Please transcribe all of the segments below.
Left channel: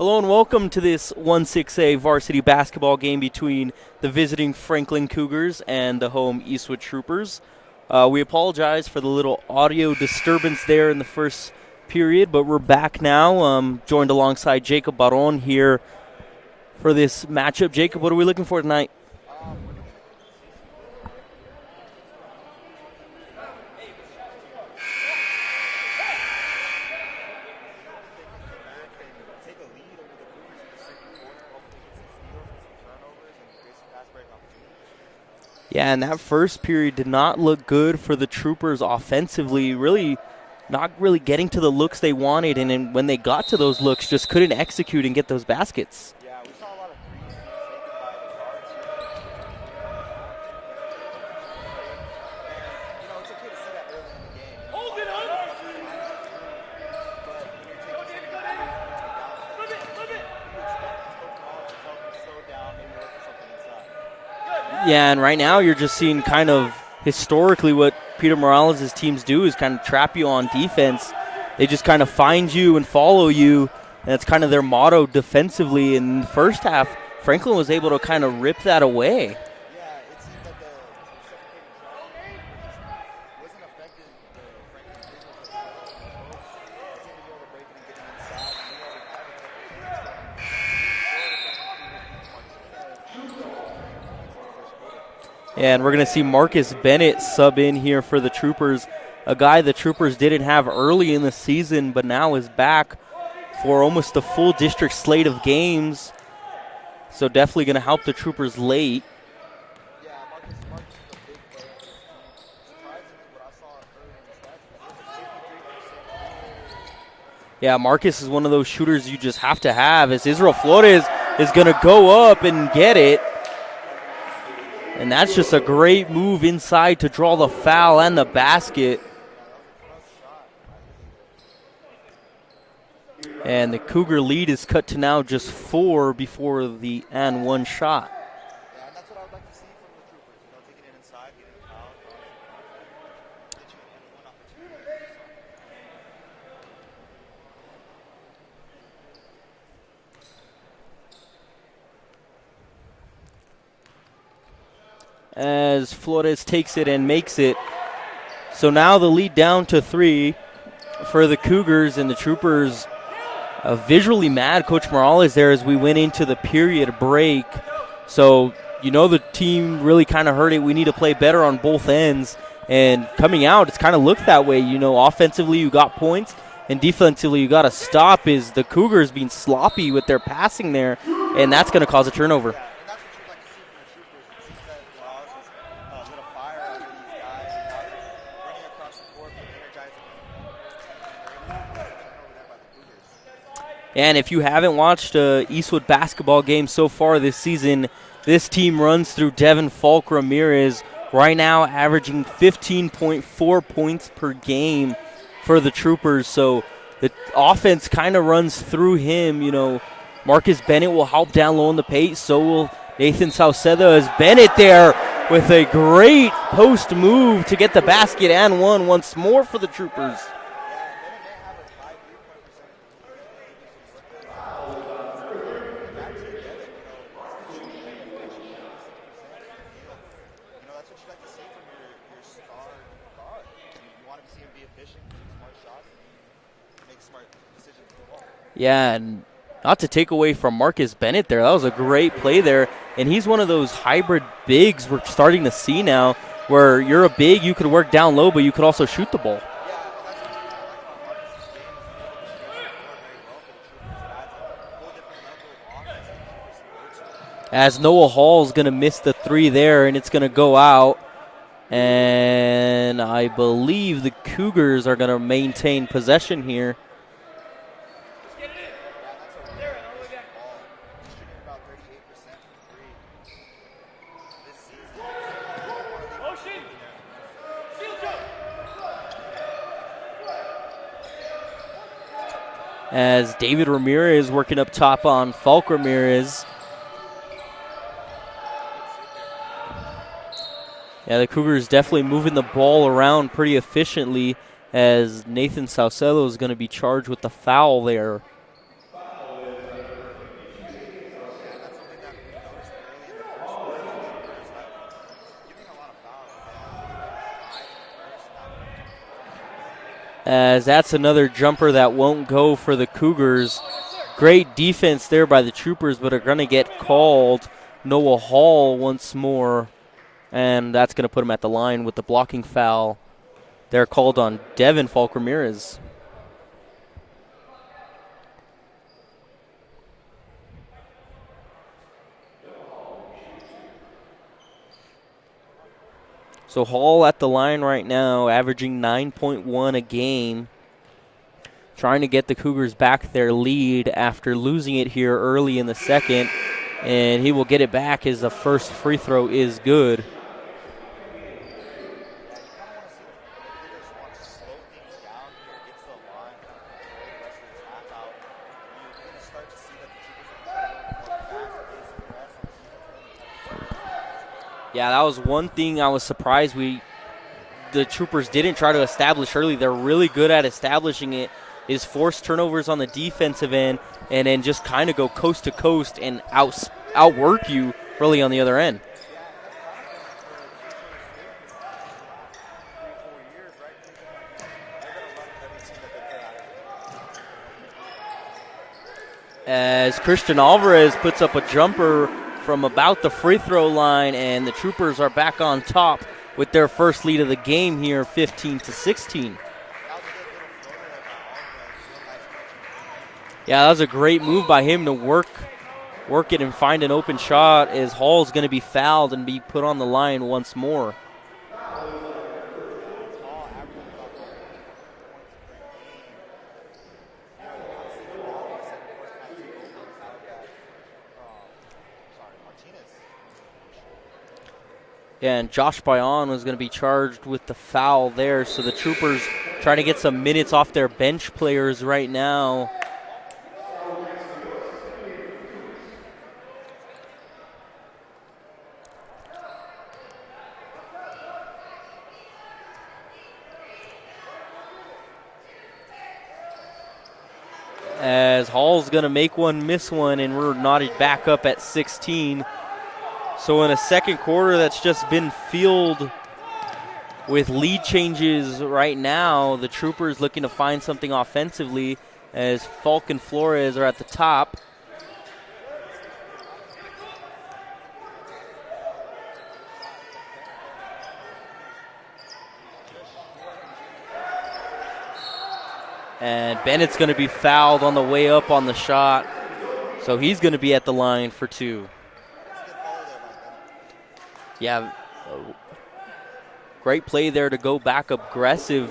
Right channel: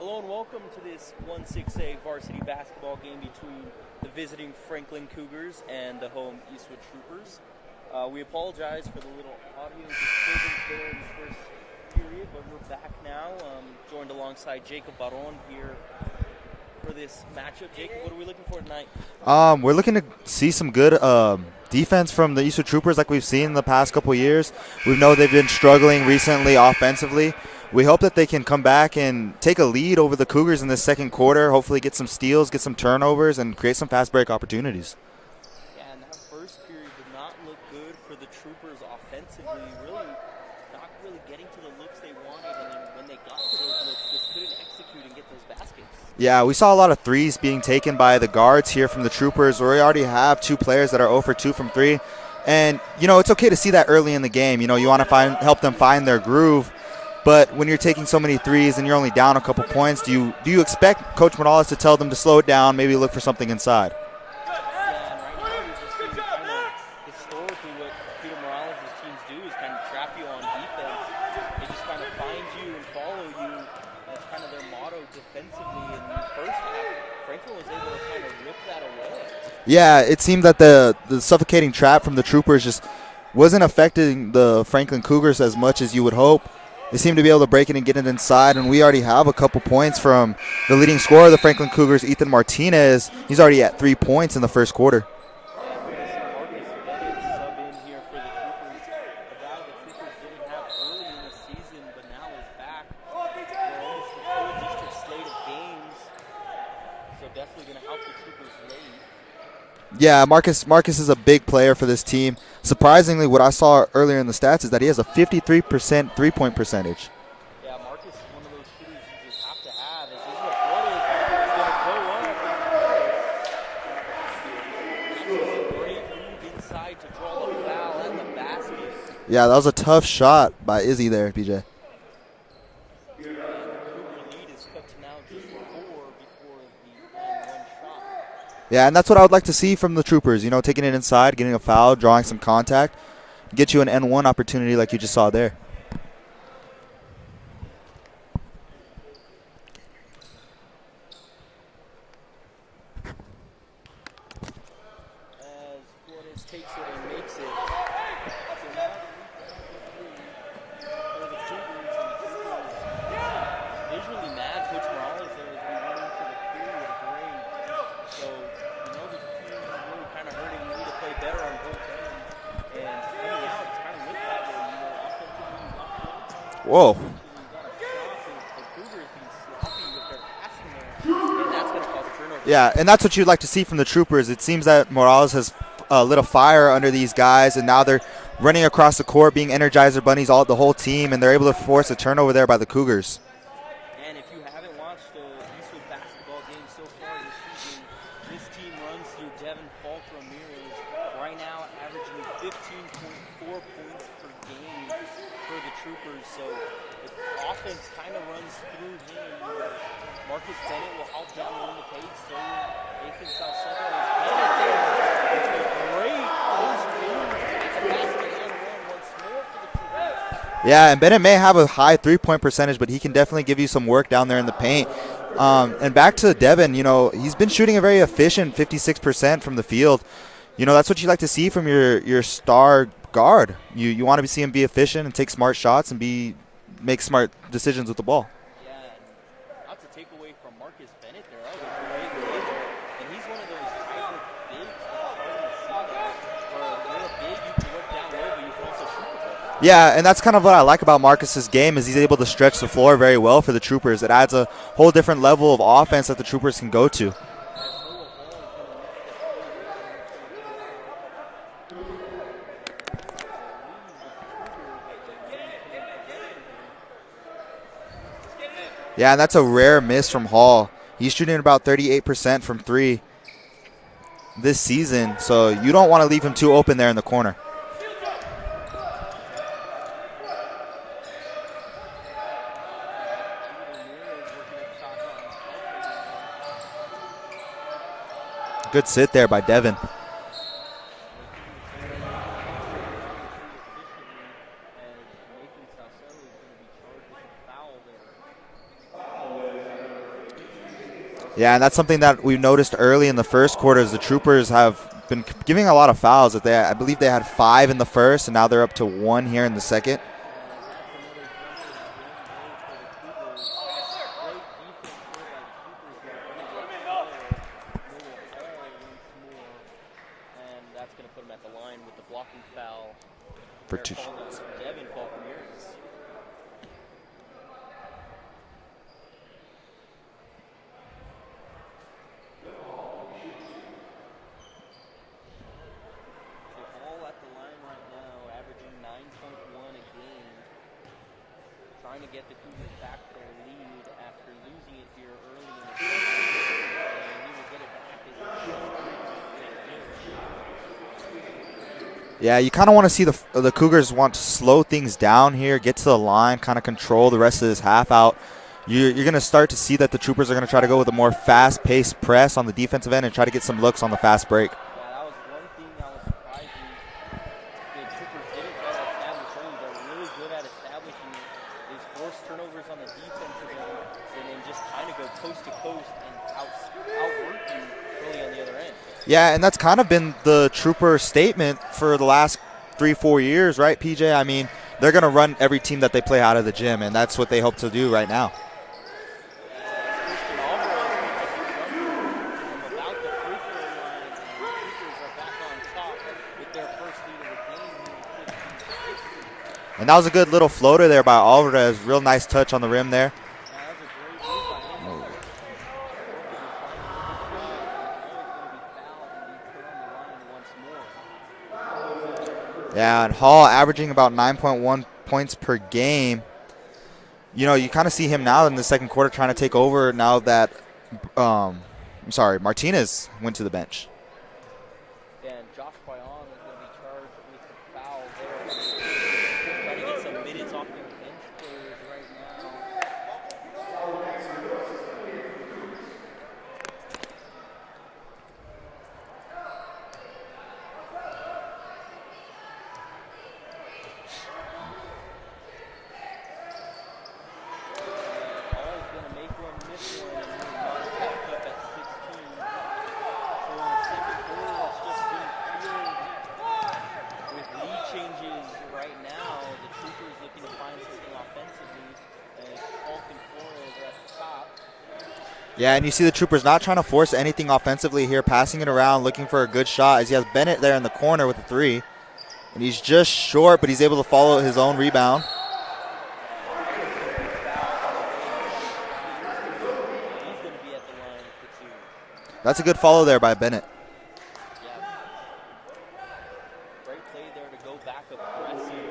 Hello and welcome to this 1-6A varsity basketball game between the visiting Franklin Cougars and the home Eastwood Troopers. We apologize for the little audio disturbance there in the first period, but we're back now, joined alongside Jacob Baron here for this matchup. Jacob, what are we looking for tonight? We're looking to see some good defense from the Eastwood Troopers like we've seen in the past couple years. We know they've been struggling recently offensively. We hope that they can come back and take a lead over the Cougars in the second quarter, hopefully get some steals, get some turnovers, and create some fast break opportunities. Yeah, and that first period did not look good for the Troopers offensively, not really getting to the looks they wanted, and then when they got to those looks, just couldn't execute and get those baskets. Yeah, we saw a lot of threes being taken by the guards here from the Troopers, where we already have two players that are 0 for 2 from 3. And, it's okay to see that early in the game. You want to help them find their groove. But when you're taking so many threes and you're only down a couple points, do you expect Coach Morales to tell them to slow it down, maybe look for something inside? Yeah, and right now you're just seeing kind of historically what Peter Morales' teams do is kind of trap you on defense. They just kind of find you and follow you, and it's kind of their motto defensively. In the first half, Franklin was able to kind of rip that away. Yeah, it seemed that the suffocating trap from the Troopers just wasn't affecting the Franklin Cougars as much as you would hope. They seem to be able to break it and get it inside, and we already have a couple points from the leading scorer of the Franklin Cougars, Ethan Martinez. He's already at 3 points in the first quarter. And we're going to see Marcus Bennett sub in here for the Troopers, a guy the Troopers didn't have early in the season, but now is back for almost the full district slate of games. So definitely going to help the Troopers late. Yeah, Marcus is a big player for this team. Surprisingly, what I saw earlier in the stats is that he has a 53% three-point percentage. Yeah, Marcus is one of those shooters you just have to have, as Israel Flores is going to go up and get it. And that's just a great move inside to draw the foul and the basket. Yeah, that was a tough shot by Izzy there, PJ. And the Cougar lead is cut to now just 4 before the and 1 shot. Yeah, and that's what I would like to see from the Troopers, taking it inside, getting a foul, drawing some contact, to get you an N1 opportunity like you just saw there. As Flores takes it and makes it. So now the lead down to 3 for the Cougars, and the Troopers visually mad. Coach Morales there as we went into the period break. So, the team really kind of heard it. We need to play better on both ends. And coming out, it's kind of looked that way. Offensively, you got points. And defensively, you got to stop is the Cougars being sloppy with their passing there. And that's going to cause a turnover. Yeah, and that's what you'd like to see from the Troopers. It seems that Morales has lit a fire under these guys, and now they're running across the court, being Energizer Bunnies, the whole team, and they're able to force a turnover there by the Cougars. And if you haven't watched a Eastwood basketball game so far this season, this team runs through Devin Falk Ramirez, right now averaging 15.4 points per game for the Troopers. So the offense kind of runs through him. Marcus Bennett will help down low in the paint. So will Nathan Sauceda, as Bennett there with a great post move to get the basket and 1 once more for the Troopers. Yeah, and Bennett may have a high three-point percentage, but he can definitely give you some work down there in the paint. And back to Devin, he's been shooting a very efficient 56% from the field. That's what you like to see from your star guard. You want to see him be efficient and take smart shots and make smart decisions with the ball. Yeah, and not to take away from Marcus Bennett there. That was a great play there. And he's one of those hybrid bigs we're starting to see now, where you're a big, you could work down low, but you could also shoot the ball. Yeah, and that's kind of what I like about Marcus's game is he's able to stretch the floor very well for the Troopers. It adds a whole different level of offense that the Troopers can go to. As Noah Hall's going to miss the 3 there, and it's going to go out. And I believe the Cougars are going to maintain possession here. Yeah, and that's a rare miss from Hall. He's shooting about 38% from 3 this season, so you don't want to leave him too open there in the corner. As David Ramirez working up top on Falk Ramirez. Good sit there by Devin. Yeah, the Cougars definitely moving the ball around pretty efficiently, as Nathan Saucedo is going to be charged with the foul there. Yeah, and that's something that we noticed early in the first quarter is the Troopers have been giving a lot of fouls. I believe they had 5 in the first, and now they're up to 1 here in the second. As that's another jumper that won't go for the Cougars. Great defense there by the Troopers, but are going to get called. Noah Hall once more, and that's going to put him at the line with the blocking foul. They're called on Devin Falk Ramirez. So Hall at the line right now, averaging 9.1 a game. Trying to get the Cougars back their lead after losing it here early in the second. And he will get it back as the first free throw is good. Yeah, you kind of want to see the Cougars want to slow things down here, get to the line, kind of control the rest of this half out. You're going to start to see that the Troopers are going to try to go with a more fast-paced press on the defensive end and try to get some looks on the fast break. Yeah, that was one thing I was surprised the Troopers didn't try to establish early. They're really good at establishing it, is force turnovers on the defensive end and then just kind of go coast to coast and outwork you really on the other end. Yeah, and that's kind of been the Trooper statement for the last 3-4 years, right, PJ? I mean, they're going to run every team that they play out of the gym, and that's what they hope to do right now. As Christian Alvarez puts up a jumper from about the free throw line, and the Troopers are back on top with their first lead of the game here, 15-16. And that was a good little floater there by Alvarez. Real nice touch on the rim there. Yeah, that was a great move by him to work it and find an open shot, as Hall's going to be fouled and be put on the line once more. Yeah, and Hall averaging about 9.1 points per game. You know, you kind of see him now in the second quarter trying to take over now that, Martinez went to the bench. Yeah, and Josh Bayon was going to be charged with the foul there, so the Troopers trying to get some minutes off their bench players right now. As Hall's going to make one, miss one, and we're knotted back up at 16. So in a second quarter that's just been filled with lead changes right now, the Troopers looking to find something offensively as Falk and Flores are at the top. Yeah, and you see the Troopers not trying to force anything offensively here, passing it around, looking for a good shot as he has Bennett there in the corner with a 3. And he's just short, but he's able to follow his own rebound. And Bennett's going to be fouled on the way up on the shot, so he's going to be at the line for 2. That's a good follow there by Bennett. Yeah, great play there to go back aggressive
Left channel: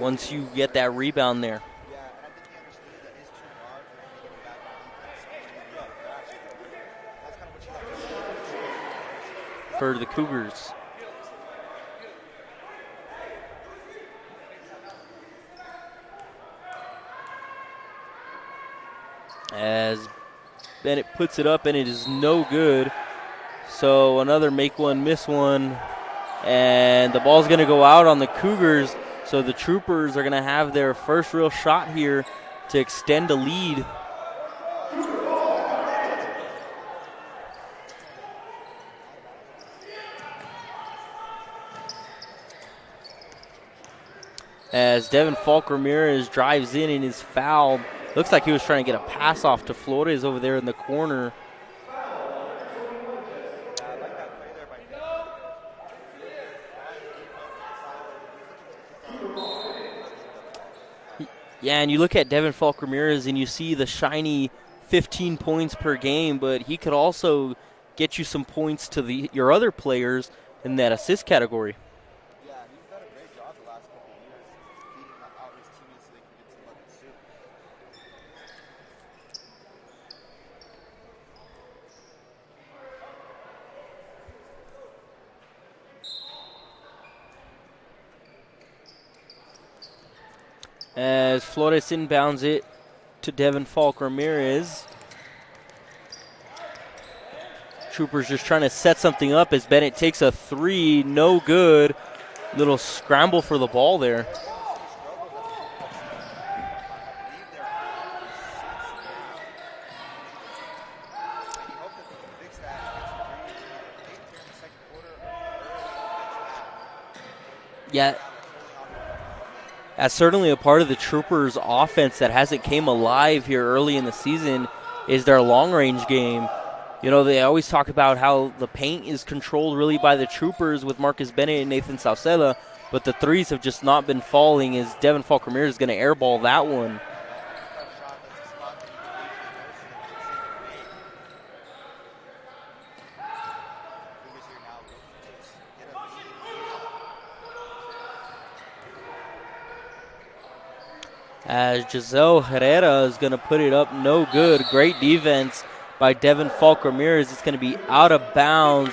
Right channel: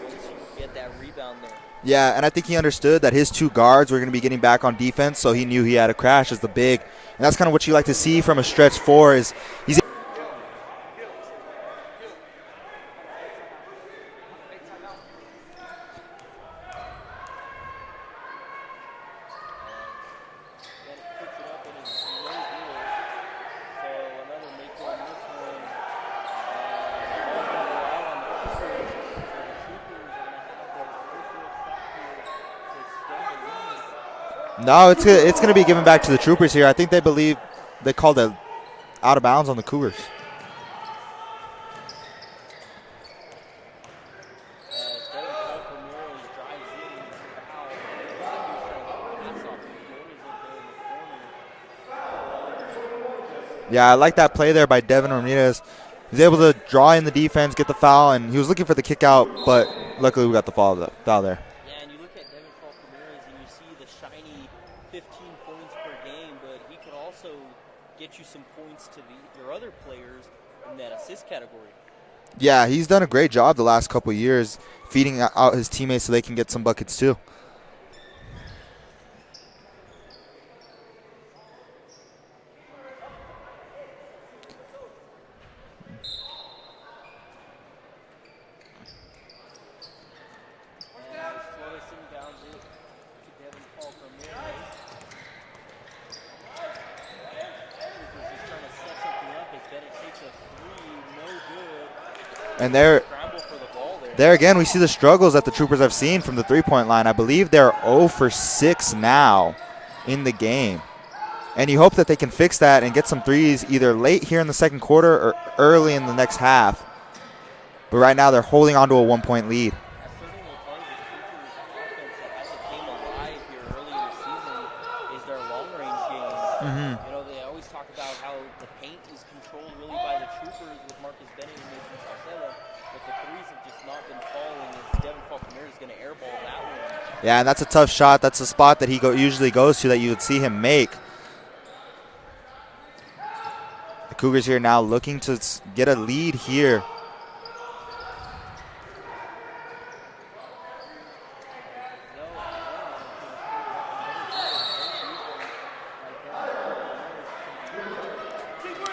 once you get that rebound there. Yeah, and I think he understood that his 2 guards were going to be getting back on defense, so he knew he had to crash as the big. And that's kind of what you like to see from a stretch 4 is he's for the Cougars. As Bennett puts it up, and it is no good. So another make one, miss one. And the ball's going to go out on the Cougars. So the Troopers are going to have their first real shot here to extend a lead. No, it's going to be given back to the Troopers here. I think they believe they called it out of bounds on the Cougars. As Devin Falk Ramirez drives in and is fouled. Looks like he was trying to get a pass off to Flores over there in the corner. Yeah, I like that play there by Devin Ramirez. He's able to draw in the defense, get the foul, and he was looking for the kick out, but luckily we got the foul there. Yeah, and you look at Devin Falk Ramirez and you see the shiny 15 points per game, but he could also get you some points to your other players in that assist category. Yeah, he's done a great job the last couple of years feeding out his teammates so they can get some buckets too. As Flores inbounds it to Devin Falk Ramirez. Troopers just trying to set something up as Bennett takes a 3, no good. Little scramble for the ball there. There again, we see the struggles that the Troopers have seen from the 3-point line. I believe they're 0 for 6 now in the game. And you hope that they can fix that and get some threes either late here in the second quarter or early in the next half. But right now they're holding on to a 1-point lead. That's certainly a part of the Troopers' offense that hasn't came alive here early in the season is their long-range game. You know, they always talk about how the paint is controlled really by the Troopers with Marcus Bennett and Nathan Sauceda, but the threes have just not been falling as Devin Falk-Ramirez is going to airball that one. Yeah, and that's a tough shot. That's a spot that he usually goes to that you would see him make. The Cougars here now looking to get a lead here. As Giselle Herrera is going to put it up, no good. Great defense by Devin Falk-Ramirez. It's going to be out of bounds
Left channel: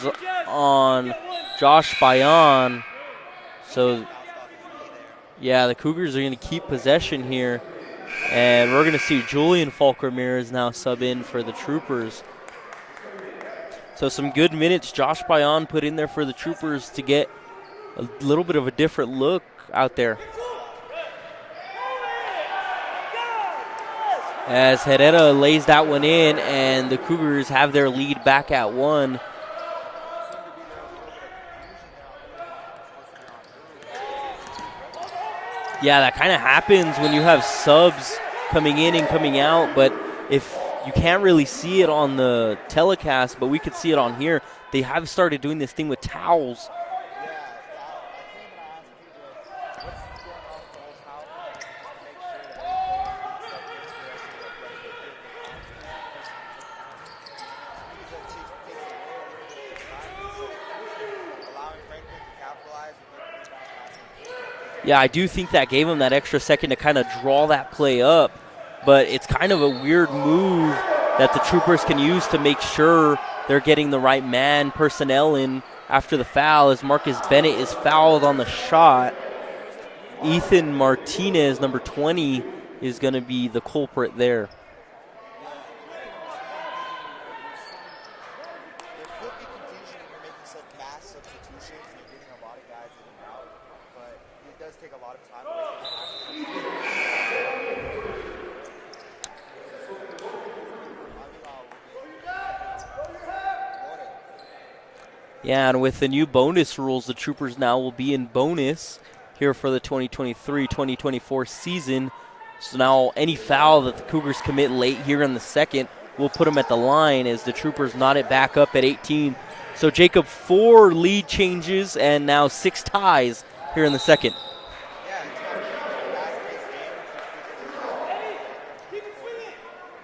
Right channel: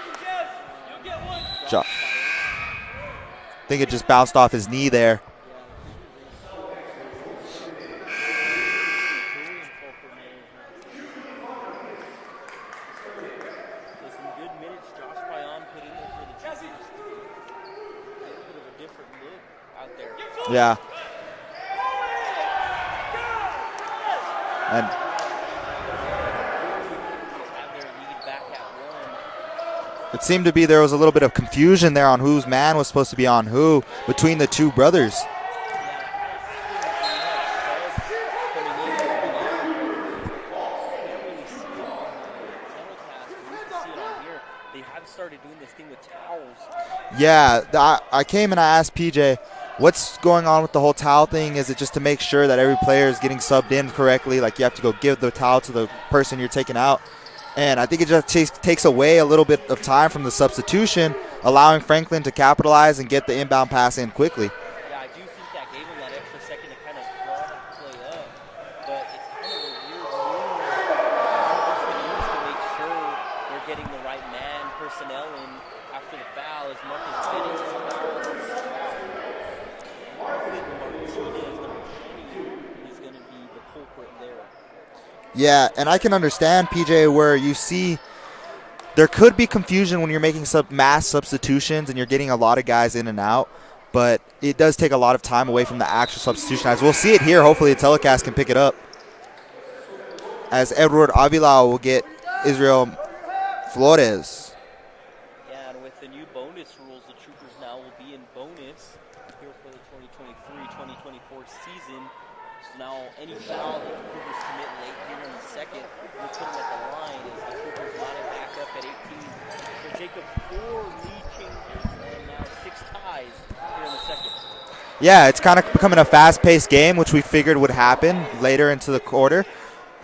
on Josh Bayan. I think it just bounced off his knee there. Yeah, the Cougars are going to keep possession here. And we're going to see Julian Falk-Ramirez now sub in for the Troopers. So some good minutes Josh Bayan put in there for the Troopers to get a little bit of a different look out there. Yeah. As Herrera lays that one in, and the Cougars have their lead back at 1. It seemed to be there was a little bit of confusion there on whose man was supposed to be on who between the two brothers. Yeah, that kind of happens when you have subs coming in and coming out, but if you can't really see it on the telecast, but we could see it on here, they have started doing this thing with towels. Yeah, I came and I asked PJ, what's going on with the whole towel thing? Is it just to make sure that every player is getting subbed in correctly? Like you have to go give the towel to the person you're taking out. And I think it just takes away a little bit of time from the substitution, allowing Franklin to capitalize and get the inbound pass in quickly. Yeah, I do think that gave him that extra second to kind of draw that play up. But it's kind of a weird move that the Troopers can use to make sure they're getting the right man personnel in after the foul, as Marcus Bennett is fouled on the shot. Ethan Martinez, number 20, is going to be the culprit there. Yeah, and I can understand, PJ, where you see there could be confusion when you're making mass substitutions and you're getting a lot of guys in and out, but it does take a lot of time away from the actual substitution. As we'll see it here, hopefully the telecast can pick it up. As Edward Avila will get Israel Flores. Yeah, and with the new bonus rules, the Troopers now will be in bonus here for the 2023-2024 season. So now any foul that the Cougars commit late here in the second will put them at the line as the Troopers knot it back up at 18. So, Jacob, 4 lead changes and now 6 ties here in the second. Yeah, it's kind of becoming a fast-paced game, which we figured would happen later into the quarter.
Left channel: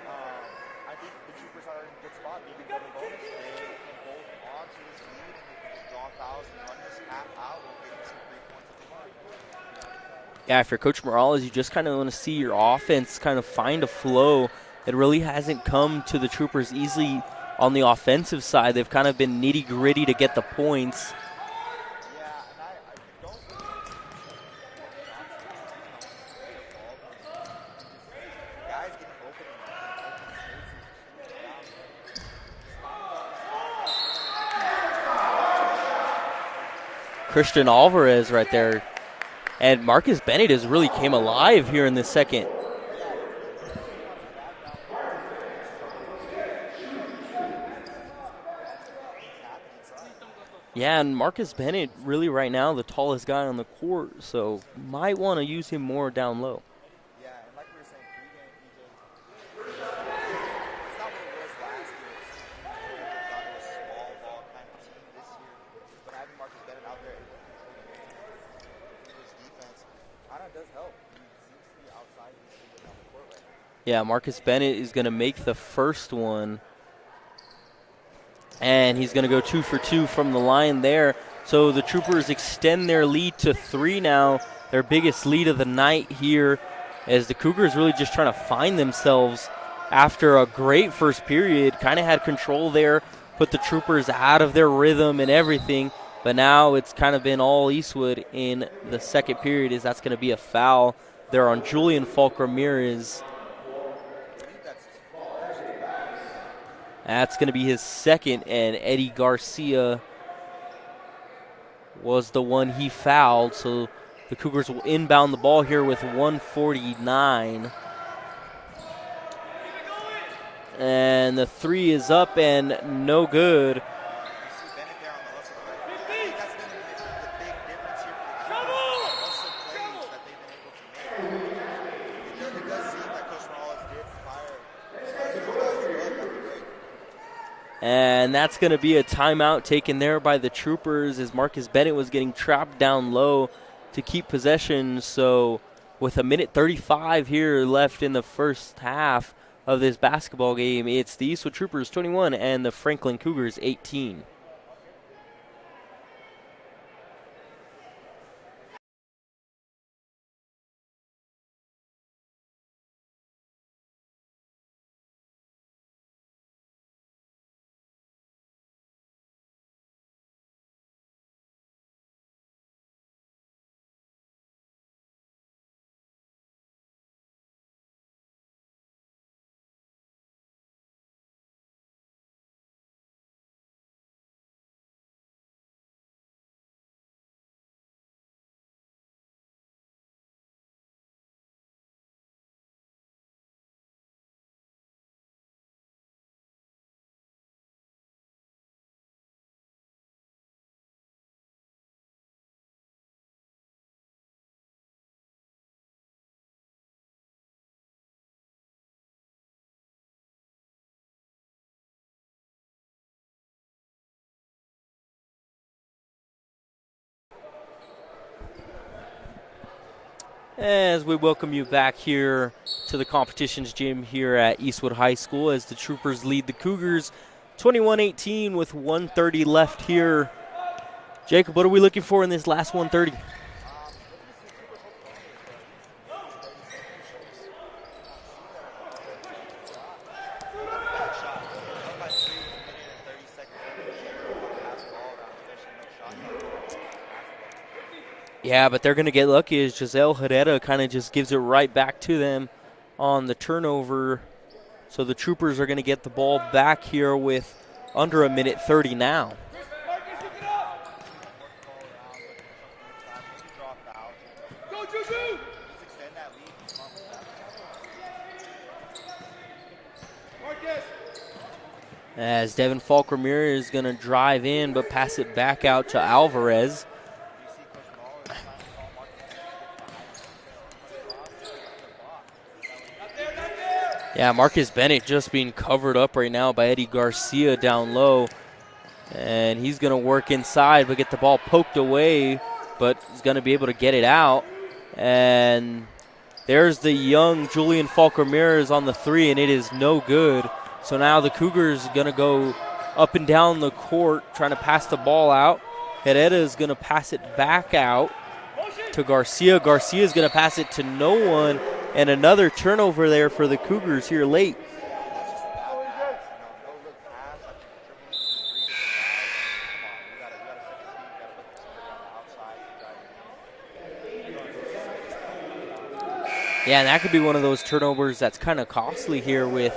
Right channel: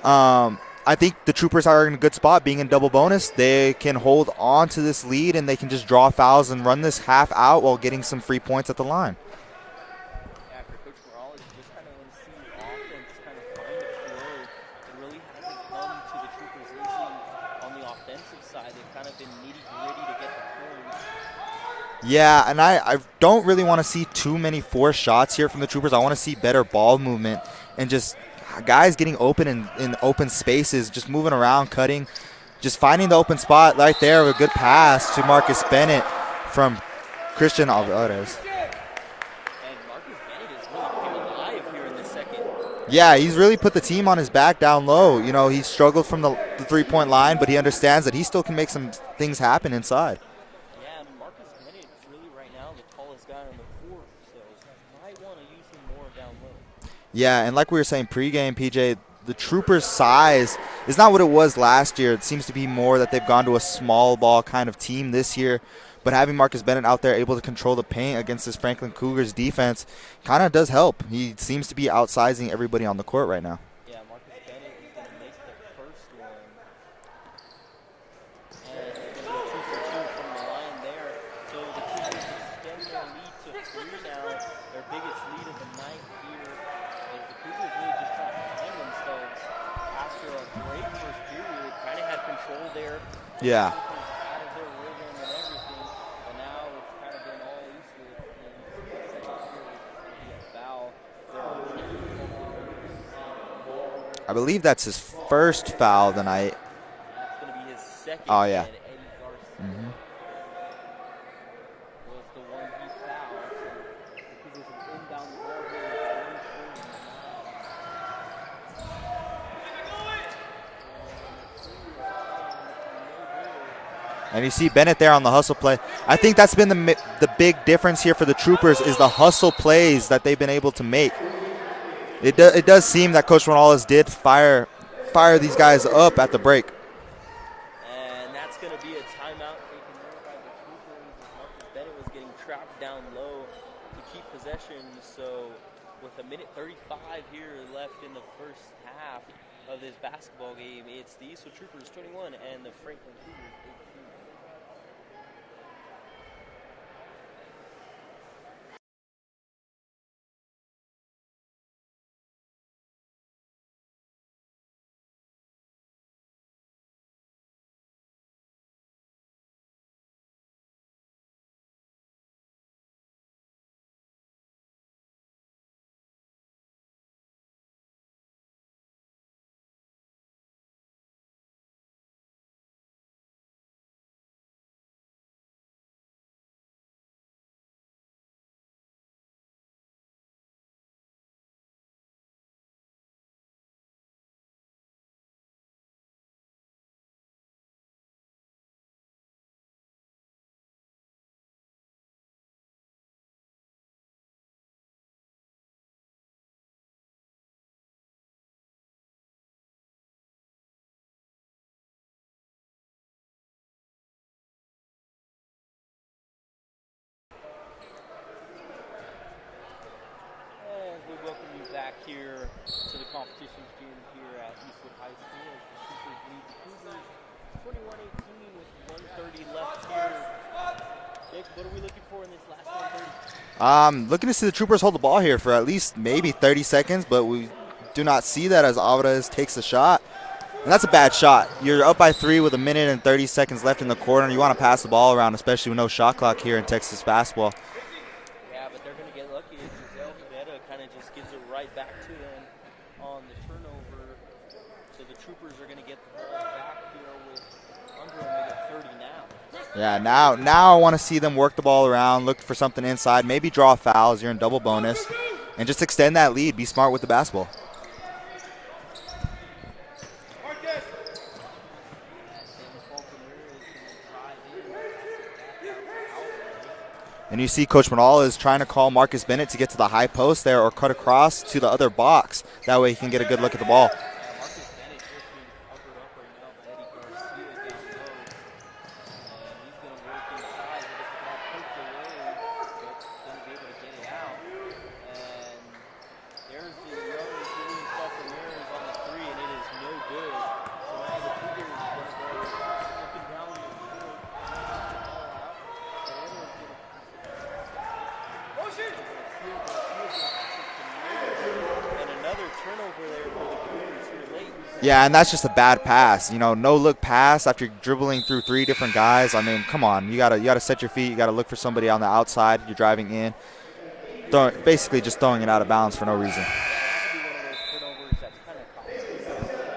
I think the Troopers are in a good spot being in double bonus. They can hold on to this lead and they can just draw fouls and run this half out while getting some free points at the line. Yeah, for Coach Morales, you just kind of want to see your offense kind of find a flow. It really hasn't come to the Troopers easily on the offensive side. They've kind of been nitty-gritty to get the points. Yeah, and I don't really want to see too many forced shots here from the Troopers. I want to see better ball movement and just guys getting open in open spaces, just moving around, cutting, just finding the open spot right there with a good pass to Marcus Bennett from Christian Alvarez right there. And Marcus Bennett has really came alive here in the second. Yeah, he's really put the team on his back down low. You know, he struggled from the three-point line, but he understands that he still can make some things happen inside. Yeah, and Marcus Bennett really right now the tallest guy on the court, so might want to use him more down low. Yeah, and like we were saying pregame, PJ, the Troopers' size is not what it was last year. It seems to be more that they've gone to a small ball kind of team this year. But having Marcus Bennett out there able to control the paint against this Franklin Cougars defense kind of does help. He seems to be outsizing everybody on the court right now. Yeah, Marcus Bennett is going to make the first one. And he's going to go 2 for 2 from the line there. So the Troopers extend their lead to 3 now, their biggest lead of the night here, as the Cougars really just trying to find themselves after a great first period. Kind of had control there, put the Troopers out of their rhythm and everything. But now it's kind of been all Eastwood in the second period, as that's going to be a foul there on Julian Falk-Ramirez. I believe that's his first foul of the night. That's going to be his second, and Eddie Garcia was the one he fouled. So the Cougars will inbound the ball here with 1:49. And the three is up and no good. And you see Bennett there on the hustle play. I think that's been the big difference here for the Troopers is the hustle plays that they've been able to make. It does seem that Coach Morales did fire these guys up at the break. And that's going to be a timeout taken there by the Troopers as Marcus Bennett was getting trapped down low to keep possession. So with a minute 35 here left in the first half of this basketball game, it's the Eastwood Troopers 21 and the Franklin Cougars 18. As we welcome you back here to the competitions gym here at Eastwood High School as the Troopers lead the Cougars 21-18 with 1:30 left here. Jacob, what are we looking for in this last 1:30? Looking to see the Troopers hold the ball here for at least maybe 30 seconds, but we do not see that as Alvarez takes a shot. And that's a bad shot. You're up by 3 with a minute and 30 seconds left in the quarter. You want to pass the ball around, especially with no shot clock here in Texas basketball. Yeah, but they're going to get lucky as Giselle Herrera kind of just gives it right back to them on the turnover. So the Troopers are going to get the ball back here with under a minute 30 now. Yeah, now I want to see them work the ball around, look for something inside, maybe draw fouls. You're in double bonus, and just extend that lead. Be smart with the basketball. As Devin Falk-Ramirez is going to drive in but pass it back out to Alvarez. And you see Coach Morales trying to call Marcus Bennett to get to the high post there or cut across to the other box. That way he can get a good look at the ball. Yeah, Marcus Bennett just being covered up right now by Eddie Garcia down low. And he's going to work inside but get the ball poked away, but he's going to be able to get it out. And there's the young Julian Falk-Ramirez on the three, and it is no good. So now the Cougars are going to go up and down the court trying to pass the ball out. Herrera is going to pass it back out to Garcia. Garcia is going to pass it to no one, and another turnover there for the Cougars here late. Yeah, and that's just a bad pass. You know, no-look pass after dribbling through 3 different guys. I mean, come on. You gotta set your feet. You got to look for somebody on the outside. You're driving in. Basically just throwing it out of bounds for no reason. Yeah, and that could be one of those turnovers that's kind of costly here with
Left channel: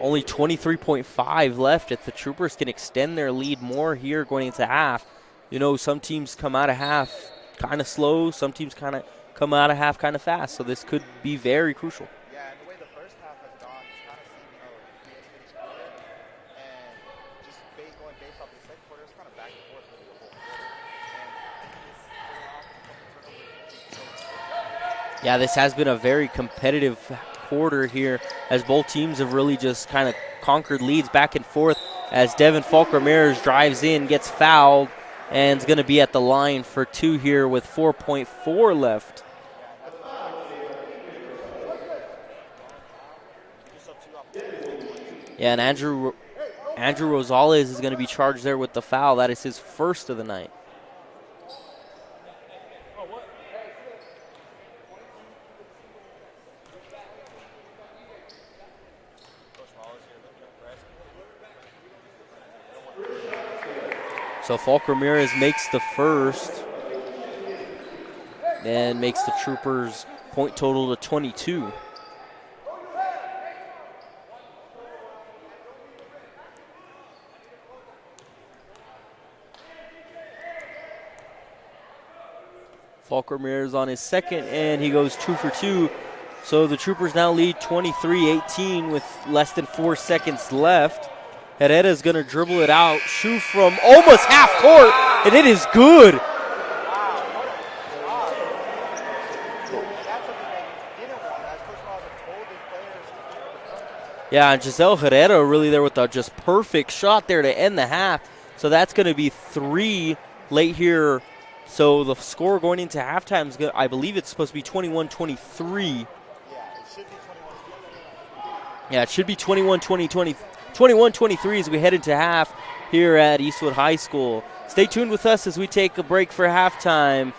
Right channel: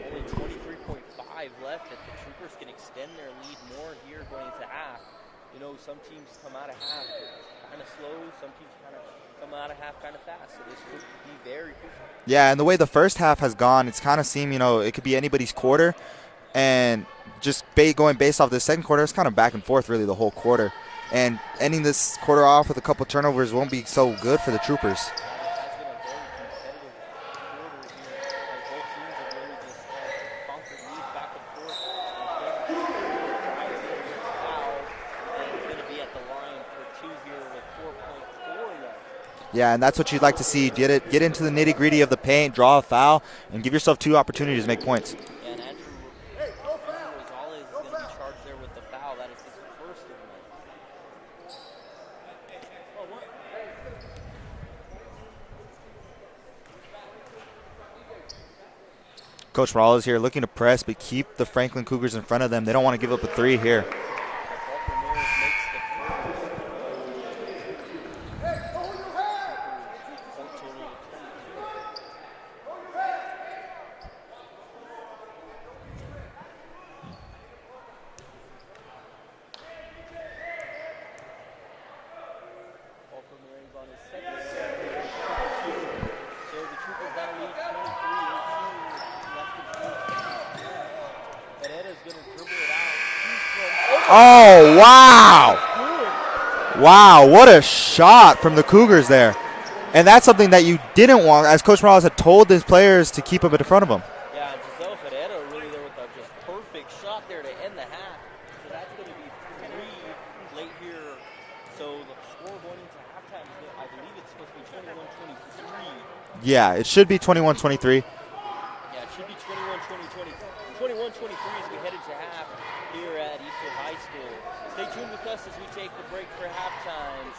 only 23.5 left. If the Troopers can extend their lead more here going into half. You know, some teams come out of half kind of slow. Some teams kind of come out of half kind of fast. So this could be very crucial. Yeah, and the way the first half has gone, it's kind of seemed, you know, it could be anybody's quarter. And just going based off the second quarter, it's kind of back and forth really the whole quarter. And ending this quarter off with a couple turnovers won't be so good for the Troopers. Yeah, this has been a very competitive quarter here as both teams have really just kind of conquered leads back and forth as Devin Falk-Ramirez drives in, gets fouled, and is going to be at the line for 2 here with 4.4 left. Yeah, and that's what you'd like to see. Get into the nitty-gritty of the paint, draw a foul, and give yourself 2 opportunities to make points. Yeah, and Andrew Rosales is going to be charged there with the foul. That is his first of the night. Coach Morales here looking to press, but keep the Franklin Cougars in front of them. They don't want to give up a 3 here. So Falk-Ramirez makes the first and makes the Troopers point total to 22. Falk-Ramirez on his second, and he goes 2 for 2 So the Troopers now lead 23-18 with less than 4 seconds left. Herrera's going to dribble it out, shoot from almost half court, wow. and it is good. Wow, what a shot from the Cougars there. And that's something that you didn't want, as Coach Morales had told his players to keep up in front of him. Yeah, and Giselle Herrera really there with a just perfect shot there to end the half. So that's going to be 3 late here. So the score going into halftime is, I believe it's supposed to be 21-23. Yeah, it should be 21-23. Yeah, it should be 21-23 as we head into half here at Eastwood High School. Stay tuned with us as we take a break for halftime.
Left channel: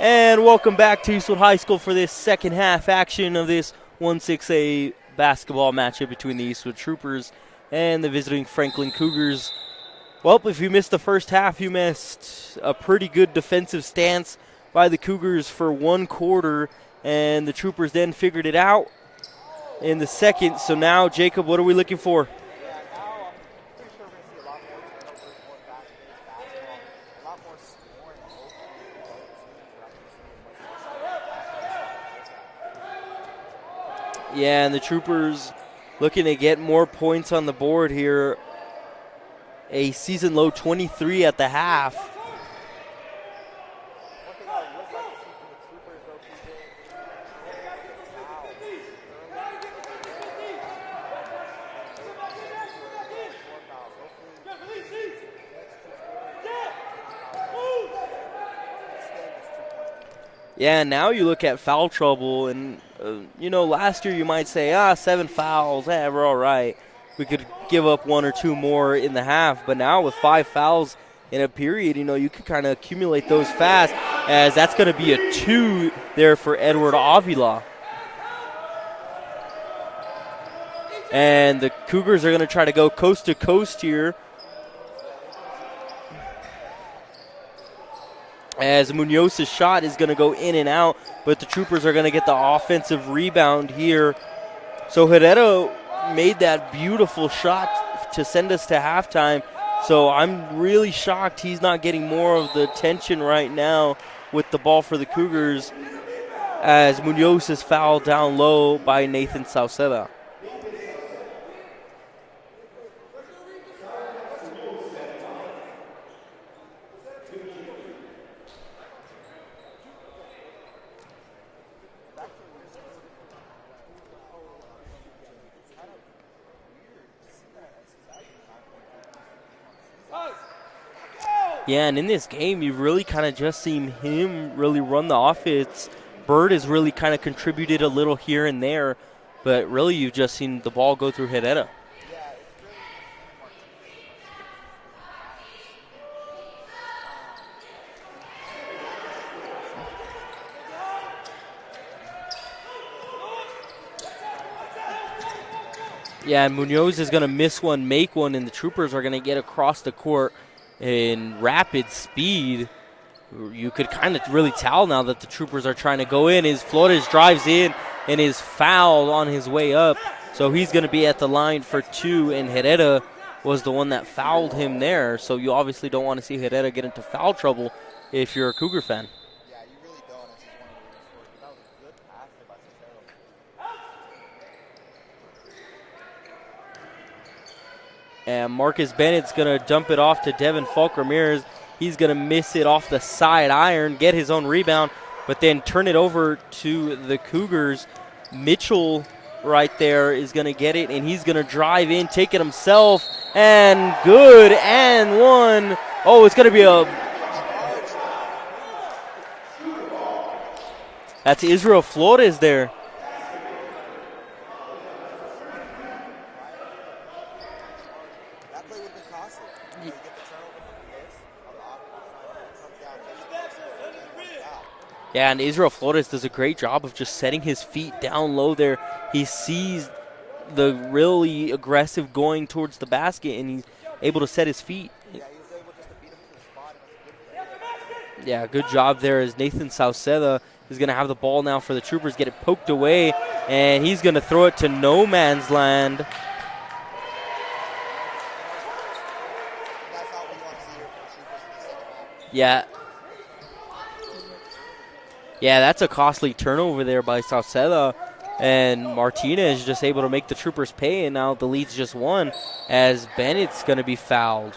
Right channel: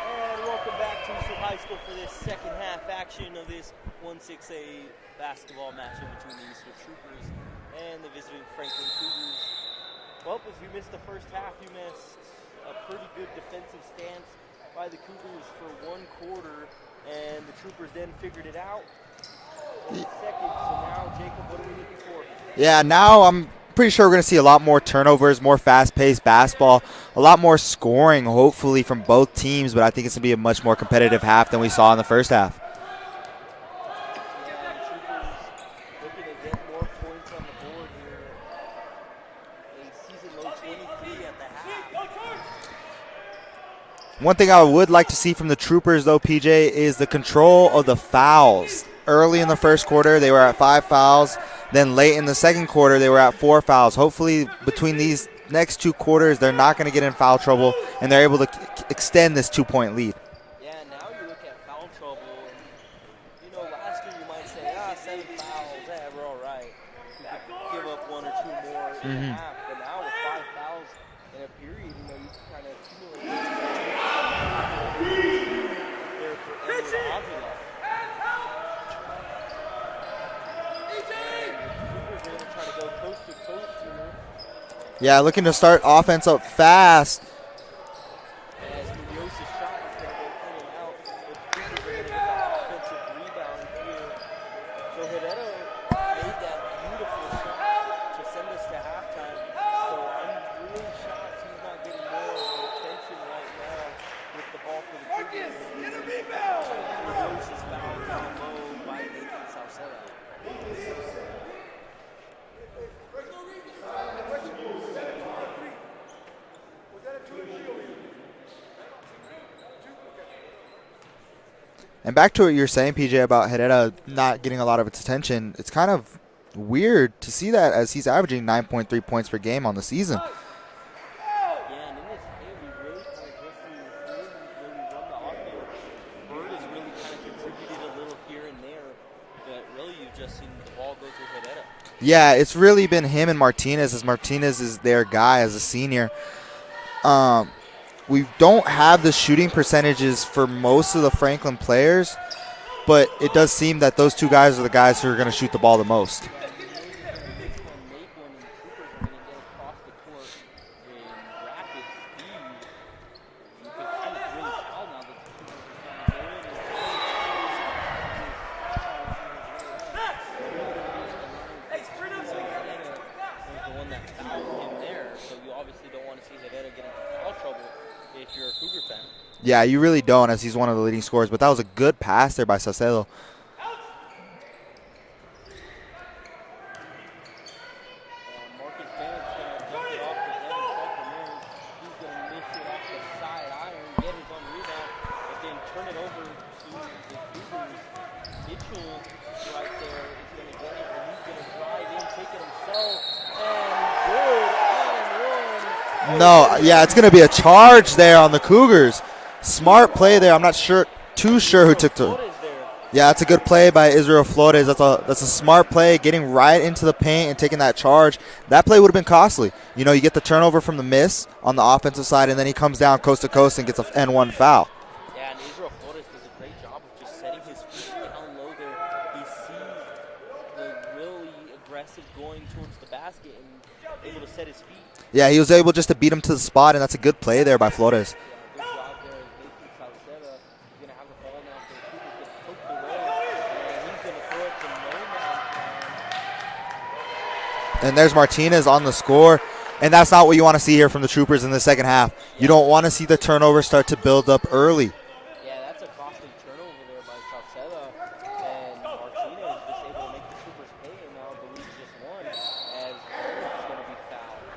And welcome back to Eastwood High School for this second half action of this 1-6A basketball matchup between the Eastwood Troopers and the visiting Franklin Cougars. Well, if you missed the first half, you missed a pretty good defensive stance by the Cougars for one quarter, and the Troopers then figured it out in the second. So now, Jacob, what are we looking for? Yeah, now I'm pretty sure we're going to see a lot more turnovers, more fast-paced basketball, a lot more scoring, hopefully, from both teams, but I think it's going to be a much more competitive half than we saw in the first half. Yeah, and the Troopers looking to get more points on the board here. A season-low 23 at the half. One thing I would like to see from the Troopers, though, PJ, is the control of the fouls. Early in the first quarter, they were at 5 fouls. Then late in the second quarter, they were at 4 fouls. Hopefully, between these next 2 quarters, they're not going to get in foul trouble, and they're able to extend this 2-point lead. Yeah, now you look at foul trouble, and, last year you might say, 7 fouls, we're all right. We could give up 1 or 2 more in the half, but now with 5 fouls in a period, you can kind of accumulate those fast, as that's going to be a 2 there for Edward Avila. And the Cougars are going to try to go coast to coast here. Yeah, looking to start offense up fast. As Munoz's shot is going to go in and out, but the Troopers are going to get the offensive rebound here. So Herrera made that beautiful shot to send us to halftime. So I'm really shocked he's not getting more of the attention right now with the ball for the Cougars, as Munoz is fouled down low by Nathan Sauceda. And back to what you were saying, PJ, about Herrera not getting a lot of its attention, it's kind of weird to see that, as he's averaging 9.3 points per game on the season. Yeah, and in this game, you've really kind of just seen him really run the offense. Bird has really kind of contributed a little here and there, but really you've just seen the ball go through Herrera. Yeah, it's really been him and Martinez, as Martinez is their guy as a senior. We don't have the shooting percentages for most of the Franklin players, but it does seem that those 2 guys are the guys who are going to shoot the ball the most. Yeah, and Munoz is going to miss one, make one, and the Troopers are going to get across the court in rapid speed. You could kind of really tell now that the Troopers are trying to go in. Flores drives in and is fouled on his way up, so he's going to be at the line for 2, and Herrera was the one that fouled him there. So you obviously don't want to see Herrera get into foul trouble if you're a Cougar fan. Yeah, you really don't, as he's one of the leading scorers. But that was a good pass there by Saucedo. And Marcus Bennett's going to dump it off to Devin Falk Ramirez. He's going to miss it off the side iron, get his own rebound, but then turn it over to the Cougars. Mitchell right there is going to get it, and he's going to drive in, take it himself, and good, and one. Oh, no, it's going to be a charge there on the Cougars. Smart play there. I'm not sure who took Flores there. Yeah, that's a good play by Israel Flores. That's a smart play, getting right into the paint and taking that charge. That play would have been costly. You get the turnover from the miss on the offensive side, and then he comes down coast to coast and gets an N1 foul. Yeah, and Israel Flores does a great job of just setting his feet down low there. He sees the really aggressive going towards the basket, and he's able to set his feet. Yeah, he was able just to beat him to the spot, and that's a good play there by Flores. Yeah, good job there, as Nathan Sauceda is going to have the ball now for the Troopers, get it poked away, and he's going to throw it to no man's land. And there's Martinez on the score, and that's not what you want to see here from the Troopers in the second half. Yeah. You don't want to see the turnover start to build up early. Yeah, that's a costly turnover there by Sauceda. And Martinez just able to make the Troopers pay, and now the lead's just 1, as Bennett's going to be fouled.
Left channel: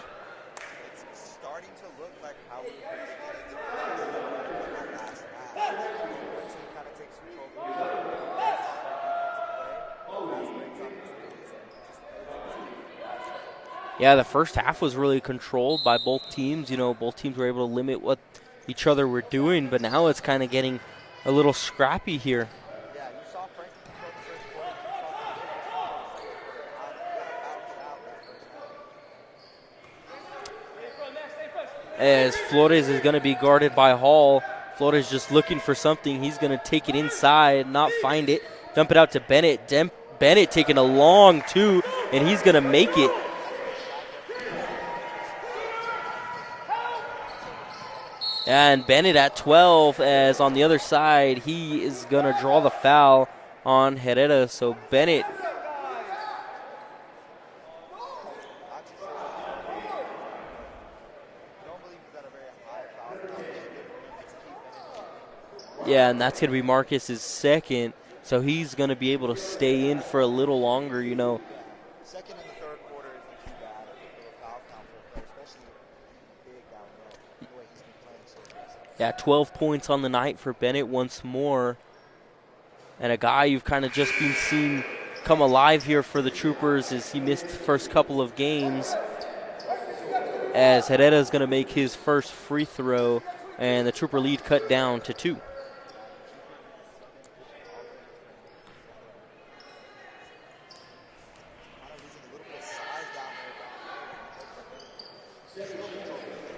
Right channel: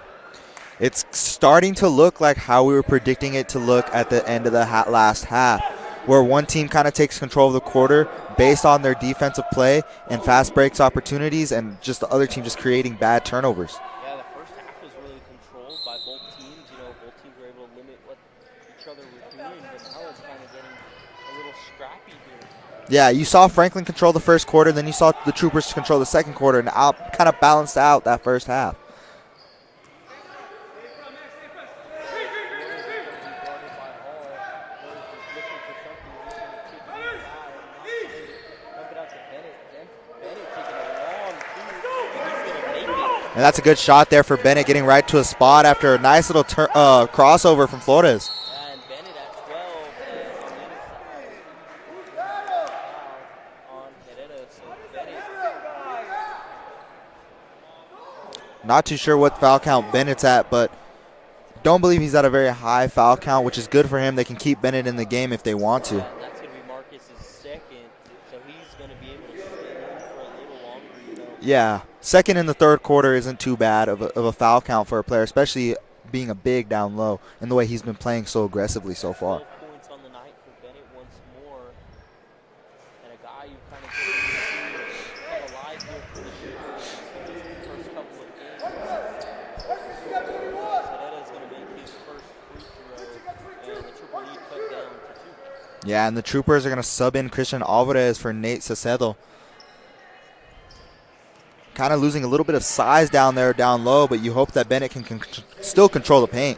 It's starting to look like how we were predicting it to look at the end of the last half, where one team kind of takes control of the quarter based on their defensive play and fast breaks opportunities, and just the other team just creating bad turnovers. Yeah, the first half was really controlled by both teams. Both teams were able to limit what each other were doing, but now it's kind of getting a little scrappy here. Yeah, you saw Franklin control the first quarter, then you saw the Troopers control the second quarter, and kind of balanced out that first half. As Flores is going to be guarded by Hall. Florida's just looking for something. He's going to take it inside, not find it, dump it out to Bennett. Bennett taking a long two, and he's going to make it. And that's a good shot there for Bennett, getting right to a spot after a nice little crossover from Flores. And Bennett at 12, as on the other side, he is going to draw the foul on Herrera. So Bennett. Not too sure what foul count Bennett's at, but don't believe he's at a very high foul count, which is good for him. They can keep Bennett in the game if they want to. Yeah, and that's going to be Marcus's second. So he's going to be able to stay in for a little longer, you know. Yeah, second in the third quarter isn't too bad of a foul count for a player, especially being a big down low and the way he's been playing so aggressively so far. 12 points on the night for Bennett once more. And a guy you've kind of just been seeing come alive here for the Troopers as he missed the first couple of games. As Herrera is going to make his first free throw, and the Trooper lead cut down to 2. Yeah, and the Troopers are going to sub in Christian Alvarez for Nate Sacedo. Kind of losing a little bit of size down there, down low, but you hope that Bennett can still control the paint.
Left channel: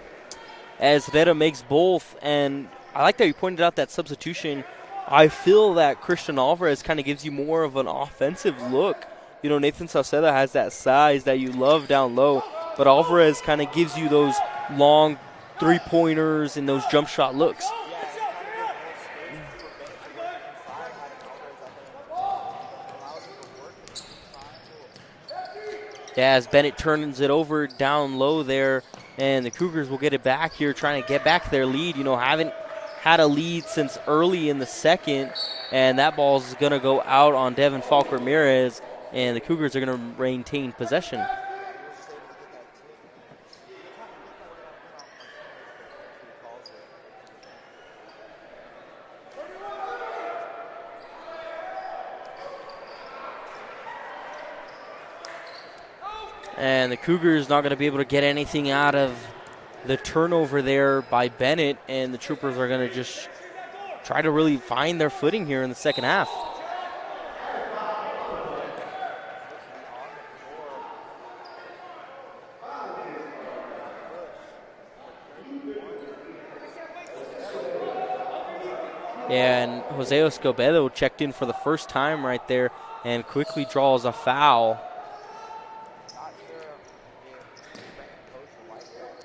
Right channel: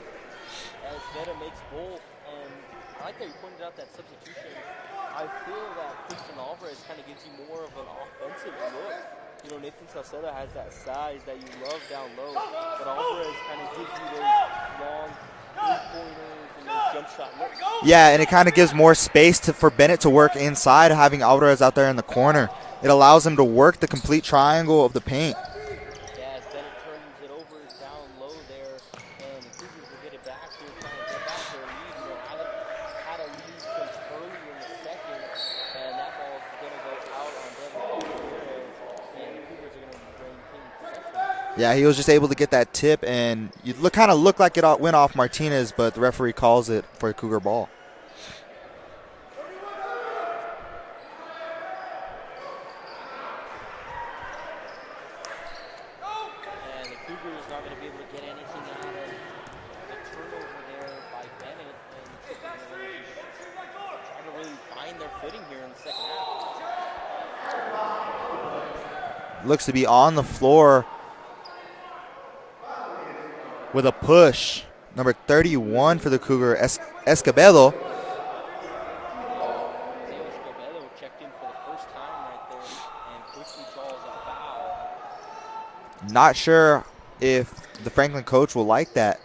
As Herrera makes both, and I like that you pointed out that substitution. I feel that Christian Alvarez kind of gives you more of an offensive look. You know, Nathan Saucedo has that size that you love down low, but Alvarez kind of gives you those long three-pointers and those jump shot looks. Yeah, and it kind of gives more space for Bennett to work inside, having Alvarez out there in the corner. It allows him to work the complete triangle of the paint. Yeah, as Bennett turns it over down low there, and the Cougars will get it back here, trying to get back their lead. You know, haven't had a lead since early in the second, and that ball's going to go out on Devin Falk Ramirez, and the Cougars are going to maintain possession. Yeah, he was just able to get that tip, and you kind of look like it went off Martinez, but the referee calls it for a Cougar ball. And the Cougars not going to be able to get anything out of the turnover there by Bennett, and the Troopers are going to just try to really find their footing here in the second half. Looks to be on the floor with a push. Number 31 for the Cougar, Escobedo. Yeah, and Jose Escobedo checked in for the first time right there and quickly draws a foul. Not sure if the Franklin coach will like that.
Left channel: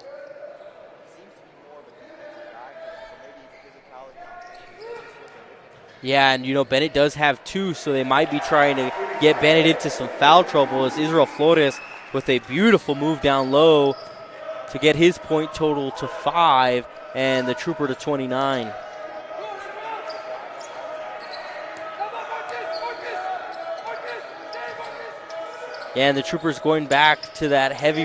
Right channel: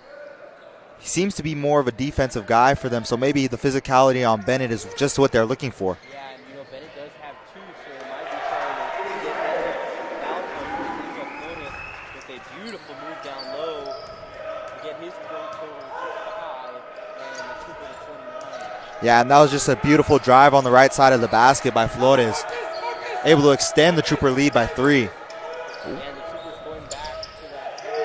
He seems to be more of a defensive guy for them, so maybe the physicality on Bennett is just what they're looking for. Yeah, and you know, Bennett does have 2, so they might be trying to get Bennett into some foul trouble as Israel Flores with a beautiful move down low to get his point total to 5 and the Trooper to 29. Yeah, and that was just a beautiful drive on the right side of the basket by Flores, able to extend the Trooper lead by 3. And the Troopers going back to that heavy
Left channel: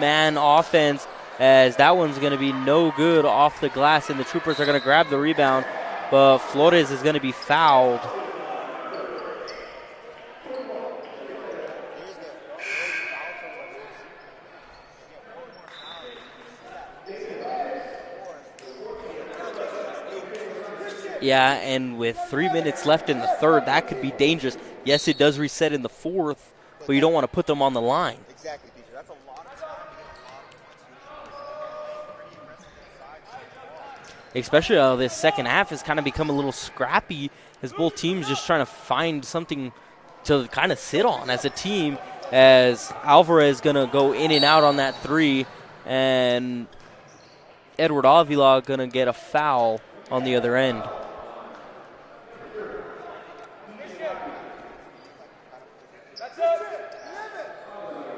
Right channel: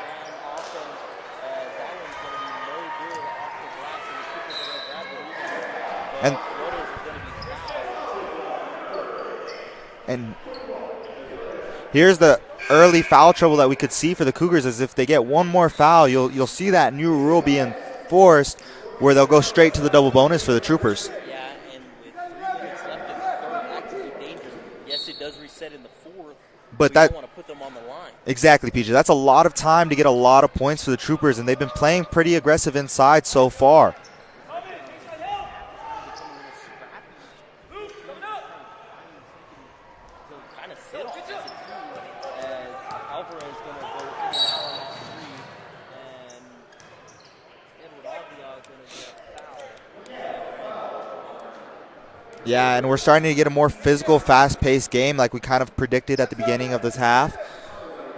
man offense, as that one's going to be no good off the glass, and the Troopers are going to grab the rebound, but Flores is going to be fouled. And here's the early foul trouble that we could see for the Cougars, is if they get one more foul, you'll see that new rule being enforced where they'll go straight to the double bonus for the Troopers. Yeah, and with 3 minutes left in the third, that could be dangerous. Yes, it does reset in the fourth, but you don't want to put them on the line. Exactly, PJ. That's a lot of time to get a lot of points for the Troopers, and they've been playing pretty aggressive inside so far. Especially this second half has kind of become a little scrappy as both teams just trying to find something to kind of sit on as a team, as Alvarez is going to go in and out on that 3, and Edward Avila going to get a foul on the other end. Yeah, and we're starting to get a more physical, fast-paced game like we kind of predicted at the beginning of this half.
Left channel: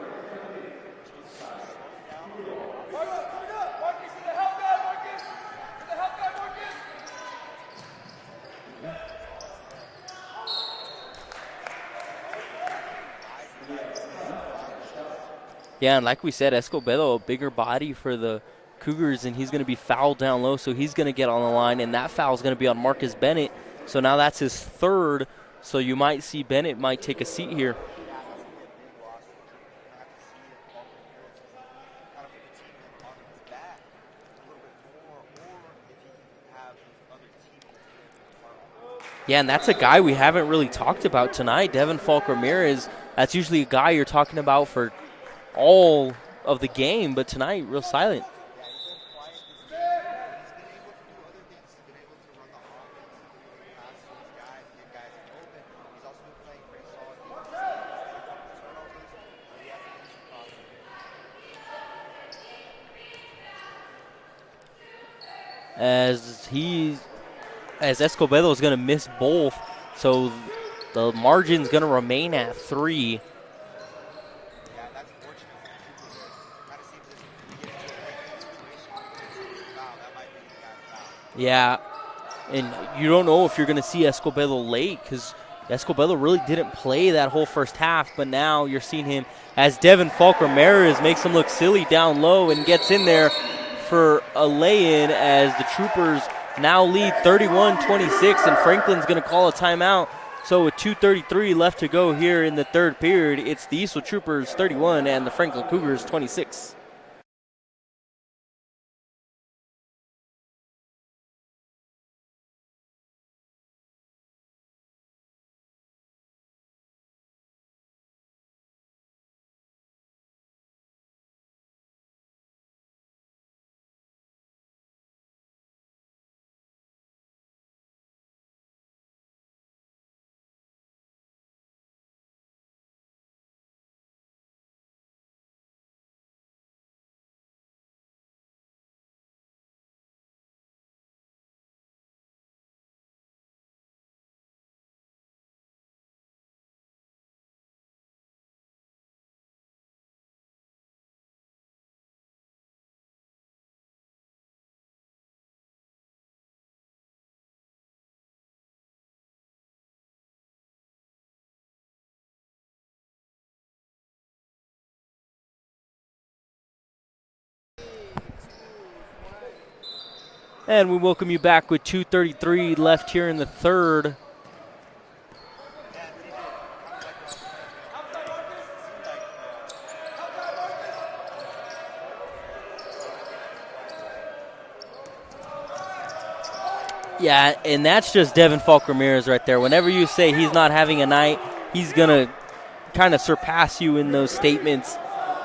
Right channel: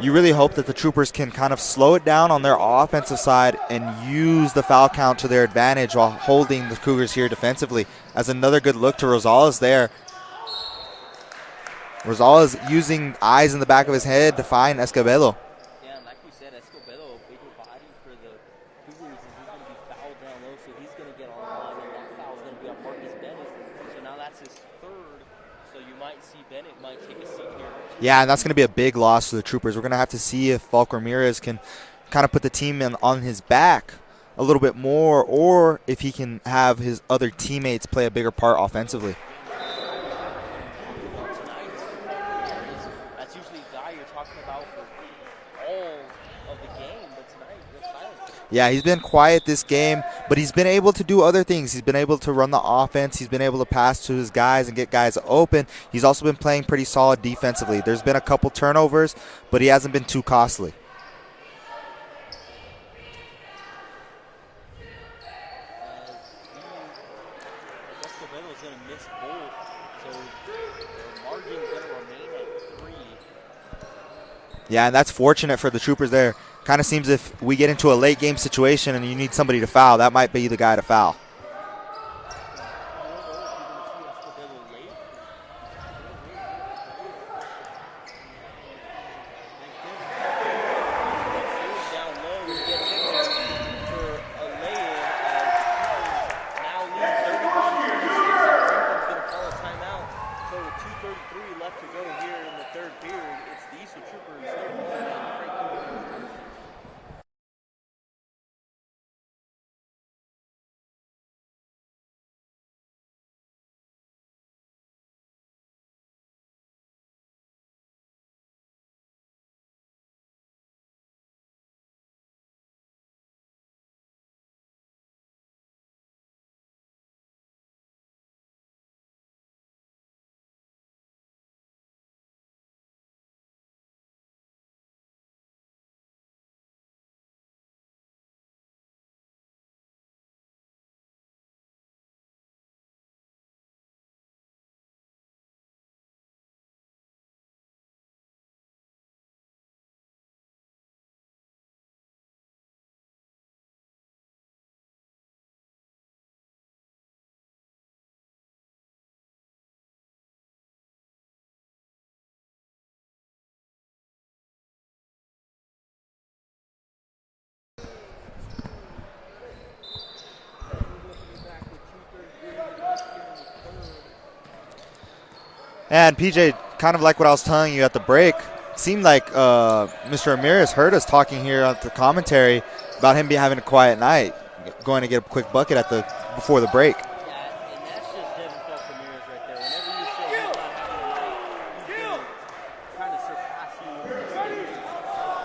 You really hope that the Troopers can kind of slow it down on their offensive side and use the foul count to their advantage while holding the Cougars here defensively. As another good look to Rosales there. Rosales using eyes in the back of his head to find Escobedo. Yeah, and like we said, Escobedo, a bigger body for the Cougars, and he's going to be fouled down low, so he's going to get on the line, and that foul is going to be on Marcus Bennett. So now that's his third, so you might see Bennett might take a seat here. Yeah, and that's going to be a big loss to the Troopers. We're going to have to see if Falk Ramirez can kind of put the team on his back a little bit more, or if he can have his other teammates play a bigger part offensively. Yeah, and that's a guy we haven't really talked about tonight, Devin Falk Ramirez. That's usually a guy you're talking about for all of the game, but tonight real silent. Yeah, he's been quiet this game, but he's been able to do other things. He's been able to run the offense. He's been able to pass to his guys and get guys open. He's also been playing pretty solid defensively. There's been a couple turnovers, but he hasn't been too costly. As Escobedo is going to miss both, so the margin's going to remain at 3. Yeah, and that's fortunate for the Troopers there. Kind of seems if we get into a late game situation and you need somebody to foul, that might be the guy to foul. Yeah, and you don't know if you're going to see Escobedo late because Escobedo really didn't play that whole first half, but now you're seeing him as Devin Falk Ramirez makes him look silly down low and gets in there for a lay-in as the Troopers now lead 31-26, and Franklin's going to call a timeout. So with 2:33 left to go here in the third period, it's the Eastwood Troopers 31 and the Franklin Cougars 26. And we welcome you back with 2:33 left here in the third. And PJ, kind of like what I was telling you at the break, seemed like Mr. Ramirez heard us talking here at the commentary about him having a quiet night, going to get a quick bucket before the break. Yeah, and that's just Devin Falk Ramirez right there. Whenever you say he's not having a night, he's going to kind of surpass you in those statements.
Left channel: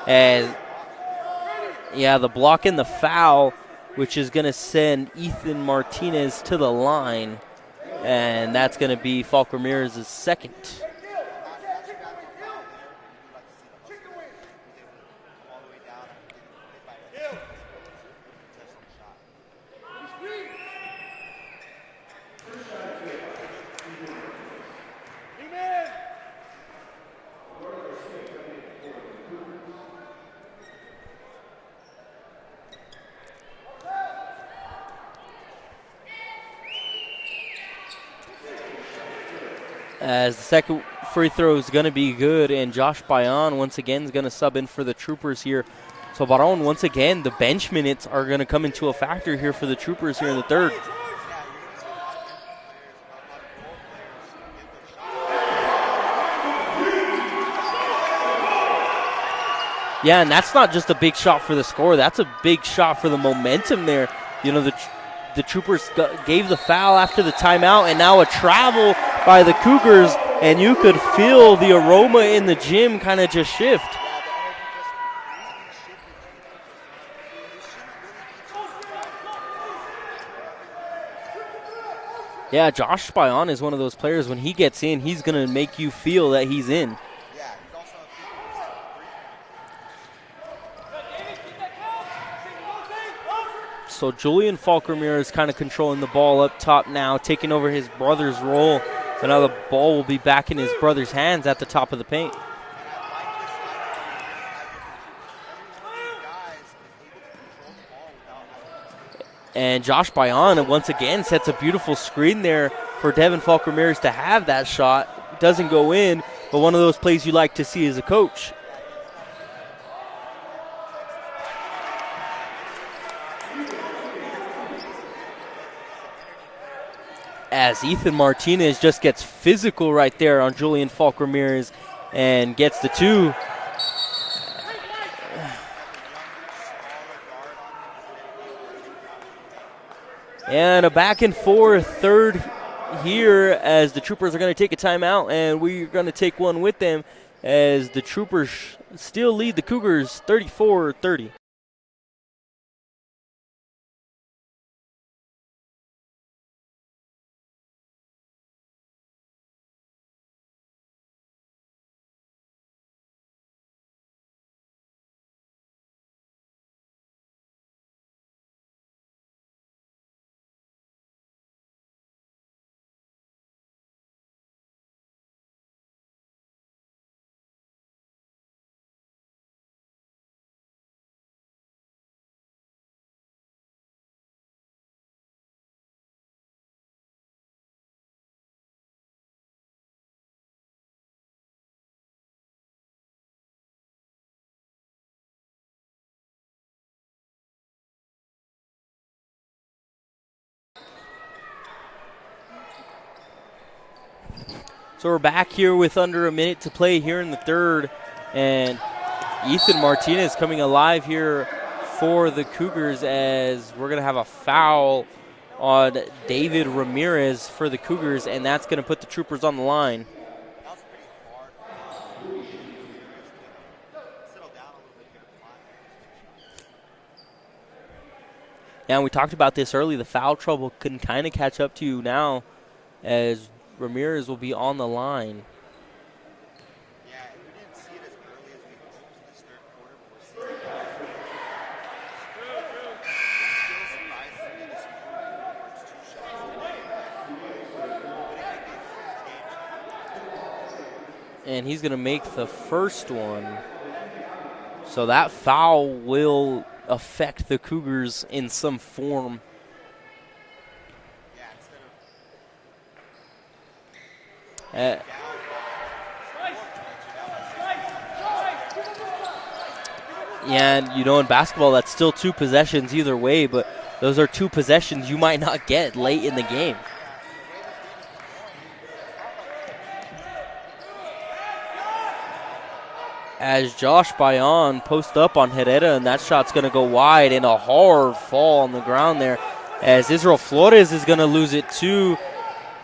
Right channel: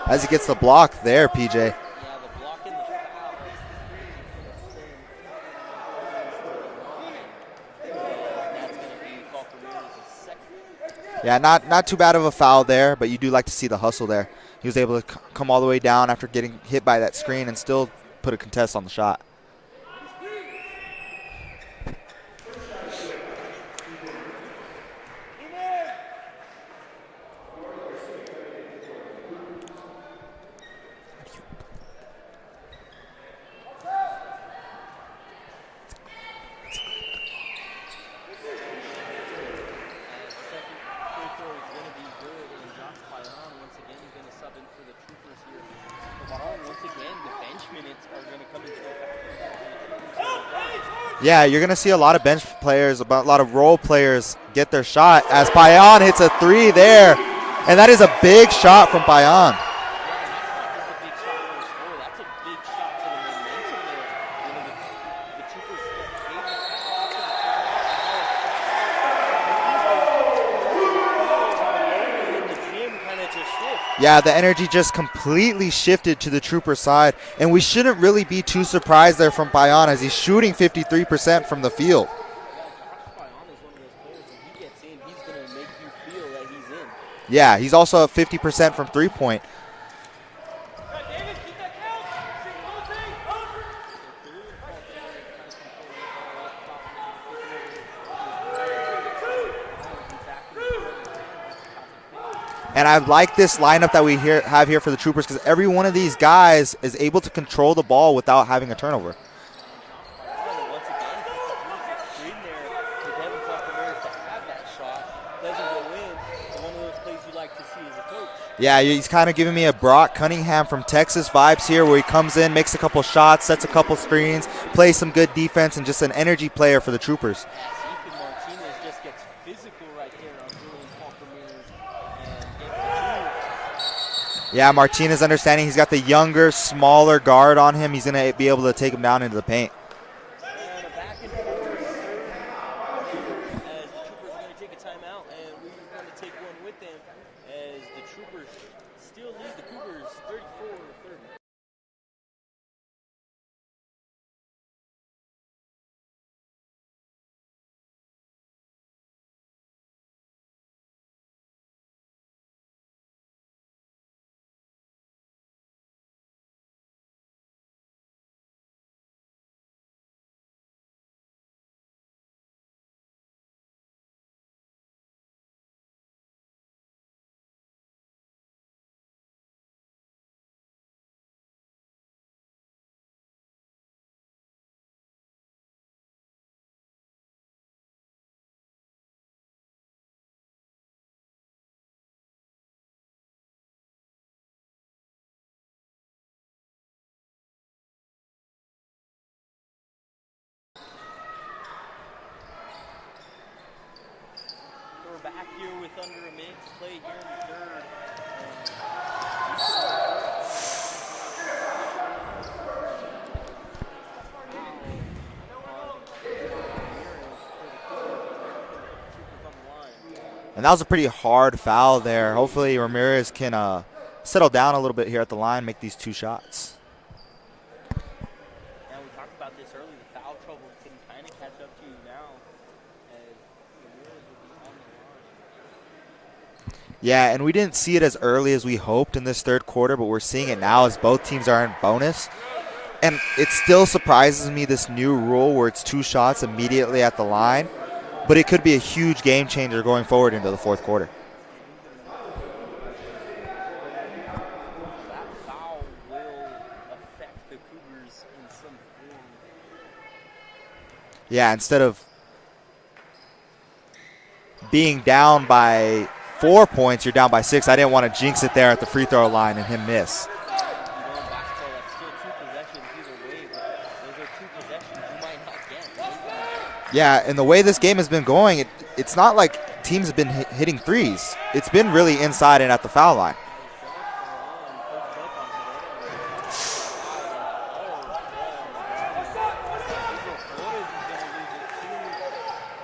As he gets the block there, PJ. Yeah, the block and the foul, which is going to send Ethan Martinez to the line. And that's going to be Falk Ramirez's second. Yeah, not too bad of a foul there, but you do like to see the hustle there. He was able to come all the way down after getting hit by that screen and still put a contest on the shot. As the second free throw is going to be good, and Josh Bayan once again is going to sub in for the Troopers here. So Baron, once again, the bench minutes are going to come into a factor here for the Troopers here in the third. Yeah, you're going to see a lot of bench players, a lot of role players get their shot as Bayan hits a 3 there. And that is a big shot from Bayan. Yeah, and that's not just a big shot for the score. That's a big shot for the momentum there. You know, the Troopers gave the foul after the timeout, and now a travel by the Cougars, and you could feel the aroma in the gym kind of just shift. Yeah, the energy just completely shifted to the Trooper side, and we shouldn't really be too surprised there from Bayan as he's shooting 53% from the field. Yeah, Josh Bayan is one of those players, when he gets in, he's going to make you feel that he's in. Yeah, he's also at 50% from three-point. So Julian Falk Ramirez kind of controlling the ball up top now, taking over his brother's role. So now the ball will be back in his brother's hands at the top of the paint. And I like this lineup that we have here for the Troopers because every one of these guys is able to control the ball without having a turnover. And Josh Bayan once again sets a beautiful screen there for Devin Falk Ramirez to have that shot. Doesn't go in, but one of those plays you like to see as a coach. Yeah, he's kind of giving me a Brock Cunningham from Texas vibes here, where he comes in, makes a couple shots, sets a couple screens, plays some good defense, and just an energy player for the Troopers. As Ethan Martinez just gets physical right there on Julian Falk Ramirez and gets the 2. Yeah, Martinez understanding he's got the younger, smaller guard on him. He's going to be able to take him down into the paint. And a back and forth third here as the Troopers are going to take a timeout, and we're going to take one with them as the Troopers still lead the Cougars 34-30. So we're back here with under a minute to play here in the third, and Ethan Martinez coming alive here for the Cougars as we're going to have a foul on David Ramirez for the Cougars, and that's going to put the Troopers on the line. And that was a pretty hard foul there. Hopefully Ramirez can settle down a little bit here at the line, make these 2 shots. And we talked about this early. The foul trouble can kind of catch up to you now as Ramirez will be on the line. Yeah, and we didn't see it as early as we hoped in this third quarter, but we're seeing it now as both teams are in bonus. And it still surprises me, this new rule where it's 2 shots immediately at the line, but it could be a huge game changer going forward into the fourth quarter. And he's going to make the first one. So that foul will affect the Cougars in some form. Yeah, instead of being down by 4 points, you're down by 6. I didn't want to jinx it there at the free throw line and him miss. Yeah, and you know, in basketball, that's still 2 possessions either way, but those are 2 possessions you might not get late in the game. Yeah, and the way this game has been going, it's not like teams have been hitting threes. It's been really inside and at the foul line. As Josh Bayon posts up on Herrera, and that shot's going to go wide, and a hard fall on the ground there. As Israel Flores is going to lose it too,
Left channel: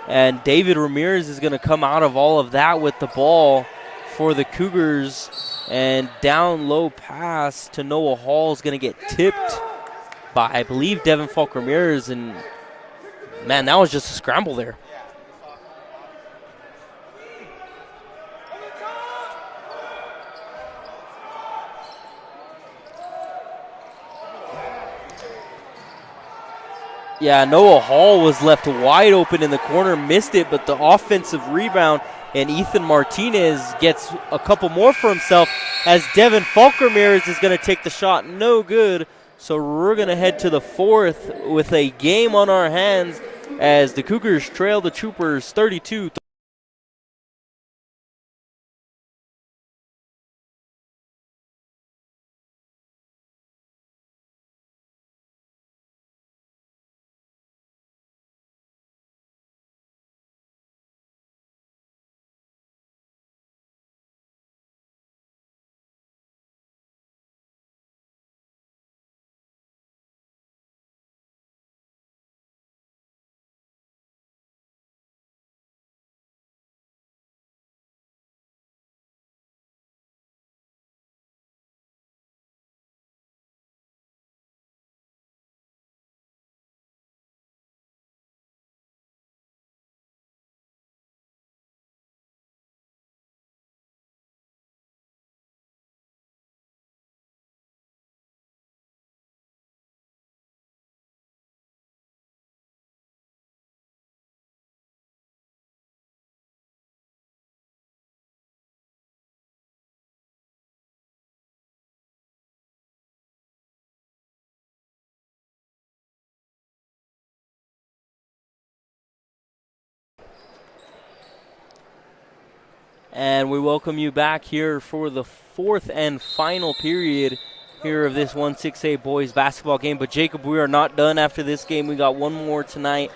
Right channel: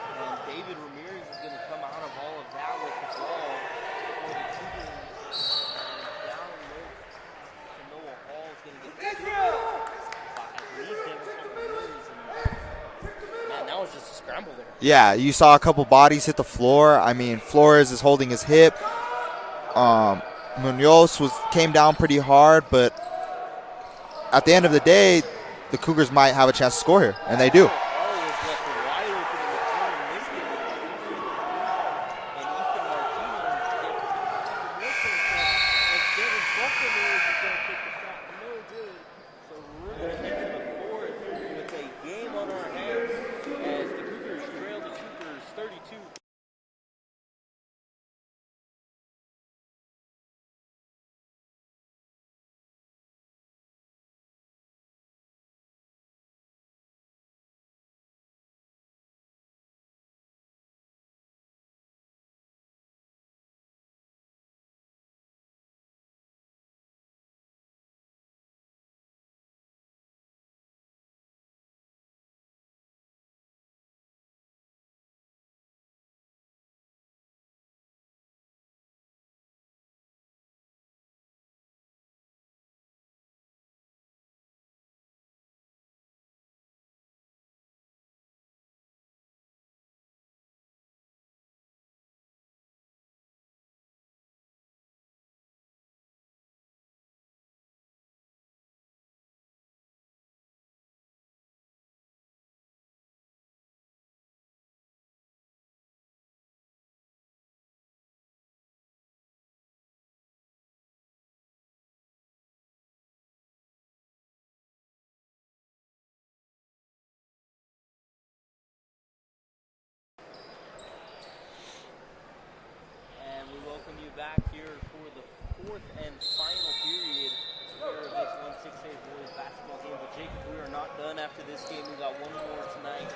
and David Ramirez is going to come out of all of that with the ball for the Cougars. And down low pass to Noah Hall is going to get tipped by, I believe, Devin Falk Ramirez. And, man, that was just a scramble there. Yeah, you saw a couple bodies hit the floor. I mean, Flores is holding his hip. Munoz came down pretty hard, but at the end of the day, the Cougars might have a chance to score here. Yeah, Noah Hall was left wide open in the corner, missed it, but the offensive rebound, and Ethan Martinez gets a couple more for himself as Devin Falk Ramirez is going to take the shot. No good. So we're going to head to the fourth with a game on our hands as the Cougars trail the Troopers 32-30. And we welcome you back here for the fourth and final period here of this 1-6A boys basketball game. But Jacob, we are not done after this game. We got one more tonight.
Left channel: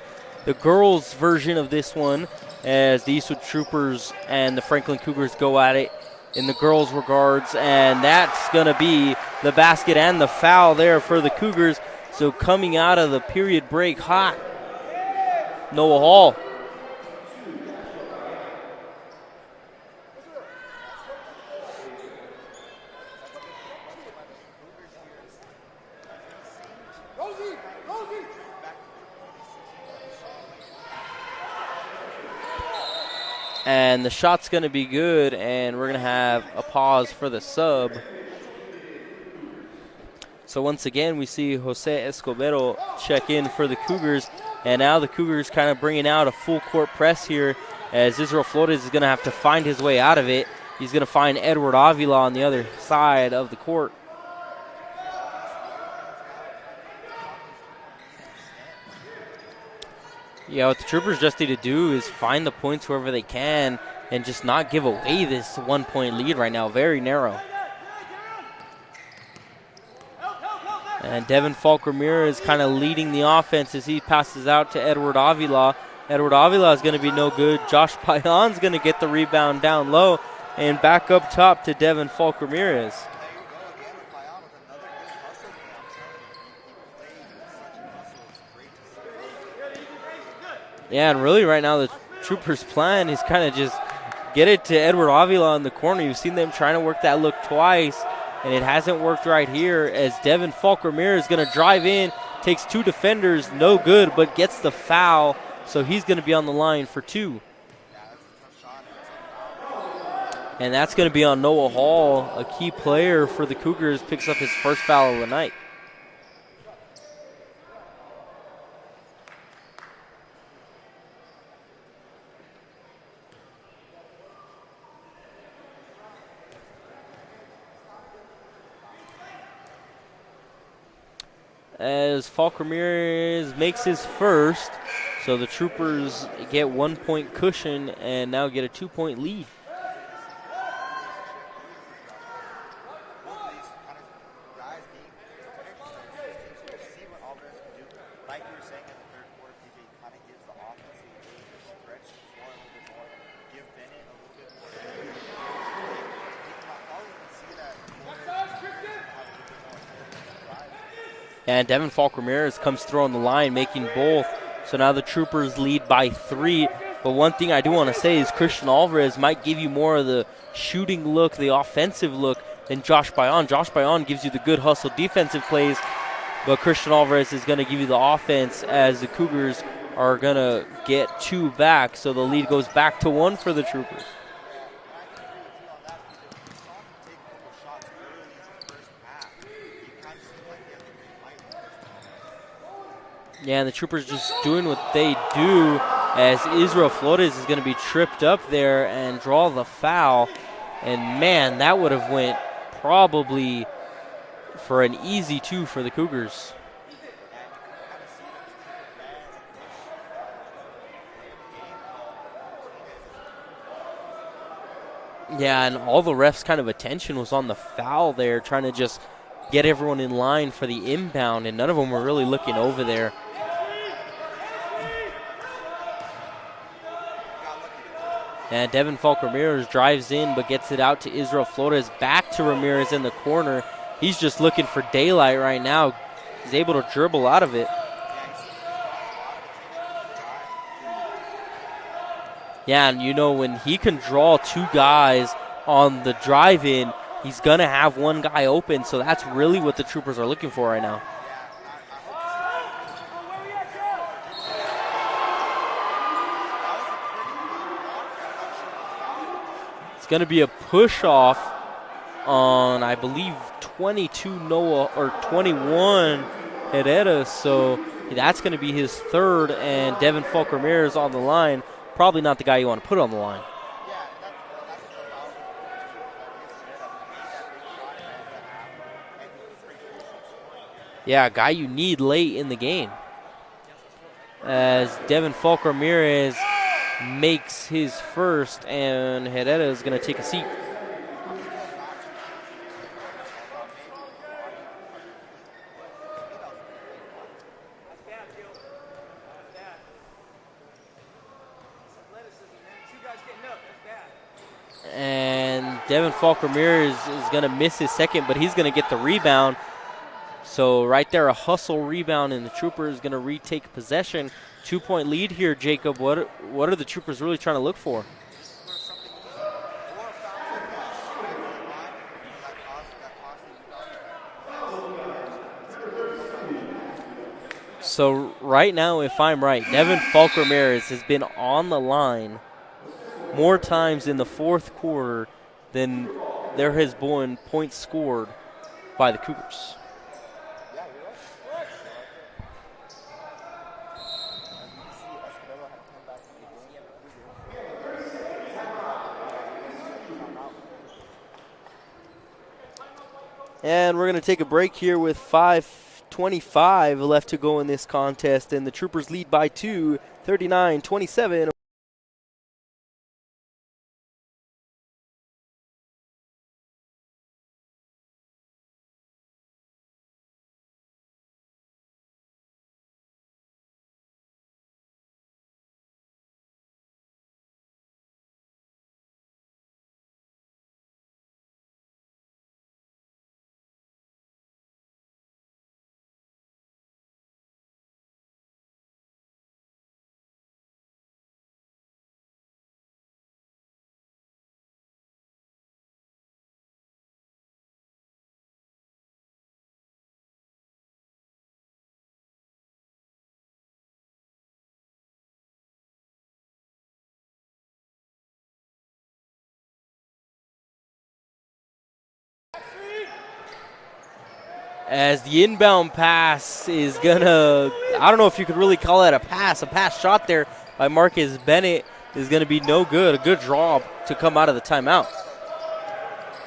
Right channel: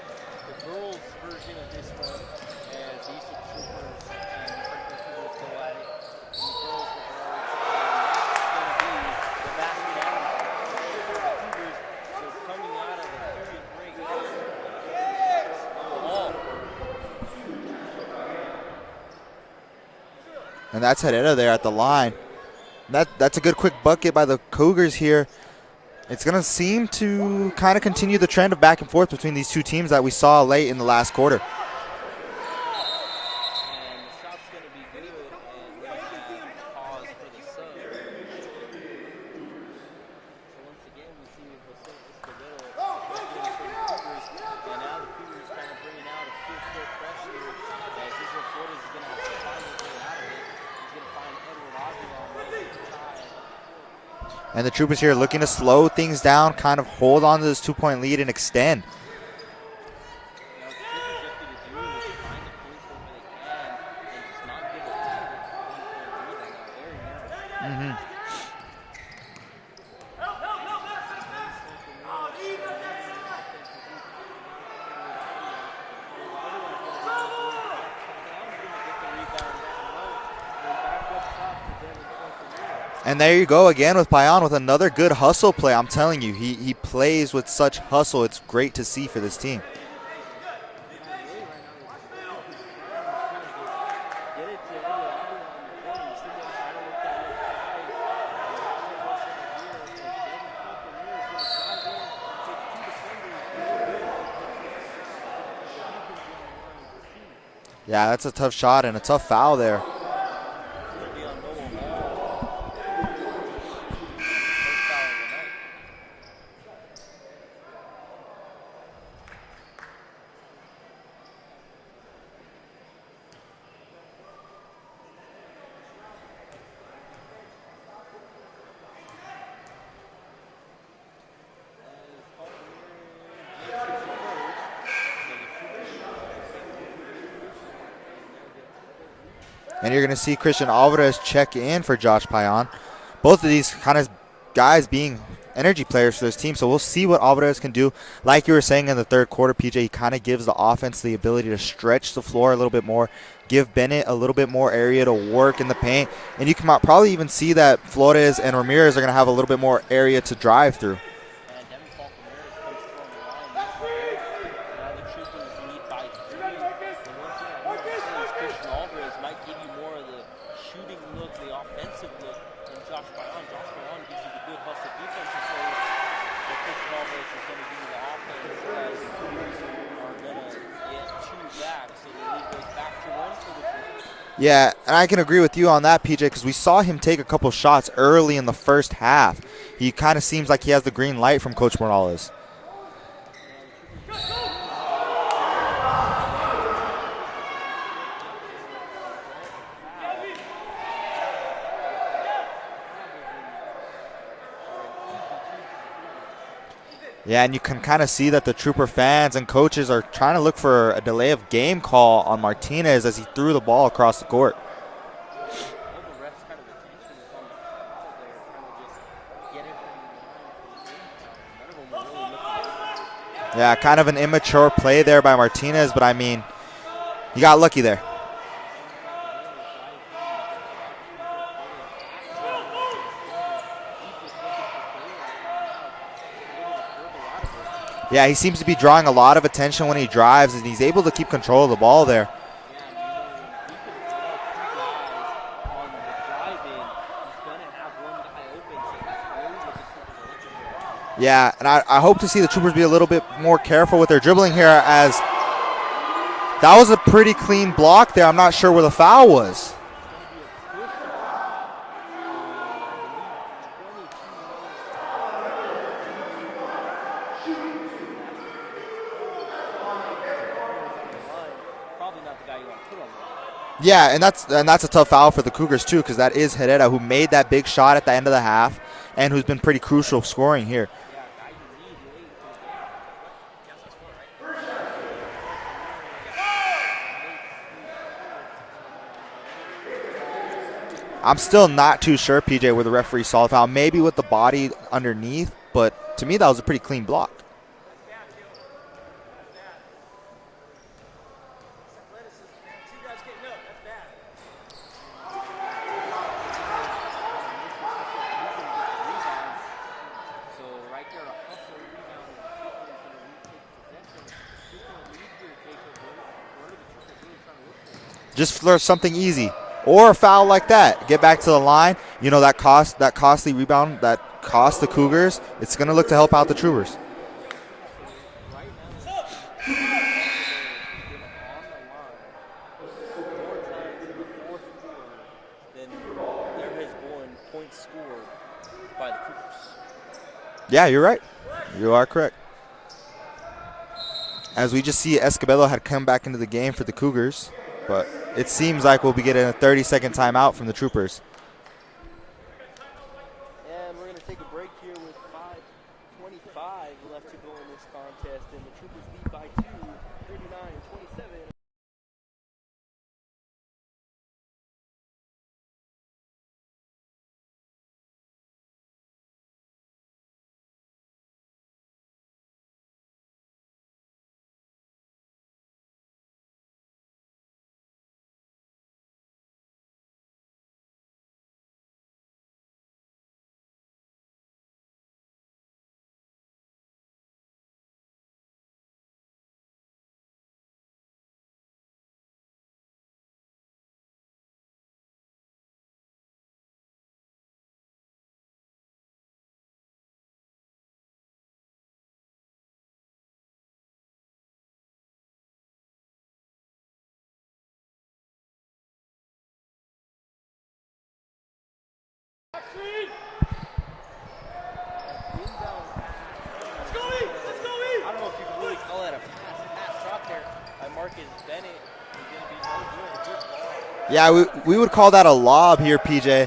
The girls' version of this one, as the Eastwood Troopers and the Franklin Cougars go at it in the girls' regards. And that's going to be the basket and the foul there for the Cougars. So coming out of the period break hot, Noah Hall. And that's Herrera there at the line. That's a good quick bucket by the Cougars here. It's going to seem to kind of continue the trend of back and forth between these two teams that we saw late in the last quarter. And the shot's going to be good, and we're going to have a pause for the sub. So once again, we see Jose Escobedo check in for the Cougars, and now the Cougars kind of bringing out a full court press here as Israel Flores is going to have to find his way out of it. He's going to find Edward Avila on the other side of the court. And the Troopers here looking to slow things down, kind of hold on to this 2-point lead and extend. Yeah, what the Troopers just need to do is find the points wherever they can and just not give away this 1-point lead right now. Very narrow. And Devin Falk Ramirez kind of leading the offense as he passes out to Edward Avila. Edward Avila is going to be no good. Josh Payan's going to get the rebound down low and back up top to Devin Falk Ramirez. And there you go again with Payan with another good hustle play. I'm telling you, he plays with such hustle. It's great to see for this team. Yeah, and really right now the Troopers' plan is kind of just get it to Edward Avila in the corner. You've seen them trying to work that look twice, and it hasn't worked right here as Devin Falk Ramirez is going to drive in, takes two defenders, no good, but gets the foul, so he's going to be on the line for 2. Yeah, that's a tough shot and a tough foul there. And that's going to be on Noah Hall, a key player for the Cougars, picks up his first foul of the night. As Falk Ramirez makes his first, so the Troopers get 1-point cushion and now get a 2-point lead. And you're going to see Christian Alvarez check in for Josh Payan. Both of these kind of guys being energy players for this team, so we'll see what Alvarez can do. Like you were saying in the third quarter, PJ, he kind of gives the offense the ability to stretch the floor a little bit more, give Bennett a little bit more area to work in the paint, and you can probably even see that Flores and Ramirez are going to have a little bit more area to drive through. And Devin Falk Ramirez comes through on the line, making both. So now the Troopers lead by 3. But one thing I do want to say is Christian Alvarez might give you more of the shooting look, the offensive look, than Josh Payan. Josh Payan gives you the good hustle defensive plays, but Christian Alvarez is going to give you the offense as the Cougars are going to get 2 back. So the lead goes back to 1 for the Troopers. Yeah, and I can agree with you on that, PJ, because we saw him take a couple shots early in the first half. He kind of seems like he has the green light from Coach Morales. Yeah, and the Troopers just doing what they do as Israel Flores is going to be tripped up there and draw the foul. And, man, that would have went probably for an easy 2 for the Cougars. Yeah, and you can kind of see that the Trooper fans and coaches are trying to look for a delay of game call on Martinez as he threw the ball across the court. Yeah, and all the refs' kind of attention was on the foul there, trying to just get everyone in line for the inbound, and none of them were really looking over there. Yeah, kind of an immature play there by Martinez, but I mean, you got lucky there. And Devin Falk Ramirez drives in but gets it out to Israel Flores, back to Ramirez in the corner. He's just looking for daylight right now. He's able to dribble out of it. Yeah, he seems to be drawing a lot of attention when he drives, and he's able to keep control of the ball there. Yeah, and you know, when he can draw 2 guys on the drive-in, he's going to have one guy open, so that's really what the Troopers are looking for right now. Yeah, and I hope to see the Troopers be a little bit more careful with their dribbling here, as that was a pretty clean block there. I'm not sure where the foul was. It's going to be a push-off on, I believe, 22 Noah, or 21 Herrera, so that's going to be his third, and Devin Falk Ramirez on the line. Probably not the guy you want to put on the line. Yeah, and that's a tough foul for the Cougars too, because that is Herrera, who made that big shot at the end of the half and who's been pretty crucial scoring here. Yeah, a guy you need late in the game. As Devin Falk Ramirez makes his first, and Herrera is going to take a seat. I'm still not too sure, PJ, where the referee saw the foul. Maybe with the body underneath, but to me that was a pretty clean block. And Devin Falk Ramirez is going to miss his second, but he's going to get the rebound. So right there, a hustle rebound, and the Troopers going to retake possession. 2-point lead here, Jacob. What are the Troopers really trying to look for? Just for something easy. or a foul like that. Get back to the line. You know, that costly rebound that cost the Cougars, it's going to look to help out the Troopers. So right now, if I'm right, Devin Falk Ramirez has been on the line more times in the fourth quarter than there has been points scored by the Cougars. Yeah, you're right. You are correct. As we just see, Escobedo had come back into the game for the Cougars, but it seems like we'll be getting a 30-second timeout from the Troopers. And we're going to take a break here with 5:25 left to go in this contest, and the Troopers lead by 2, 39-27. As the inbound pass is gonna, I don't know if you could really call that a pass shot there by Marcus Bennett is gonna be no good. A good draw to come out of the timeout. We would call that a lob here, PJ,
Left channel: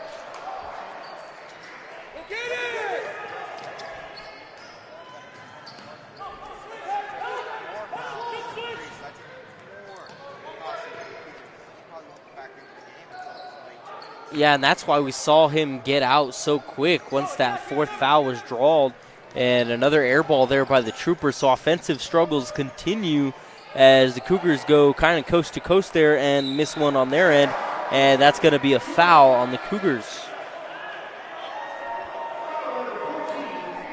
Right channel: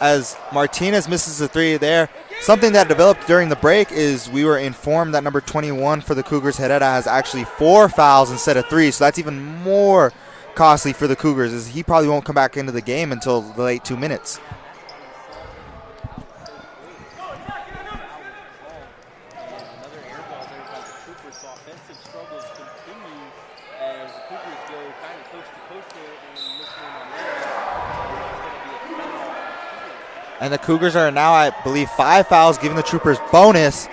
as Martinez misses the three there. Something that developed during the break is we were informed that number 21 for the Cougars, Herrera, has actually 4 fouls instead of 3, so that's even more costly for the Cougars, as he probably won't come back into the game until the late 2 minutes. Yeah, and that's why we saw him get out so quick once that fourth foul was drawn, and another air ball there by the Troopers. So offensive struggles continue as the Cougars go kind of coast to coast there and miss one on their end, and that's going to be a foul on the Cougars. And the Cougars are now, I believe, 5 fouls, giving the Troopers bonus,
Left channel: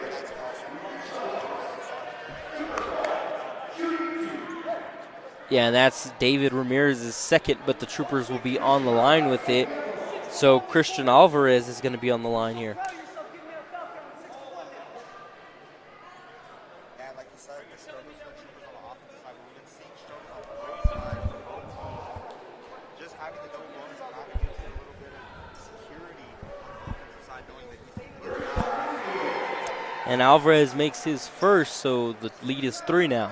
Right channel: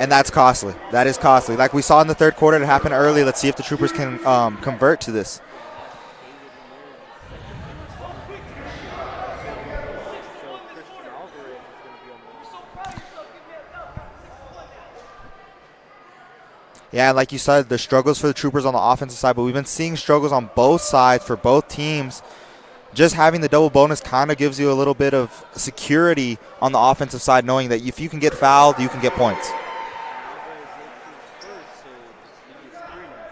and that's costly. That is costly. Like we saw in the third quarter, it happened early. Let's see if the Troopers can convert to this. Yeah, and that's David Ramirez's second, but the Troopers will be on the line with it. So Christian Alvarez is going to be on the line here. Yeah, like you said, the struggles for the Troopers on the offensive side, but we've been seeing struggles on both sides for both teams. Just having the double bonus kind of gives you a little bit of security on the offensive side, knowing that if you can get fouled, you can get points. And Alvarez makes his first, so the lead is 3 now.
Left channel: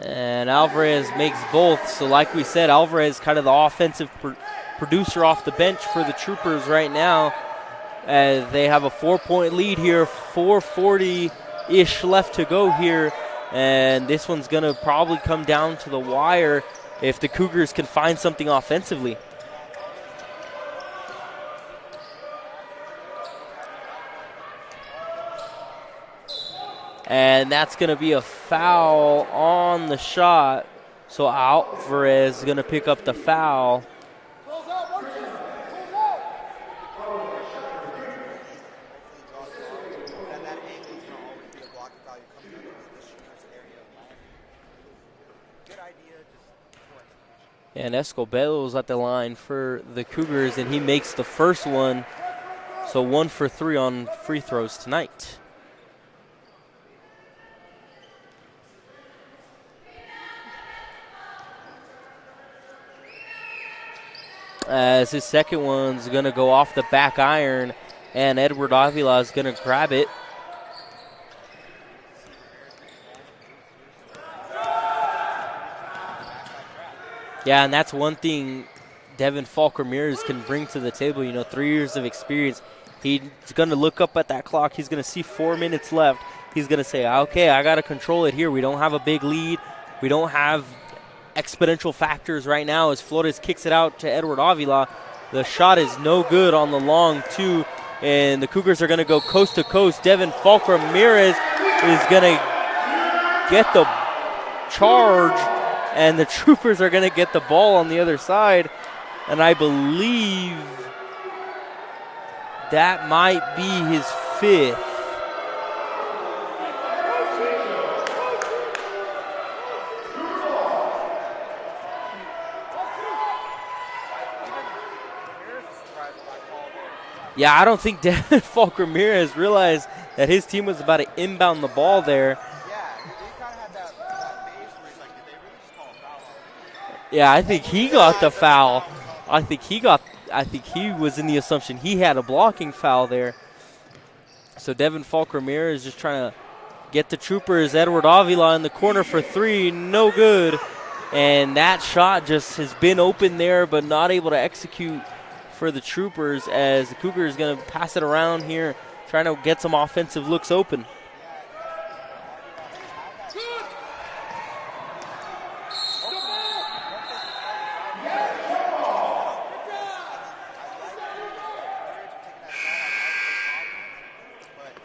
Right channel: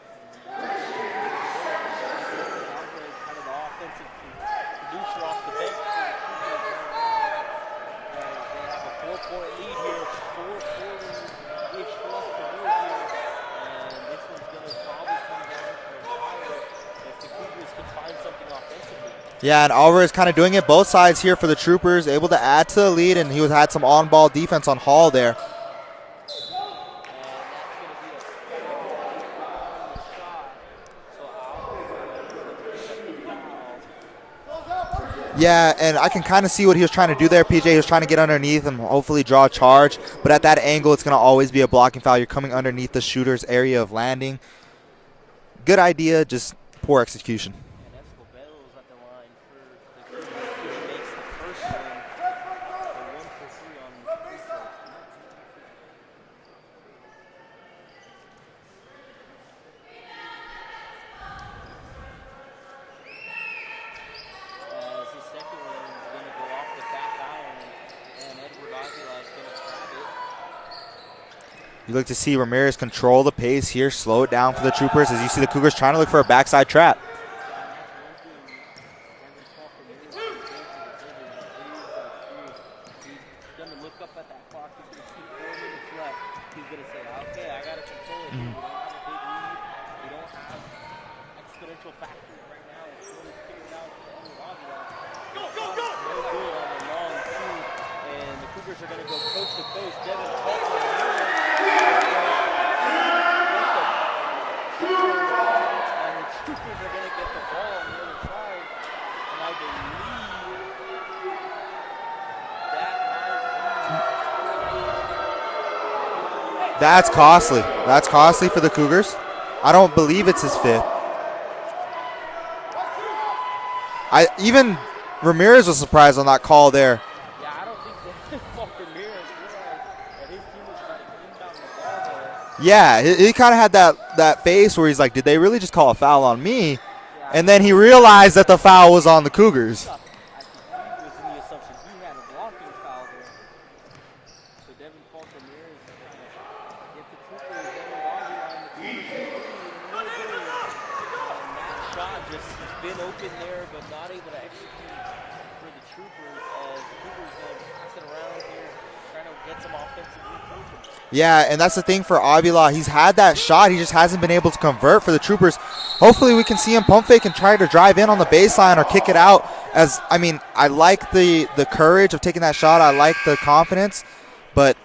And Alvarez makes both. So like we said, Alvarez kind of the offensive producer off the bench for the Troopers right now, as they have a 4-point lead here, 4:40-ish left to go here. And this one's going to probably come down to the wire if the Cougars can find something offensively. Yeah, and Alvarez kind of doing it both sides here for the Troopers, able to add to the lead, and he had some on-ball defense on Hall there. And that's going to be a foul on the shot. So Alvarez is going to pick up the foul. Yeah, and I can kind of see what he was trying to do there, PJ. He was trying to get underneath and hopefully draw a charge. But at that angle, it's going to always be a blocking foul. You're coming underneath the shooter's area of landing. Good idea, just poor execution. And Escobedo is at the line for the Cougars, and he makes the first one. So 1 for 3 on free throws tonight. As his second one's going to go off the back iron, and Edward Avila is going to grab it. You look to see Ramirez control the pace here, slow it down for the Troopers, as you see the Cougars trying to look for a backside trap. Yeah, and that's one thing Devin Falk Ramirez can bring to the table. 3 years of experience. He's going to look up at that clock. He's going to see 4 minutes left. He's going to say, okay, I got to control it here. We don't have a big lead. We don't have exponential factors right now as Flores kicks it out to Edward Avila. The shot is no good on the long 2, and the Cougars are going to go coast to coast. Devin Falk Ramirez is going to get the charge, and the Troopers are going to get the ball on the other side. And I believe that might be his 5th. That's costly. That's costly for the Cougars. I don't believe it's his 5th. Even Ramirez was surprised on that call there. Yeah, I don't think Devin Falk Ramirez realized that his team was about to inbound the ball there. Yeah, he kind of had that face where he's like, did they really just call a foul on me? Yeah, and then he realized that the foul was on the Cougars. I think he was in the assumption he had a blocking foul there. So Devin Falk Ramirez just trying to get the Troopers. Edward Avila in the corner for 3, no good. And that shot just has been open there, but not able to execute for the Troopers, as the Cougars going to pass it around here, trying to get some offensive looks open. Yeah, and that's the thing for Avila. He's had that shot. He just hasn't been able to convert for the Troopers. Hopefully we can see him pump fake and try to drive in on the baseline or kick it out. I like the courage of taking that shot. I like the confidence. But,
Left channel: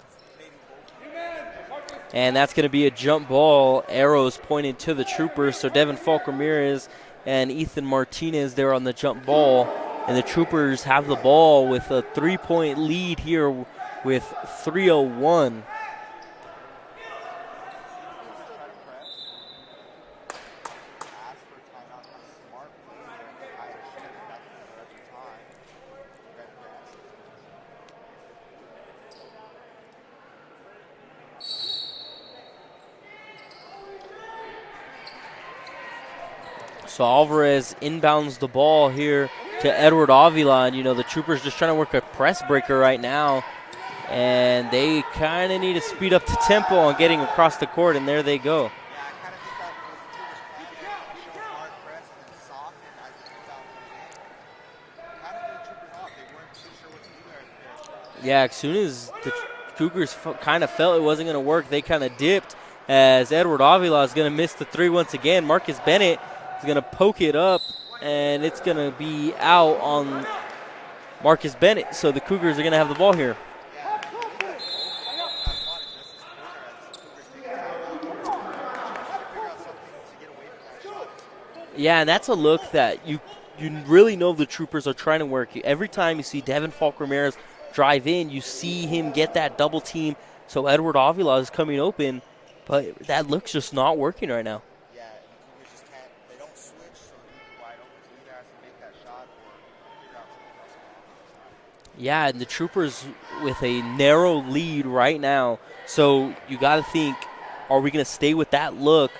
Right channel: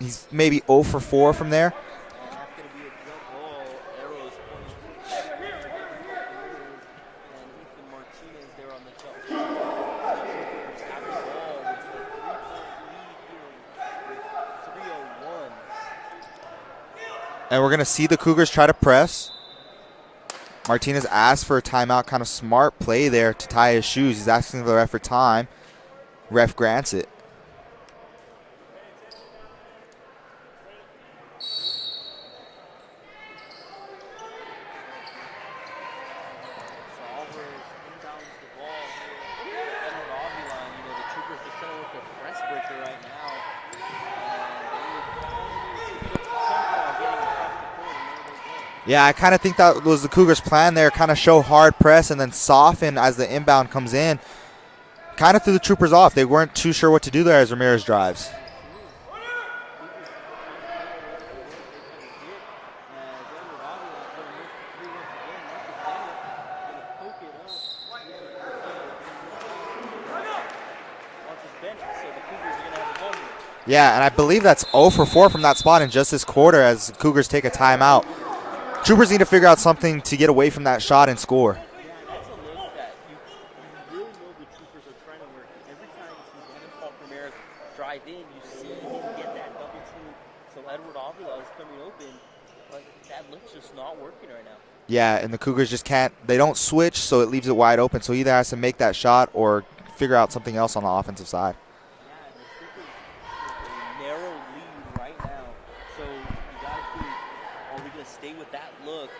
he's maybe 0 for 4 from there. And that's going to be a jump ball. Arrows pointed to the Troopers. So Devin Falk Ramirez and Ethan Martinez there on the jump ball. And the Troopers have the ball with a 3-point lead here with 3:01. And we're going to see the Cougars try to press. Martinez asked for a timeout. Kind of smart play there to tie his shoes. He's asking the ref for time. Ref grants it. So Alvarez inbounds the ball here to Edward Avila. And, the Troopers just trying to work a press breaker right now. And they kind of need to speed up the tempo on getting across the court, and there they go. Yeah, I kind of think that was the Cougars' plan there, kind of show hard press and then soften as the inbound comes in. Kind of threw the Troopers off. They weren't too sure what to do there as Ramirez drives. Yeah, as soon as the Cougars kind of felt it wasn't going to work, they kind of dipped, as Edward Avila is going to miss the 3 once again. Marcus Bennett is going to poke it up, and it's going to be out on Marcus Bennett. So the Cougars are going to have the ball here. Yeah, and I believe that's 0 for 4 from that spot in just this quarter as Cougars take a timeout. Troopers need to figure out something to get away from that shot and score. Yeah, and that's a look that you really know the Troopers are trying to work. Every time you see Devin Falk Ramirez drive in, you see him get that double team. So Edward Avila is coming open, but that look's just not working right now. Yeah, and the Cougars just can't. They don't switch, so it leaves it wide open. So he either has to make that shot or figure out something else on the offensive side. Yeah, and the Troopers with a narrow lead right now. So you got to think, are we going to stay with that look,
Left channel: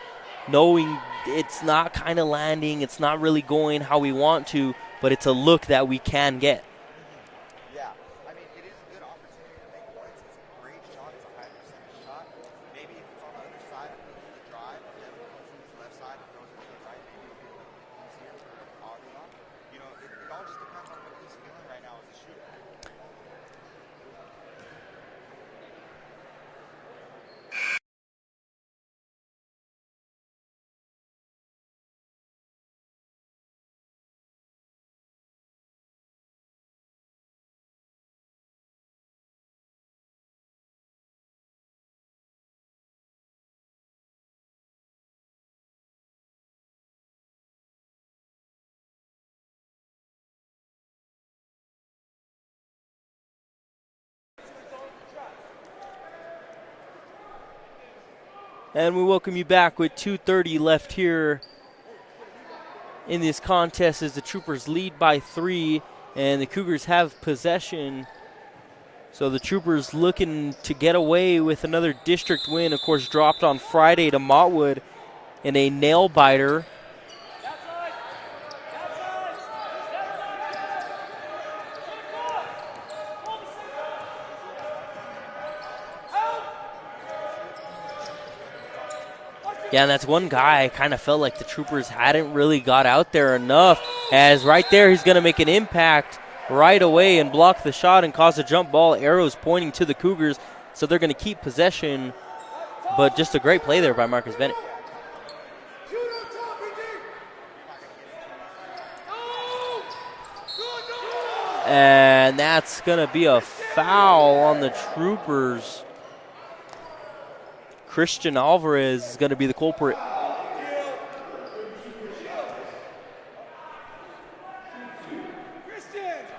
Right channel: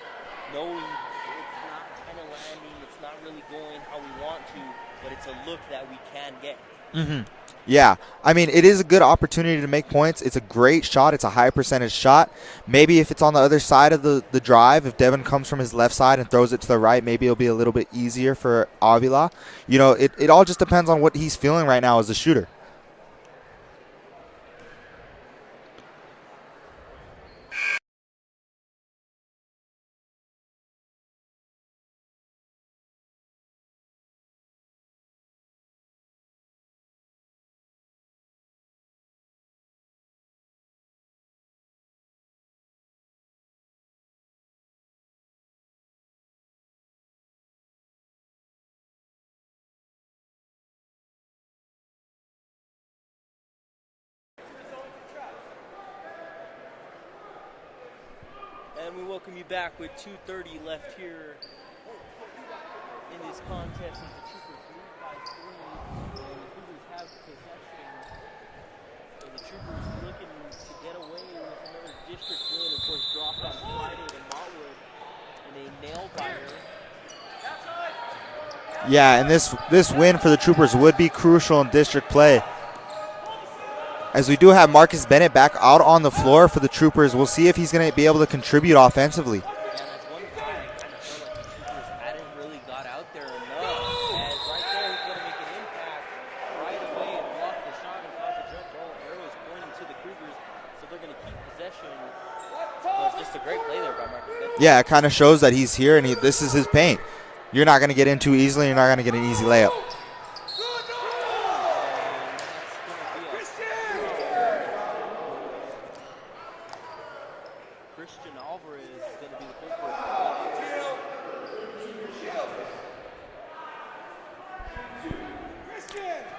knowing it's not kind of landing, it's not really going how we want to, but it's a look that we can get. Mm-hmm. Yeah, it is a good opportunity to make points. It's a great shot. It's a high percentage shot. Maybe if it's on the other side of the drive, if Devin comes from his left side and throws it to the right, maybe it'll be a little bit easier for Avila. It all just depends on what he's feeling right now as a shooter. And we welcome you back with 2:30 left here in this contest as the Troopers lead by 3 and the Cougars have possession. So the Troopers looking to get away with another district win, of course dropped on Friday to Mottwood in a nail-biter. Yeah, and this win for the Troopers would be crucial in district play. As we do have Marcus Bennett back out on the floor for the Troopers, we'll see if he's going to be able to contribute offensively. Yeah, and that's one guy I kind of felt like the Troopers hadn't really got out there enough, as right there he's going to make an impact right away and block the shot and cause a jump ball. Arrows pointing to the Cougars, so they're going to keep possession, but just a great play there by Marcus Bennett. Yeah, it kind of shows that he's here and this is his paint. You're not going to get in too easily. You're not going to get an easy layup. And that's going to be a foul on the Troopers. Christian Alvarez is going to be the culprit.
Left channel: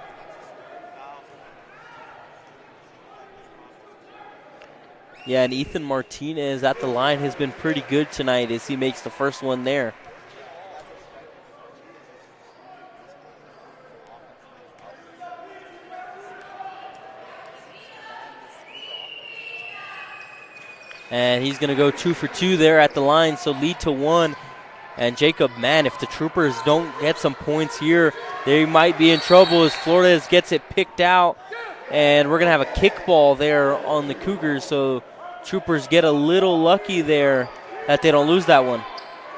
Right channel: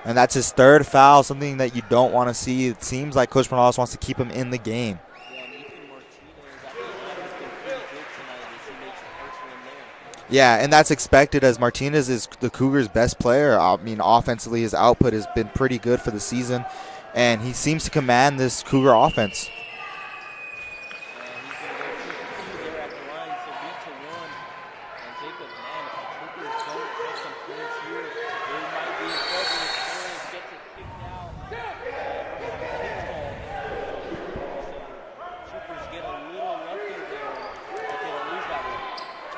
And that's his third foul, something that you don't want to see. It seems like Coach Morales wants to keep him in the game. Yeah, and Ethan Martinez at the line has been pretty good tonight as he makes the first one there. Yeah, and that's expected as Martinez is the Cougars' best player. I mean, offensively, his output has been pretty good for the season, and he seems to command this Cougar offense. And he's going to go 2 for 2 there at the line, so lead to 1. And Jacob, man, if the Troopers don't get some points here, they might be in trouble as Flores gets it picked out. And we're going to have a kickball there on the Cougars, so Troopers get a little lucky there that they don't lose that one.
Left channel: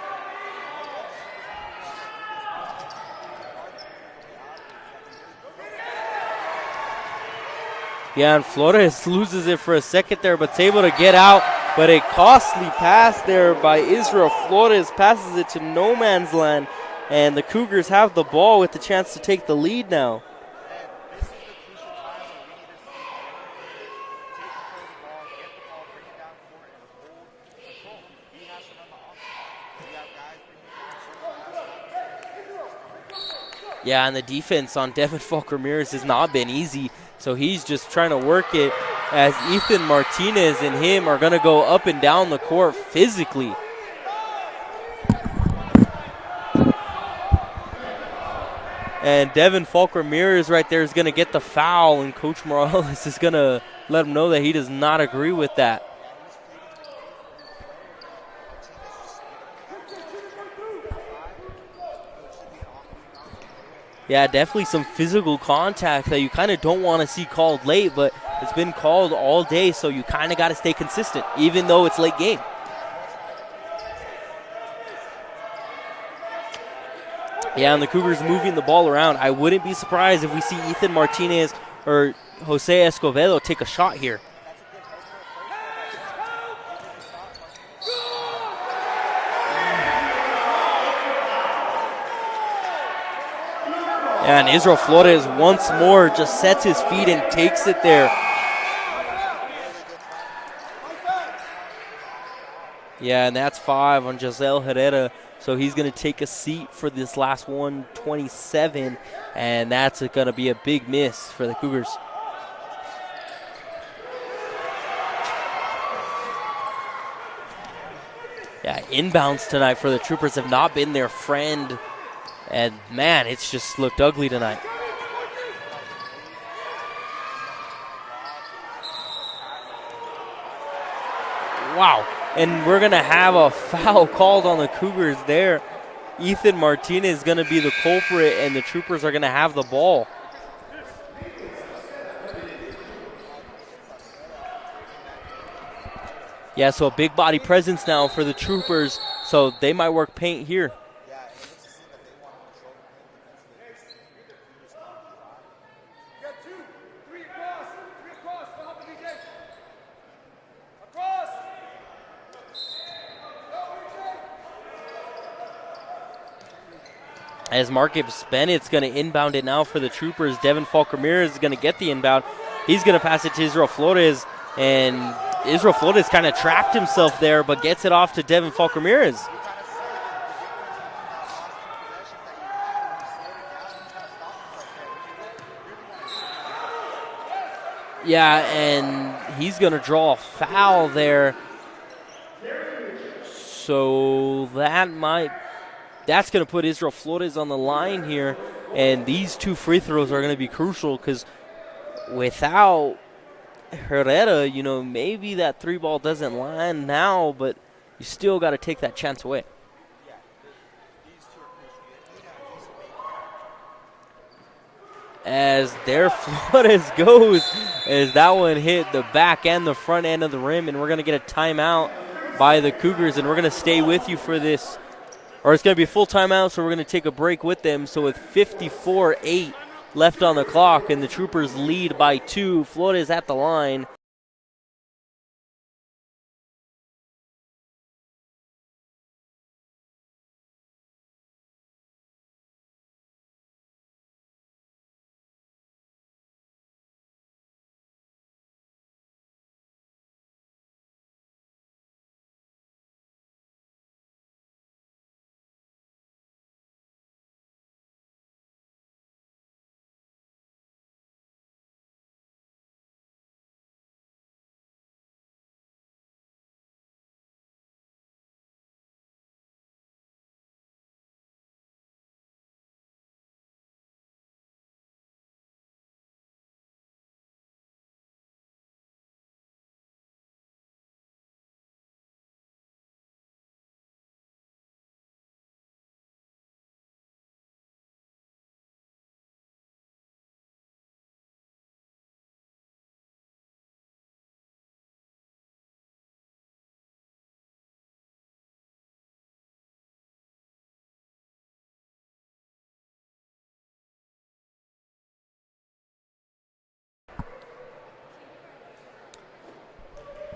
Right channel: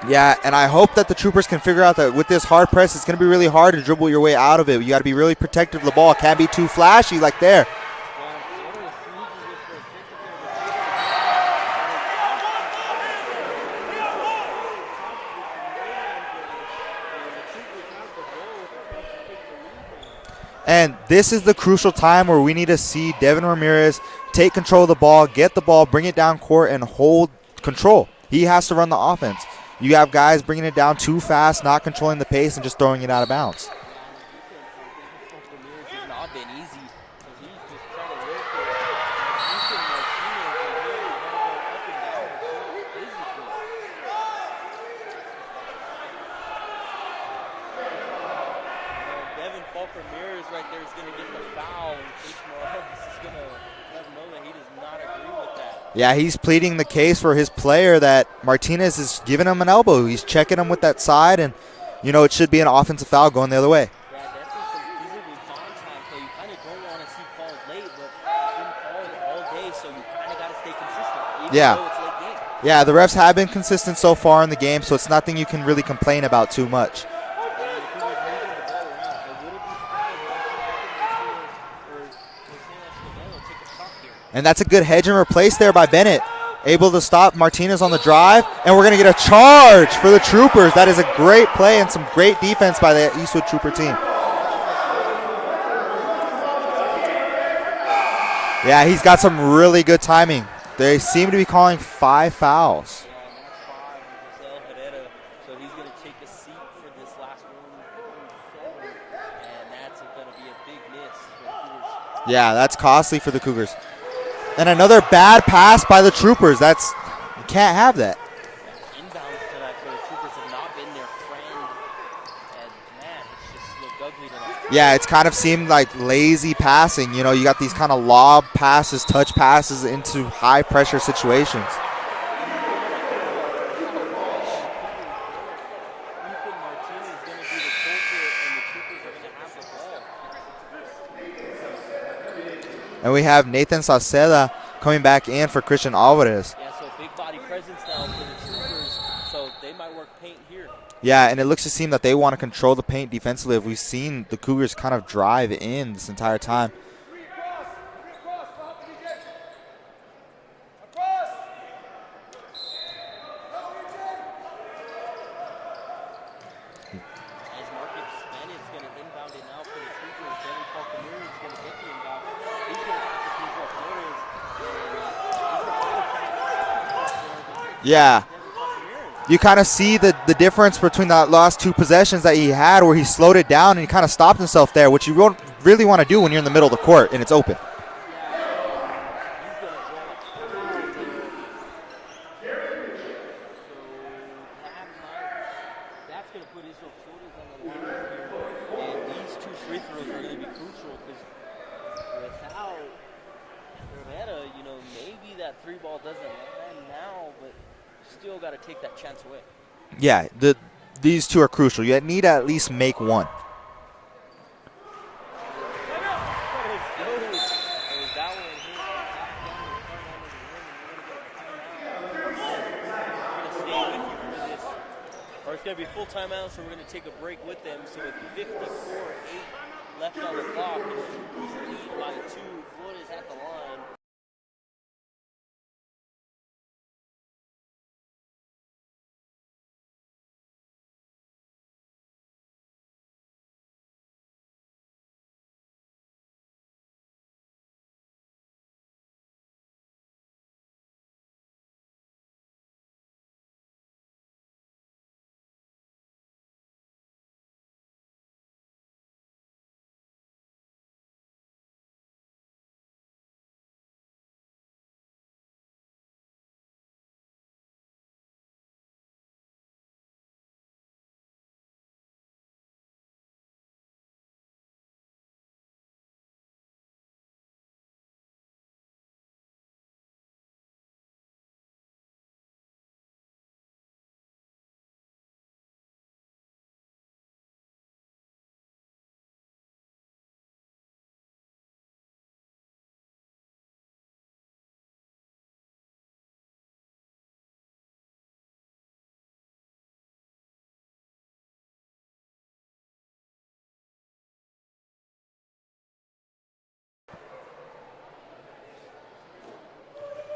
Yeah, and I hope that the Troopers can figure out that with this hard press, it's going to be really hard to dribble your way out of it. You got to be really protective of the ball. Can't be too flashy like there. Yeah, and Flores loses it for a second there, but it's able to get out. But a costly pass there by Israel Flores passes it to no man's land, and the Cougars have the ball with the chance to take the lead now. And this is the crucial time where we need to see Devin Ramirez take control of the ball, get the ball, bring it down court, and hold control. He has to run the offense. You have guys bringing it down too fast, not controlling the pace, and just throwing it out of bounds. Yeah, and the defense on Devin Falk Ramirez has not been easy. So he's just trying to work it as Ethan Martinez and him are going to go up and down the court physically. And Devin Falk Ramirez right there is going to get the foul, and Coach Morales is going to let him know that he does not agree with that. Yeah, he's pleading the case for his player that Martinez is giving him an elbow. He's checking him with that side, and you know, it should be an offensive foul going the other way. Yeah, definitely some physical contact that you kind of don't want to see called late, but it's been called all day, so you kind of got to stay consistent, even though it's late game. Yeah, the refs have been consistent so far in the game, so it's nothing you can really complain about too much. Yeah, and the Cougars moving the ball around. I wouldn't be surprised if we see Ethan Martinez or Jose Escobedo take a shot here. And that's a good hedge and replace there by Bennett. Able to stop Martinez on the drive, and we're going to get a charge for the Troopers. That is a great play and some great defense by the Eastwood Trooper team. Yeah, and Israel Flores once more just sets his feet and takes it there. Yeah, he's got some really good timing. They seem to be calling 5 fouls. Yeah, and that's 5 on Giselle Herrera. So he's going to take a seat for this last one, 27, and that's going to be a big miss for the Cougars. Yeah, that's costly for the Cougars. And another bad pass by the Troopers. You can't have that. Yeah, inbounds tonight for the Troopers have not been their friend. And, man, it's just looked ugly tonight. Yeah, it's kind of seemed like lazy passing. You know, you got these kind of lob passes, touch passes into high-pressure situations. Wow. And we're going to have a foul called on the Cougars there. Ethan Martinez is going to be the culprit, and the Troopers are going to have the ball. And we have Nathan Sauceda coming back in for Christian Alvarez. Yeah, so a big body presence now for the Troopers, so they might work paint here. Yeah, and it looks to seem that they want to control the paint defensively. We've seen the Cougars kind of drive in this entire time. As Marcus Bennett's going to inbound it now for the Troopers. Devin Falk Ramirez is going to get the inbound. He's going to pass it to Israel Flores, and Israel Flores kind of trapped himself there, but gets it off to Devin Falk Ramirez. You kind of see the difference between the last 2 possessions that he had where he slowed it down and he kind of stopped himself there, which you don't really want to do when you're in the middle of the court and it's open. Yeah, and he's going to draw a foul there. So that's going to put Israel Flores on the line here, and these 2 free throws are going to be crucial because without Herrera, you know, maybe that 3 ball doesn't land now, but you still got to take that chance away. Yeah, these 2 are crucial. You need to at least make 1. As there Flores goes, as that one hit the back and the front end of the rim, and we're going to get a timeout by the Cougars, and we're going to stay with you for this. Or it's going to be a full timeout, so we're going to take a break with them. So with 54-8 left on the clock, and the Troopers lead by 2, Flores at the line.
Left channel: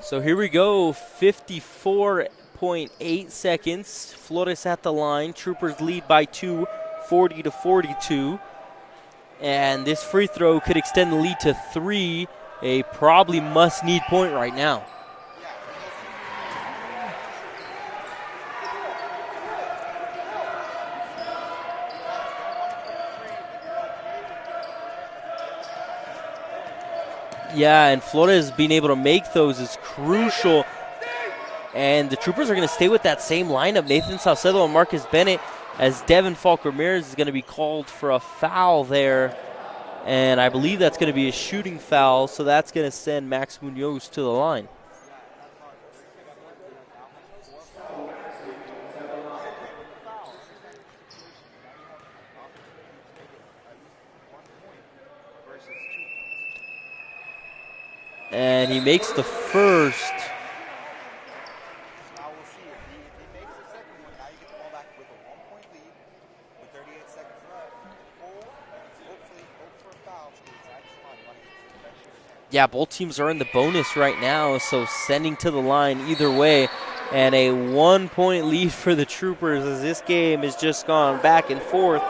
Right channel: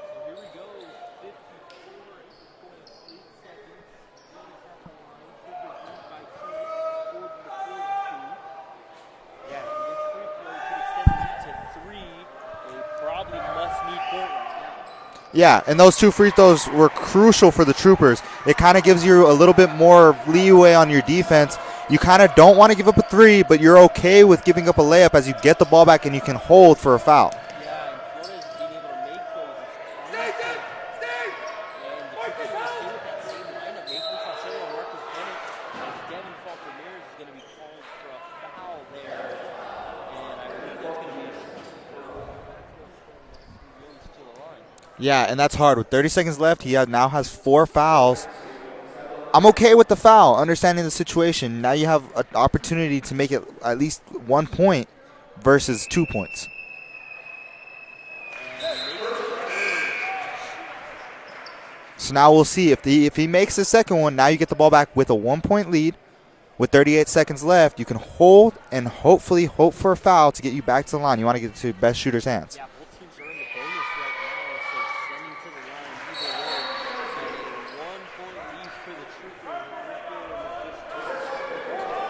So here we go, 54.8 seconds. Flores at the line. Troopers lead by 2, 40-42. And this free throw could extend the lead to 3, a probably must-need point right now. Yeah, and those 2 free throws were crucial for the Troopers. It kind of gives you a little bit more leeway on your defense. You kind of don't want to give up a 3, but you're okay with giving up a layup as you get the ball back and you can hold for a foul. Yeah, and Flores being able to make those is crucial. And the Troopers are going to stay with that same lineup, Nathan Salcedo and Marcus Bennett, as Devin Falk Ramirez is going to be called for a foul there. And I believe that's going to be a shooting foul, so that's going to send Max Munoz to the line. Yeah, and that's hard. With 30 seconds left, he now has 4 fouls. I'm okay with the foul, understanding the situation. Now you have an opportunity to make it at least 1 point versus 2 points. And he makes the first. So now we'll see. If he makes the second one, now you get the ball back with a 1-point lead. With 38 seconds left, you can hold and hopefully hope for a foul to get you back to the line. You want to get it to the best shooter's hands. Yeah, both teams are in the bonus right now, so sending to the line either way. And a 1-point lead for the Troopers as this game has just gone back and forth.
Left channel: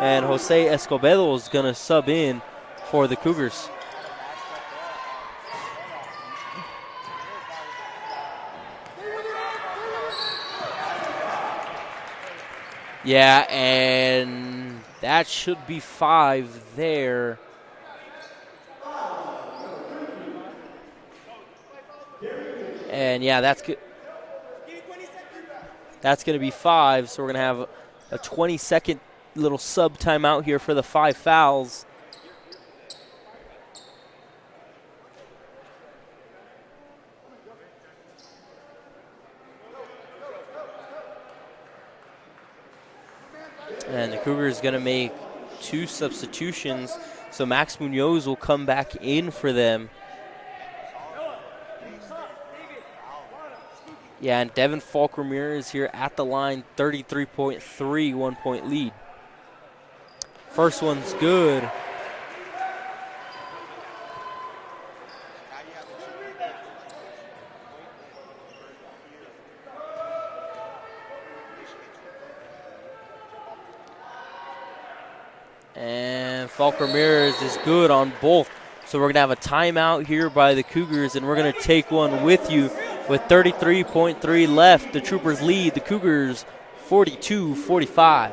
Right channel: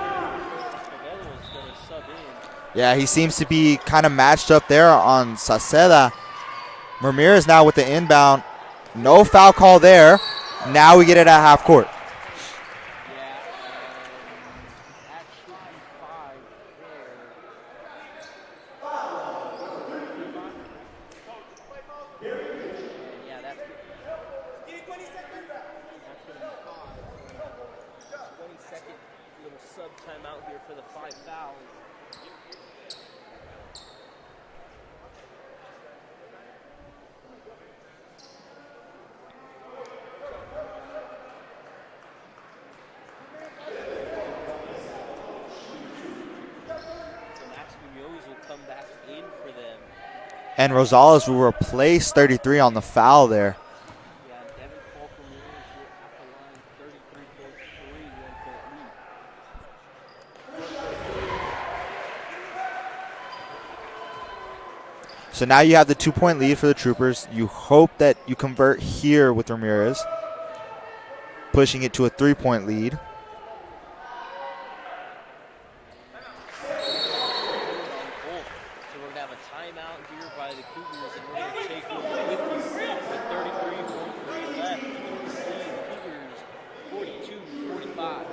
And Jose Escobedo is going to sub in. Yeah, he seems Cougars to be kind of matched up there on Saceda. Ramirez now with the inbound. No foul call there. Now we get it at half court. Yeah, and that should be 5 there. And yeah, that's good. That's going to be 5, so we're going to have a 20-second little sub timeout here for the 5 fouls. And the Cougars going to make 2 substitutions, so Max Munoz will come back in for them. And Rosales will replace 33 on the foul there. Yeah, and Devin Falk Ramirez here at the line, 33.3, 1-point lead. First one's good. So now you have the 2-point lead for the Troopers. You hope that you convert here with Ramirez, pushing it to a 3-point lead. And Falk Ramirez is good on both. So we're going to have a timeout here by the Cougars, and we're going to take one with you with 33.3 left. The Troopers lead the Cougars 42-45.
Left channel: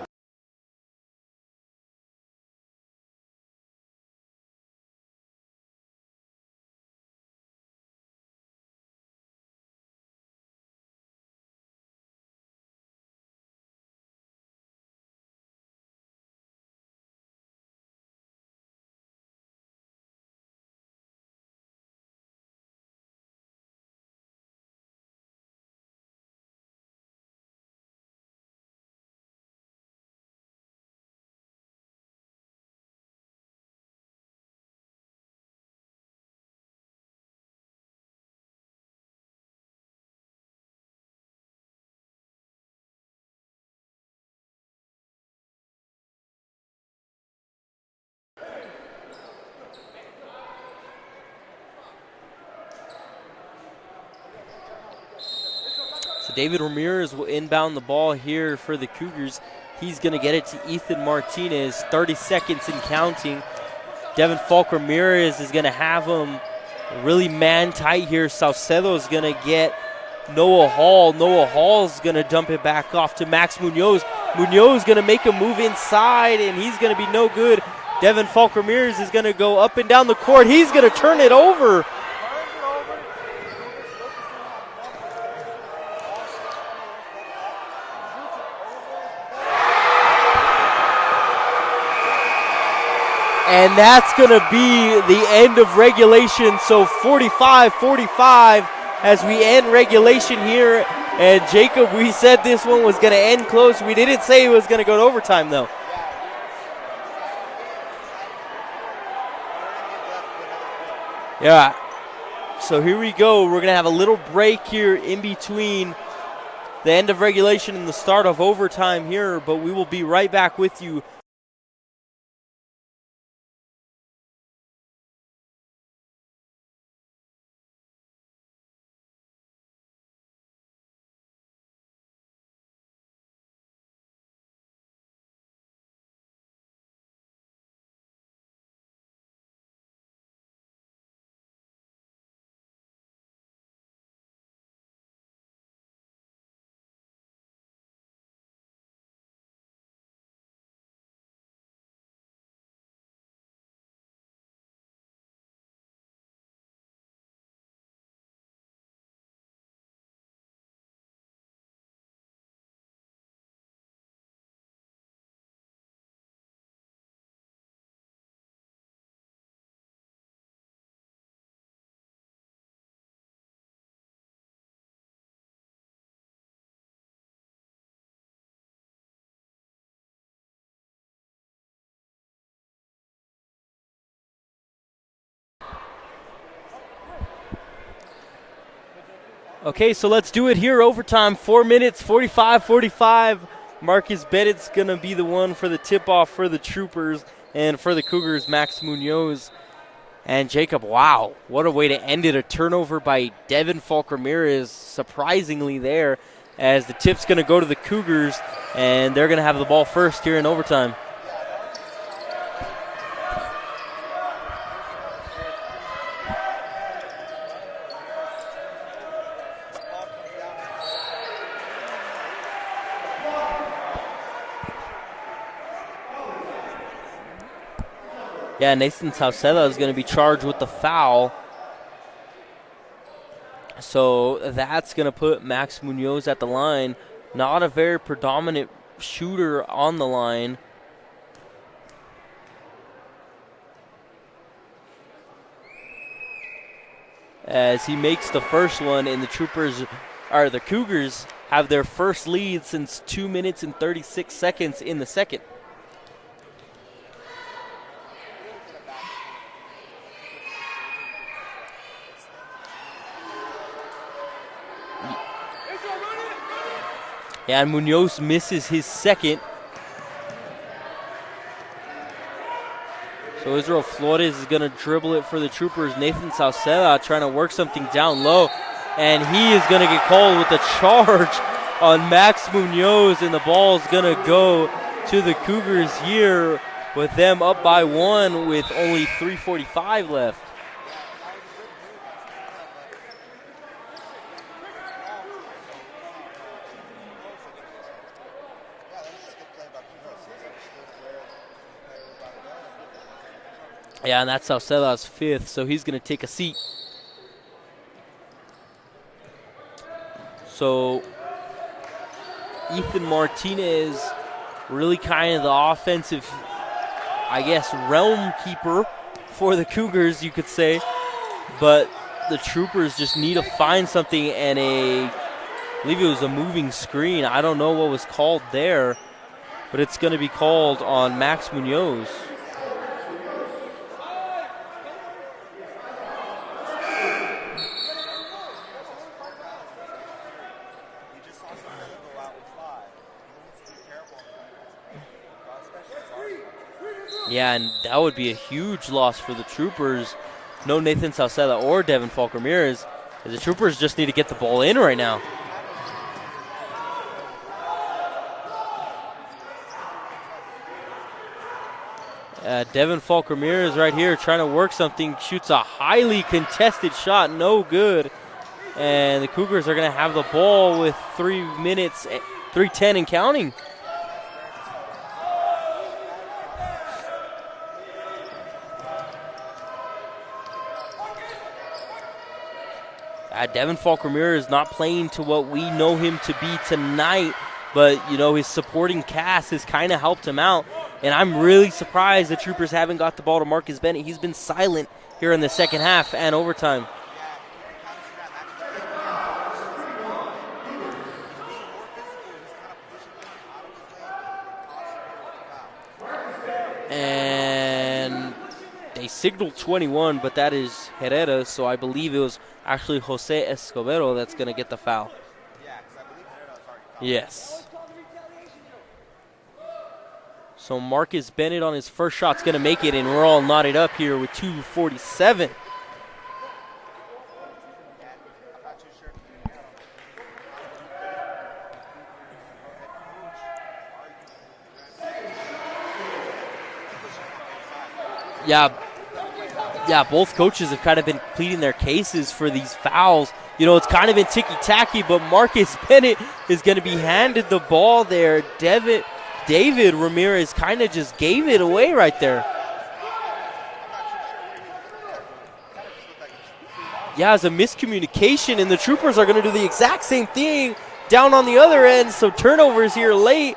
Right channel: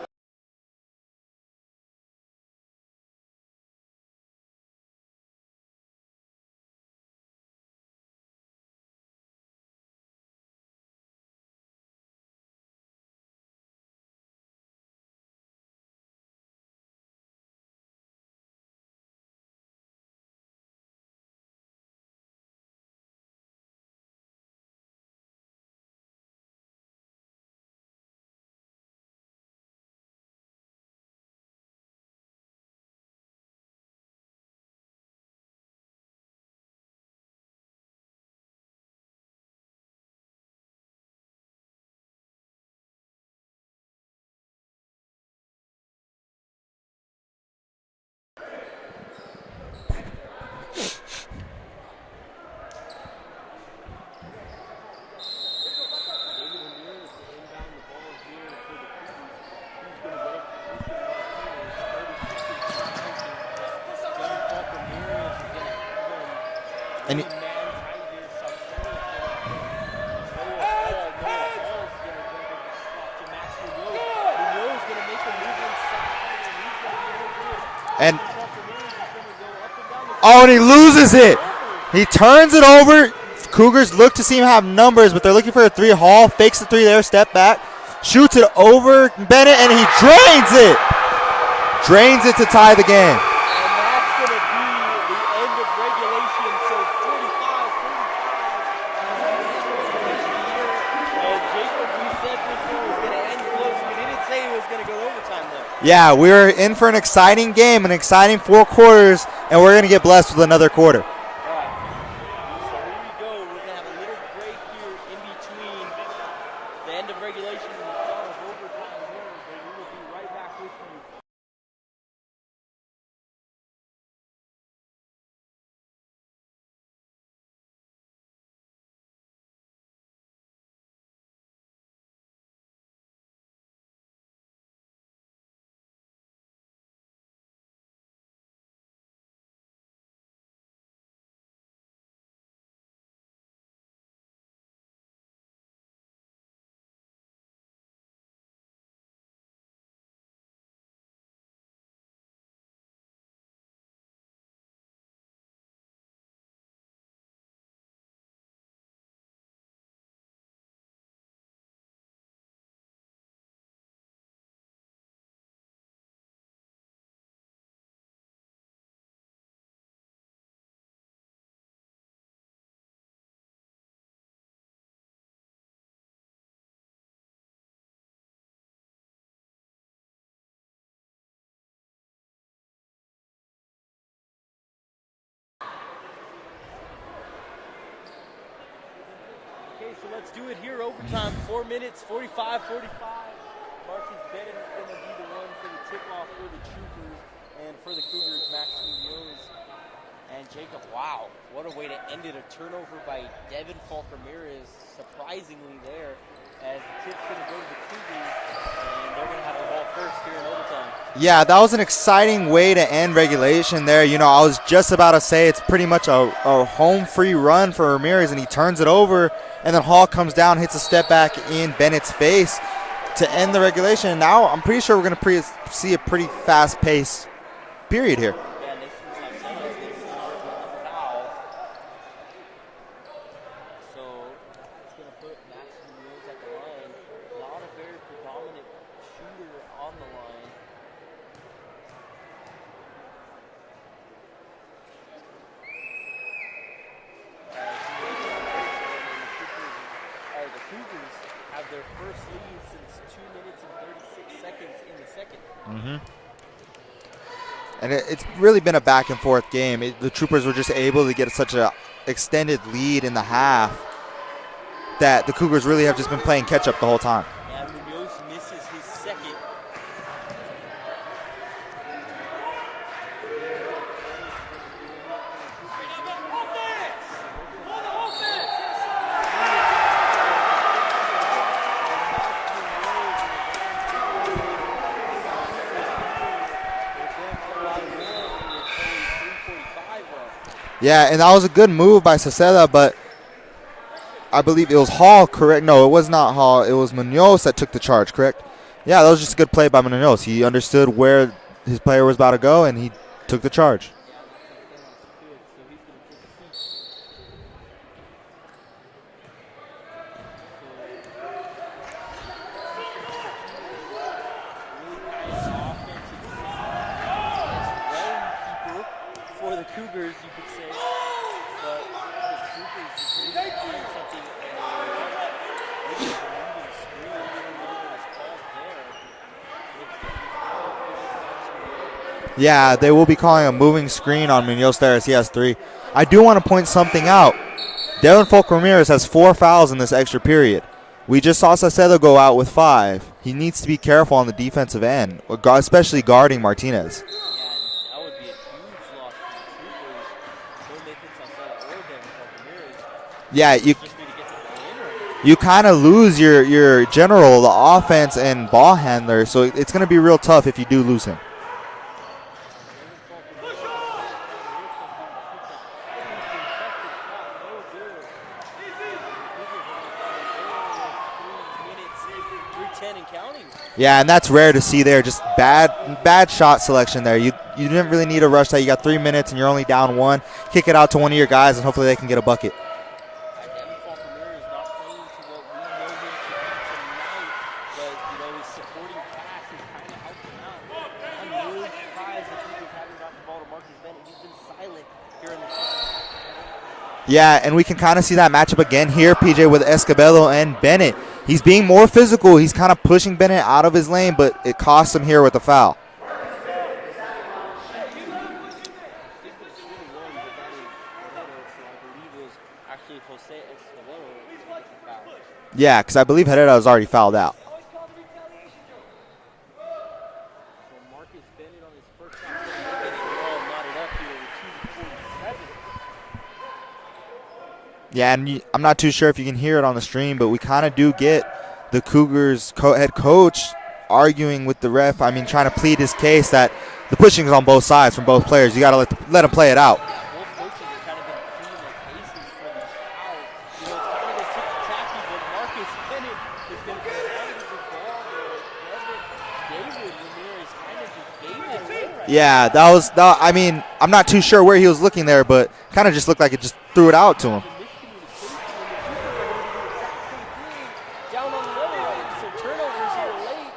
David Ramirez will inbound the ball here for the Cougars. He's going to get it to Ethan Martinez, 30 seconds and counting. Devin Falk Ramirez is going to have him really man-tight here. Saucedo is going to get Noah Hall. Noah Hall's going to dump it back off to Max Munoz. Munoz is going to make a move inside, and he's going to be no good. Devin Falk Ramirez is going to go up and down the court. Oh, and he loses it. Over. He turns it over. Cougars look to see him have numbers, but they're looking for a 3. Hall fakes the 3 there, step back, shoots it over Bennett, and he drains it. Drains it to tie the game. And that's going to be the end of regulation. So 45-45 as we end regulation here. And Jacob, we said this one was going to end close. We didn't say it was going to go to overtime, though. Yeah, we're in for an exciting game, an exciting 4 quarters, and we're going to get blessed with another quarter. Yeah. So here we go. We're going to have a little break here in between the end of regulation and the start of overtime here, but we will be right back with you Okay, so let's do it here. Overtime, 4 minutes, 45-45. Marcus Bennett's going to be the one for the tip-off for the Troopers, and for the Cougars, Max Munoz. And Jacob, wow, what a way to end it. A turnover by Devin Falk Ramirez, surprisingly there, as the tip's going to go to the Cougars, and they're going to have the ball first here in overtime. Yeah, that was an exciting way to end regulation there. You know, I was just about to say it's pretty much a home free run for Ramirez, and he turns it over, and then Hall comes down, hits a step back in Bennett's face to end the regulation. And now I'm pretty sure we're going to see a pretty fast-paced period here. Yeah, Nathan Sauceda is going to be charged with the foul. So that's going to put Max Munoz at the line. Not a very predominant shooter on the line. As he makes the first one, and the Cougars have their first lead since 2 minutes and 36 seconds in the second. Mm-hmm. And it's really been a back and forth game. The Troopers were just able to get such an extended lead in the half that the Cougars really have just been playing catch up the whole time. Yeah, and Munoz misses his second. So Israel Flores is going to dribble it for the Troopers. Nathan Sauceda trying to work something down low. And he is going to get called with a charge on Max Munoz, and the ball is going to go to the Cougars here with them up by 1 with only 3:45 left. Yeah, and that was a good move by Sauceda, but I believe it was Hall, correct? No, it was not Hall. It was Munoz that took the charge, correct? Yeah, that was just a good play by Munoz. He understood where his player was about to go, and he took the charge. Yeah, and that's Sauceda's fifth, so he's going to take a seat. So Ethan Martinez, really kind of the offensive, I guess, realm keeper for the Cougars, you could say. But the Troopers just need to find something, and I believe it was a moving screen. I don't know what was called there, but it's going to be called on Max Munoz. Yeah, they will be calling a moving screen on Munoz there as he has 3. I do want to point something out. Devin Falk Ramirez has 4 fouls in this extra period. We just saw Sauceda go out with 5. He needs to be careful on the defensive end, especially guarding Martinez. Yeah, and that would be a huge loss for the Troopers. No Nathan Sauceda or Devin Falk Ramirez. The Troopers just need to get the ball in right now. You kind of lose your general, the offense and ball handler, so it's going to be real tough if you do lose him. Devin Falk Ramirez right here trying to work something, shoots a highly contested shot, no good. And the Cougars are going to have the ball with 3 minutes, 3:10 and counting. Yeah, and that's rare to see there. Just bad shot selection there. You didn't really need to rush that. You got 3 minutes and you're only down 1. Kick it out to one of your guys and hopefully they can get a bucket. Devin Falk Ramirez not playing to what we know him to be tonight, but, you know, his supporting cast has kind of helped him out. And I'm really surprised the Troopers haven't got the ball to Marcus Bennett. He's been silent here in the second half and overtime. Yeah, and we can kind of see that matchup again here, PJ, with Escobedo and Bennett. He's being more physical. He's kind of pushing Bennett out of his lane, but it costs him here with the foul. And they signaled 21, but that is Herrera, so I believe it was actually Jose Escobedo that's going to get the foul. Yeah, because I believe Herrera was already fouled out. So Marcus Bennett on his first shot's going to make it, and we're all knotted up here with 2:47. Yeah, and I'm not too sure if you can hear it on the stream, but we kind of do get the Cougars head coach arguing with the ref. I mean, trying to plead his case that the pushing is on both sides from both players. Yeah. You got to let them play it out. Yeah, both coaches have kind of been pleading their cases for these fouls. You know, it's kind of been ticky-tacky, but Marcus Bennett is going to be handed the ball there. David Ramirez kind of just gave it away right there. Yeah, I mean, I'm not too sure where he was looking there, but kind of just looked like it just threw it out to him. Yeah, it's a miscommunication, and the Troopers are going to do the exact same thing down on the other end, so turnovers here late,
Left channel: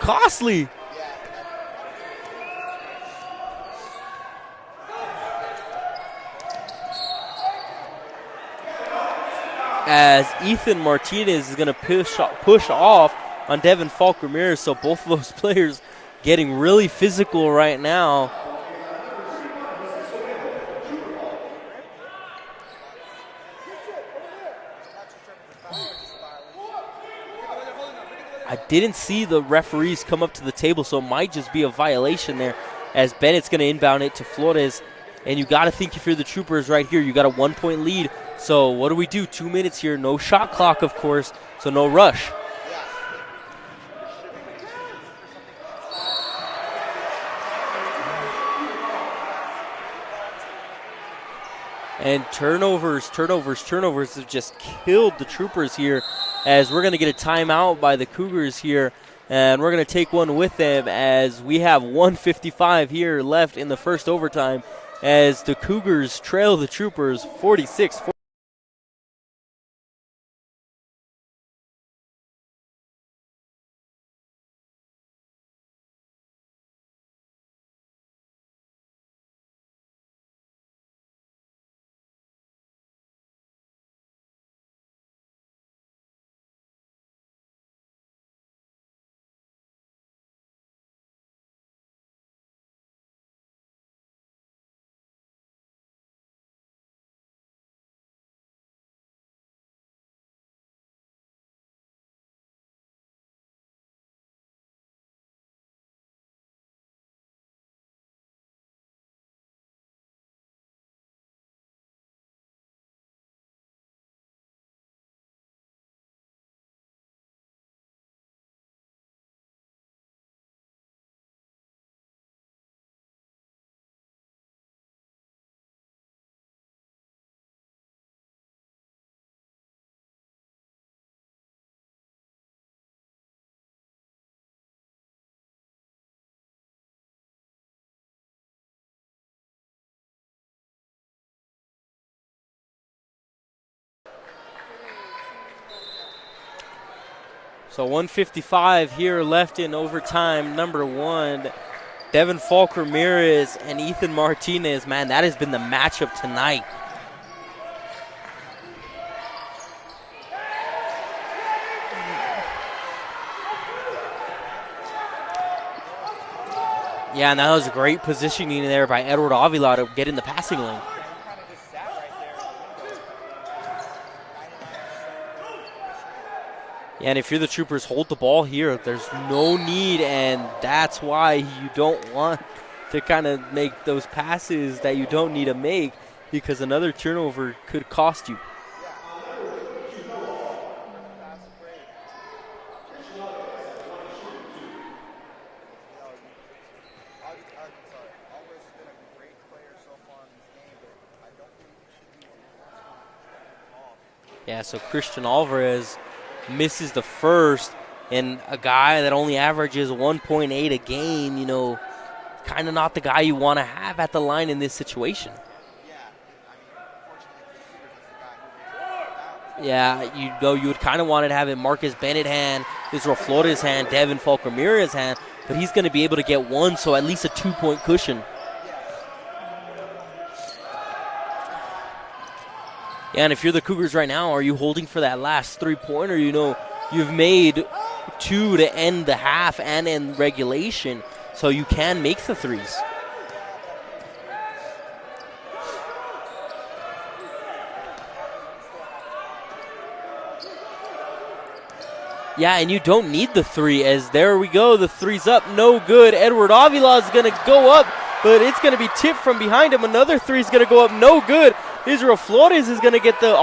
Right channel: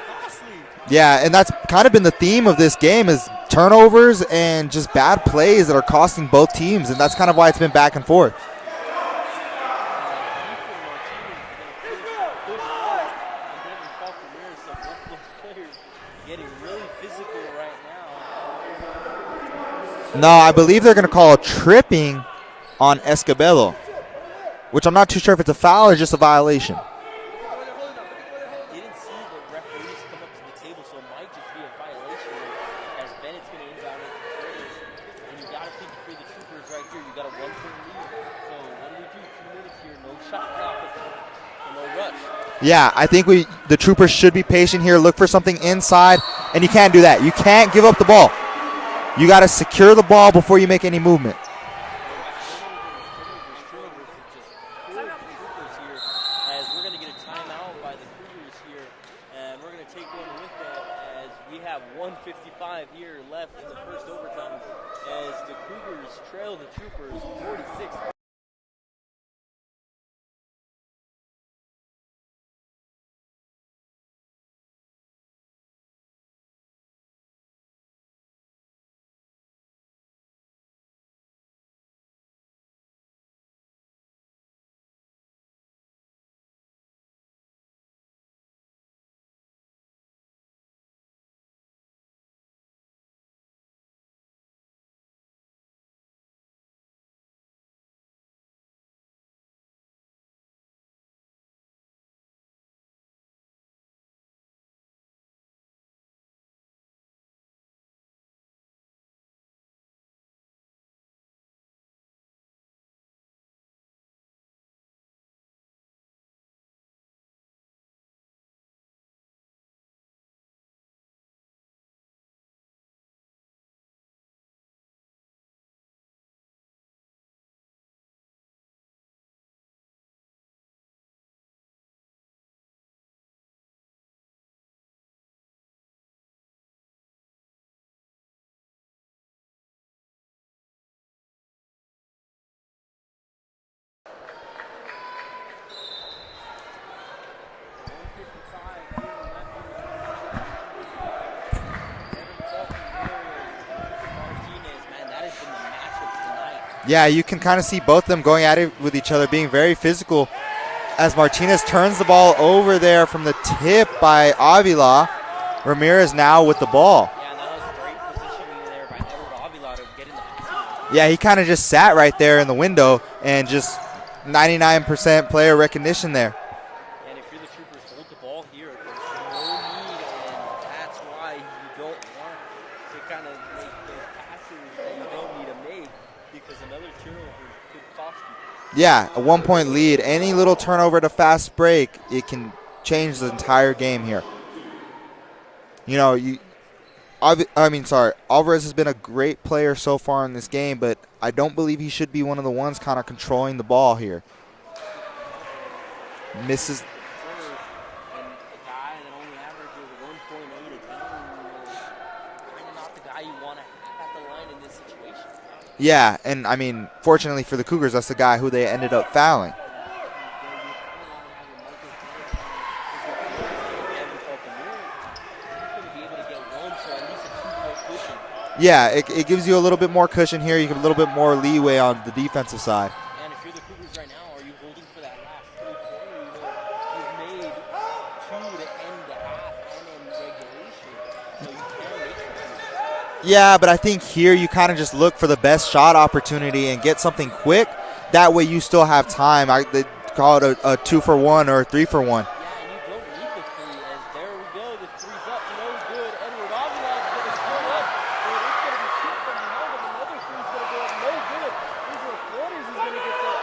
costly. Yeah, and that's kind of been the theme of this game is turnovers and just bad plays that are costing both teams, and that's kind of why it's been back and forth. As Ethan Martinez is going to push off on Devin Falk Ramirez, so both of those players getting really physical right now. No, I believe they're going to call a tripping on Escobedo. which I'm not too sure if it's a foul or just a violation. I didn't see the referees come up to the table, so it might just be a violation there as Bennett's going to inbound it to Flores. And you got to think if you're the Troopers right here, you got a 1-point lead. So what do we do? 2 minutes here, no shot clock, of course, so no rush. Yeah, I think the Troopers should be patient here, look for something inside, and you can't do that. You can't give up the ball. You got to secure the ball before you make any movement. And turnovers have just killed the Troopers here, as we're going to get a timeout by the Cougars here, and we're going to take one with them as we have 1:55 here left in the first overtime as the Cougars trail the Troopers 46-40. So 1:55 here left in overtime. Number one, Devin Falk Ramirez and Ethan Martinez. Man, that has been the matchup tonight. Yeah, you can kind of see both of them going at it with each other, being very physical as Martinez turns the ball over there from the tip by Avila. Ramirez now with the ball. Yeah, and that was great positioning there by Edward Avila to get in the passing lane. Yeah, he kind of just sat right there in the window and just 99% player recognition there. Yeah, and if you're the Troopers, hold the ball here. There's no need, and that's why you don't want to kind of make those passes that you don't need to make, because another turnover could cost you. Yeah, a 1-point lead. Any little turnover to fast break, it can change the entire game here. You know, Alvarez has been a great player so far in this game, but I don't believe he should be one of the ones kind of controlling the ball here. Yeah, so Christian Alvarez misses the first, and a guy that only averages 1.8 a game, you know, kind of not the guy you want to have at the line in this situation. Yeah, and I mean, fortunately for the Cougars, that's the guy who they ended up fouling. Yeah, you would kind of want to have in Marcus Bennett hand, Israel Flores hand, Devin Falk Ramirez hand, but he's going to be able to get one, so at least a 2-point cushion. Yeah, it gives you a little bit more cushion here. You get a little bit more leeway on the defensive side. Yeah, and if you're the Cougars right now, are you holding for that last 3-pointer? You know, you've made 2 to end the half and end regulation, so you can make the threes. Yeah, but I think here you kind of just look for the best shot opportunity and get something quick. That way you still have time. They call it a 2-for-1 or a 3-for-1. Yeah, and you don't need the 3, as there we go. The 3's up, no good. Edward Avila is going to go up, but it's going to be tipped from behind him. Another 3 is going to go up, no good. Israel Flores is going to get the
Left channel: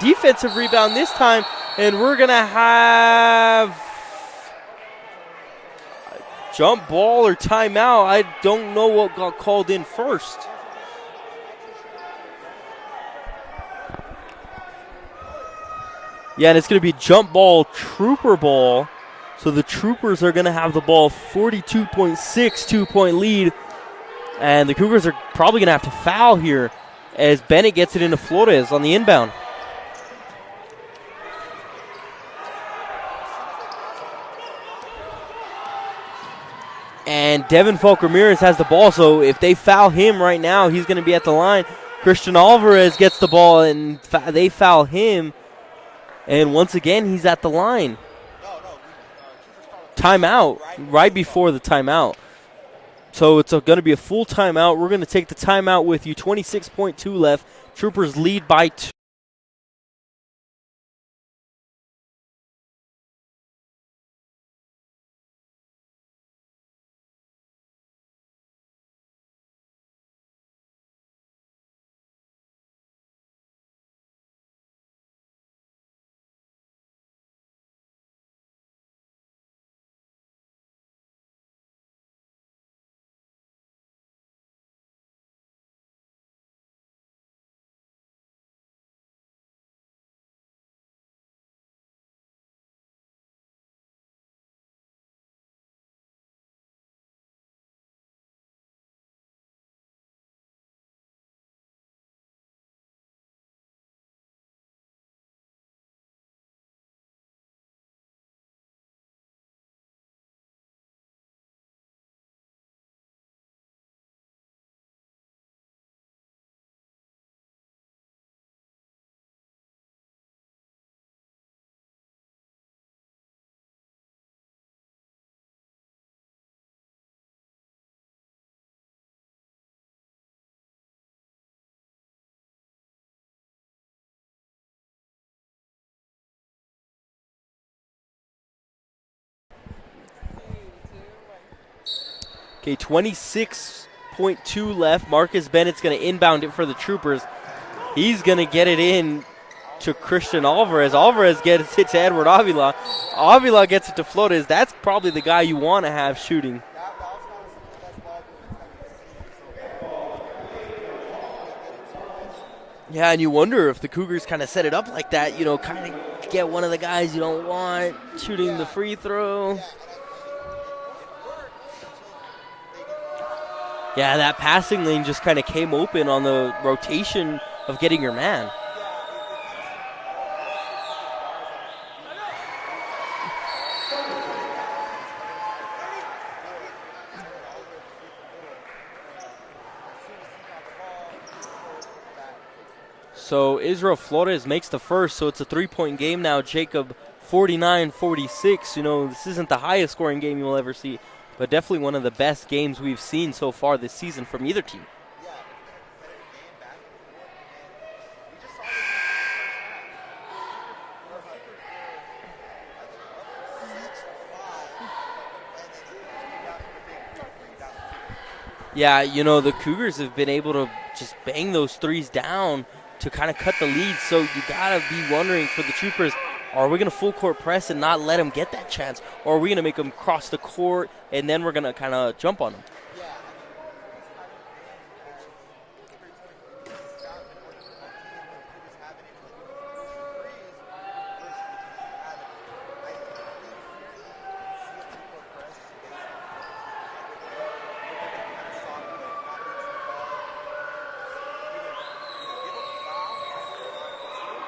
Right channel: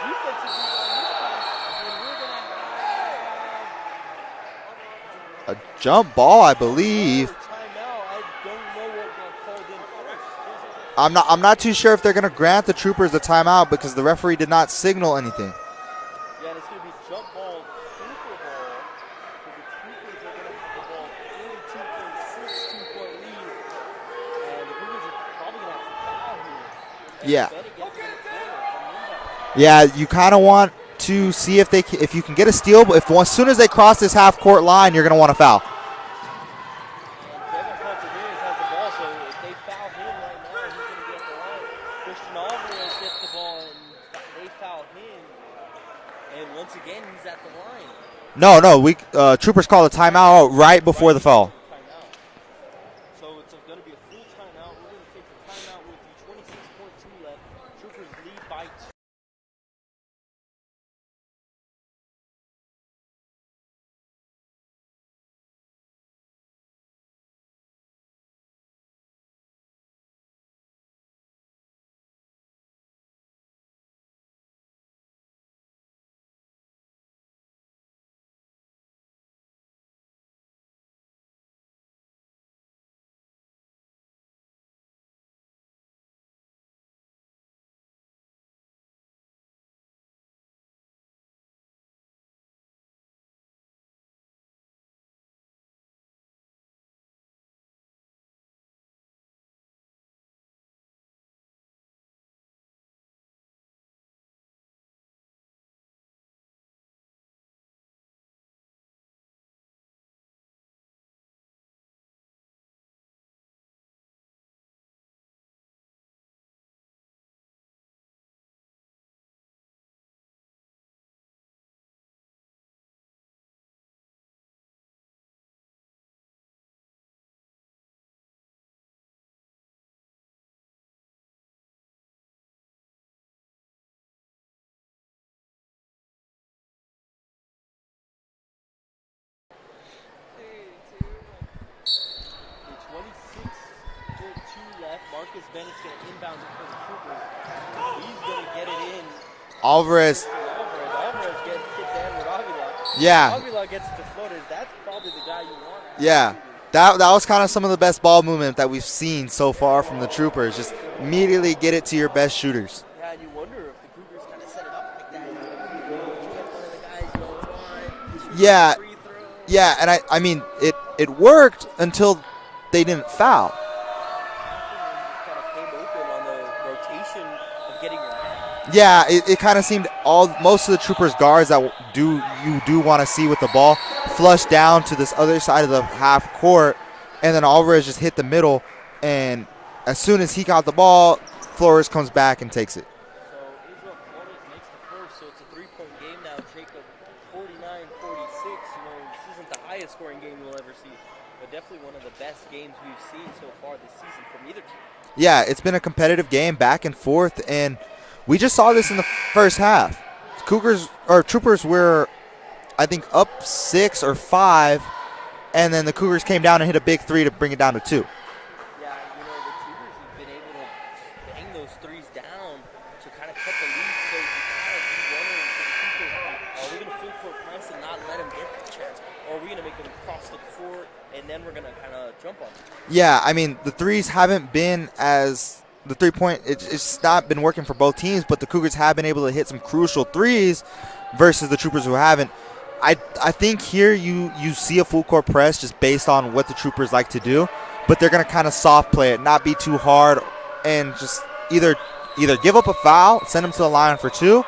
defensive rebound this time, and we're going to have a jump ball, I believe. Jump ball or timeout. I don't know what got called in first. I'm not too sure if they're going to grant the Troopers the timeout because the referee did not signal anything. Yeah, and it's going to be jump ball, Trooper ball. So the Troopers are going to have the ball, 42.6 2-point lead. And the Cougars are probably going to have to foul here as Bennett gets it into Flores on the inbound. Yeah, you kind of want to see if you can get a steal. But as soon as they cross this half-court line, you're going to want to foul. And Devin Falk Ramirez has the ball, so if they foul him right now, he's going to be at the line. Christian Alvarez gets the ball, and they foul him. And once again, he's at the line. No, Troopers call a timeout right before the foul. Right before the timeout. So it's going to be a full timeout. We're going to take the timeout with you. 26.2 left. Troopers lead by 2. Okay, 26.2 left. Marcus Bennett's going to inbound it for the Troopers. He's going to get it in Alvarez. to Christian Alvarez. Alvarez hits to Edward Avila. Yeah. Avila gets it to Flores. That's probably the guy you want to have shooting. That was kind of some of the best ball movement that we've seen so far from the Troopers. Just immediately get it to your best shooters. Yeah, and you wonder if the Cougars kind of set it up like that, you know, kind of get one of the guys you don't want shooting the free throw. Yeah, and I mean, it worked until they didn't foul. Yeah, that passing lane just kind of came open on the rotation of getting your man. Yeah, it kind of seemed most of the Troopers guards that you do want to see with the ball flush down to this other side of the half court, and then Alvarez just hit the middle, and as soon as he got the ball, Flores comes back and takes it. So Israel Flores makes the first, so it's a 3-point game now. Jacob, 49-46. You know, this isn't the highest scoring game you'll ever see, but definitely one of the best games we've seen so far this season from either team. Yeah, it's been a competitive game back and forth, and we just saw this in the first half. Troopers were, I think, up 6 or 5, and then the Cougars came down and hit a big three to bring it down to 2. Yeah, you know, the Cougars have been able to just bang those threes down to kind of cut the lead, so you got to be wondering for the Troopers, are we going to full court press and not let them get that chance, or are we going to make them cross the court and then we're going to kind of jump on them? Yeah, I mean, the threes haven't been the three-point, it's not been working for both teams, but the Cougars have been able to hit some crucial threes versus the Troopers who haven't. I think here you see a full court press just based on what the Troopers like to do, but they're going to kind of soft play it, not be too hard, and just either give up a foul, send them to the line for 2,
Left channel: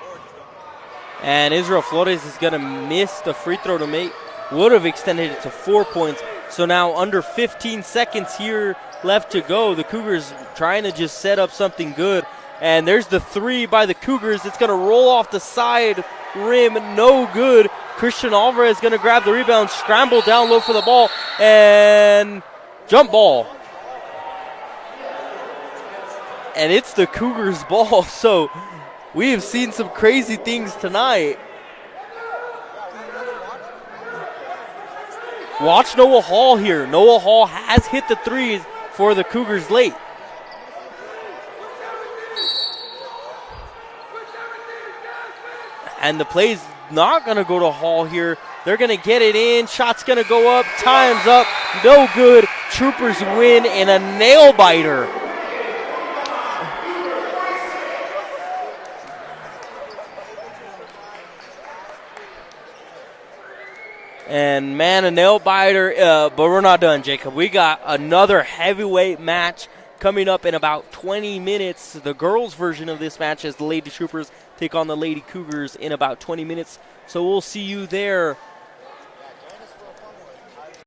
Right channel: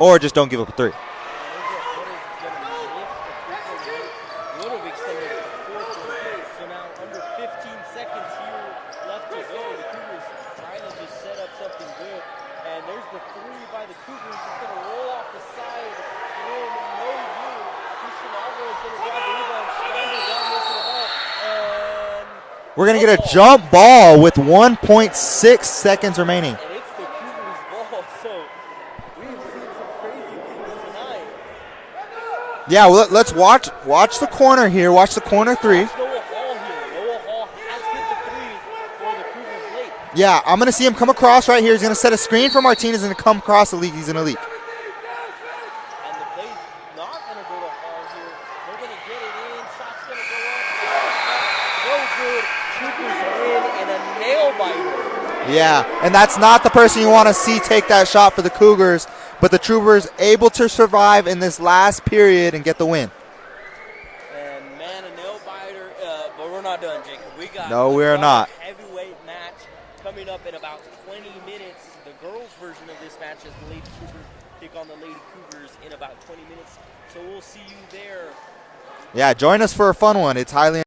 or just don't give up a 3. And Israel Flores is going to miss the free throw to make. Would have extended it to 4 points. So now under 15 seconds here left to go. The Cougars trying to just set up something good. And there's the 3 by the Cougars. It's going to roll off the side rim. No good. Christian Alvarez is going to grab the rebound, scramble down low for the ball, and we're going to get a jump ball with 1.6 seconds remaining. And it's the Cougars' ball. So we have seen some crazy things tonight. Yeah, well, let's watch the corner here. Watch the corner 3. Watch Noah Hall here. Noah Hall has hit the threes for the Cougars late. Yeah, I'm going to see him come across right here. He's going to set a screen for Martinez and come across the league. He's in the league. And the play's not going to go to Hall here. They're going to get it in. Shot's going to go up. Time's up. No good. Troopers win in a nail-biter. Yeah, and that's not the person you want to see take that shot for the Cougars, but the Troopers able to survive in this last period and get the win. And, man, a nail-biter, but we're not done, Jacob. We got another heavyweight match coming up in about 20 minutes. The girls' version of this match as the Lady Troopers take on the Lady Cougars in about 20 minutes. So we'll see you there. Yeah, join us for a fun one. It's highly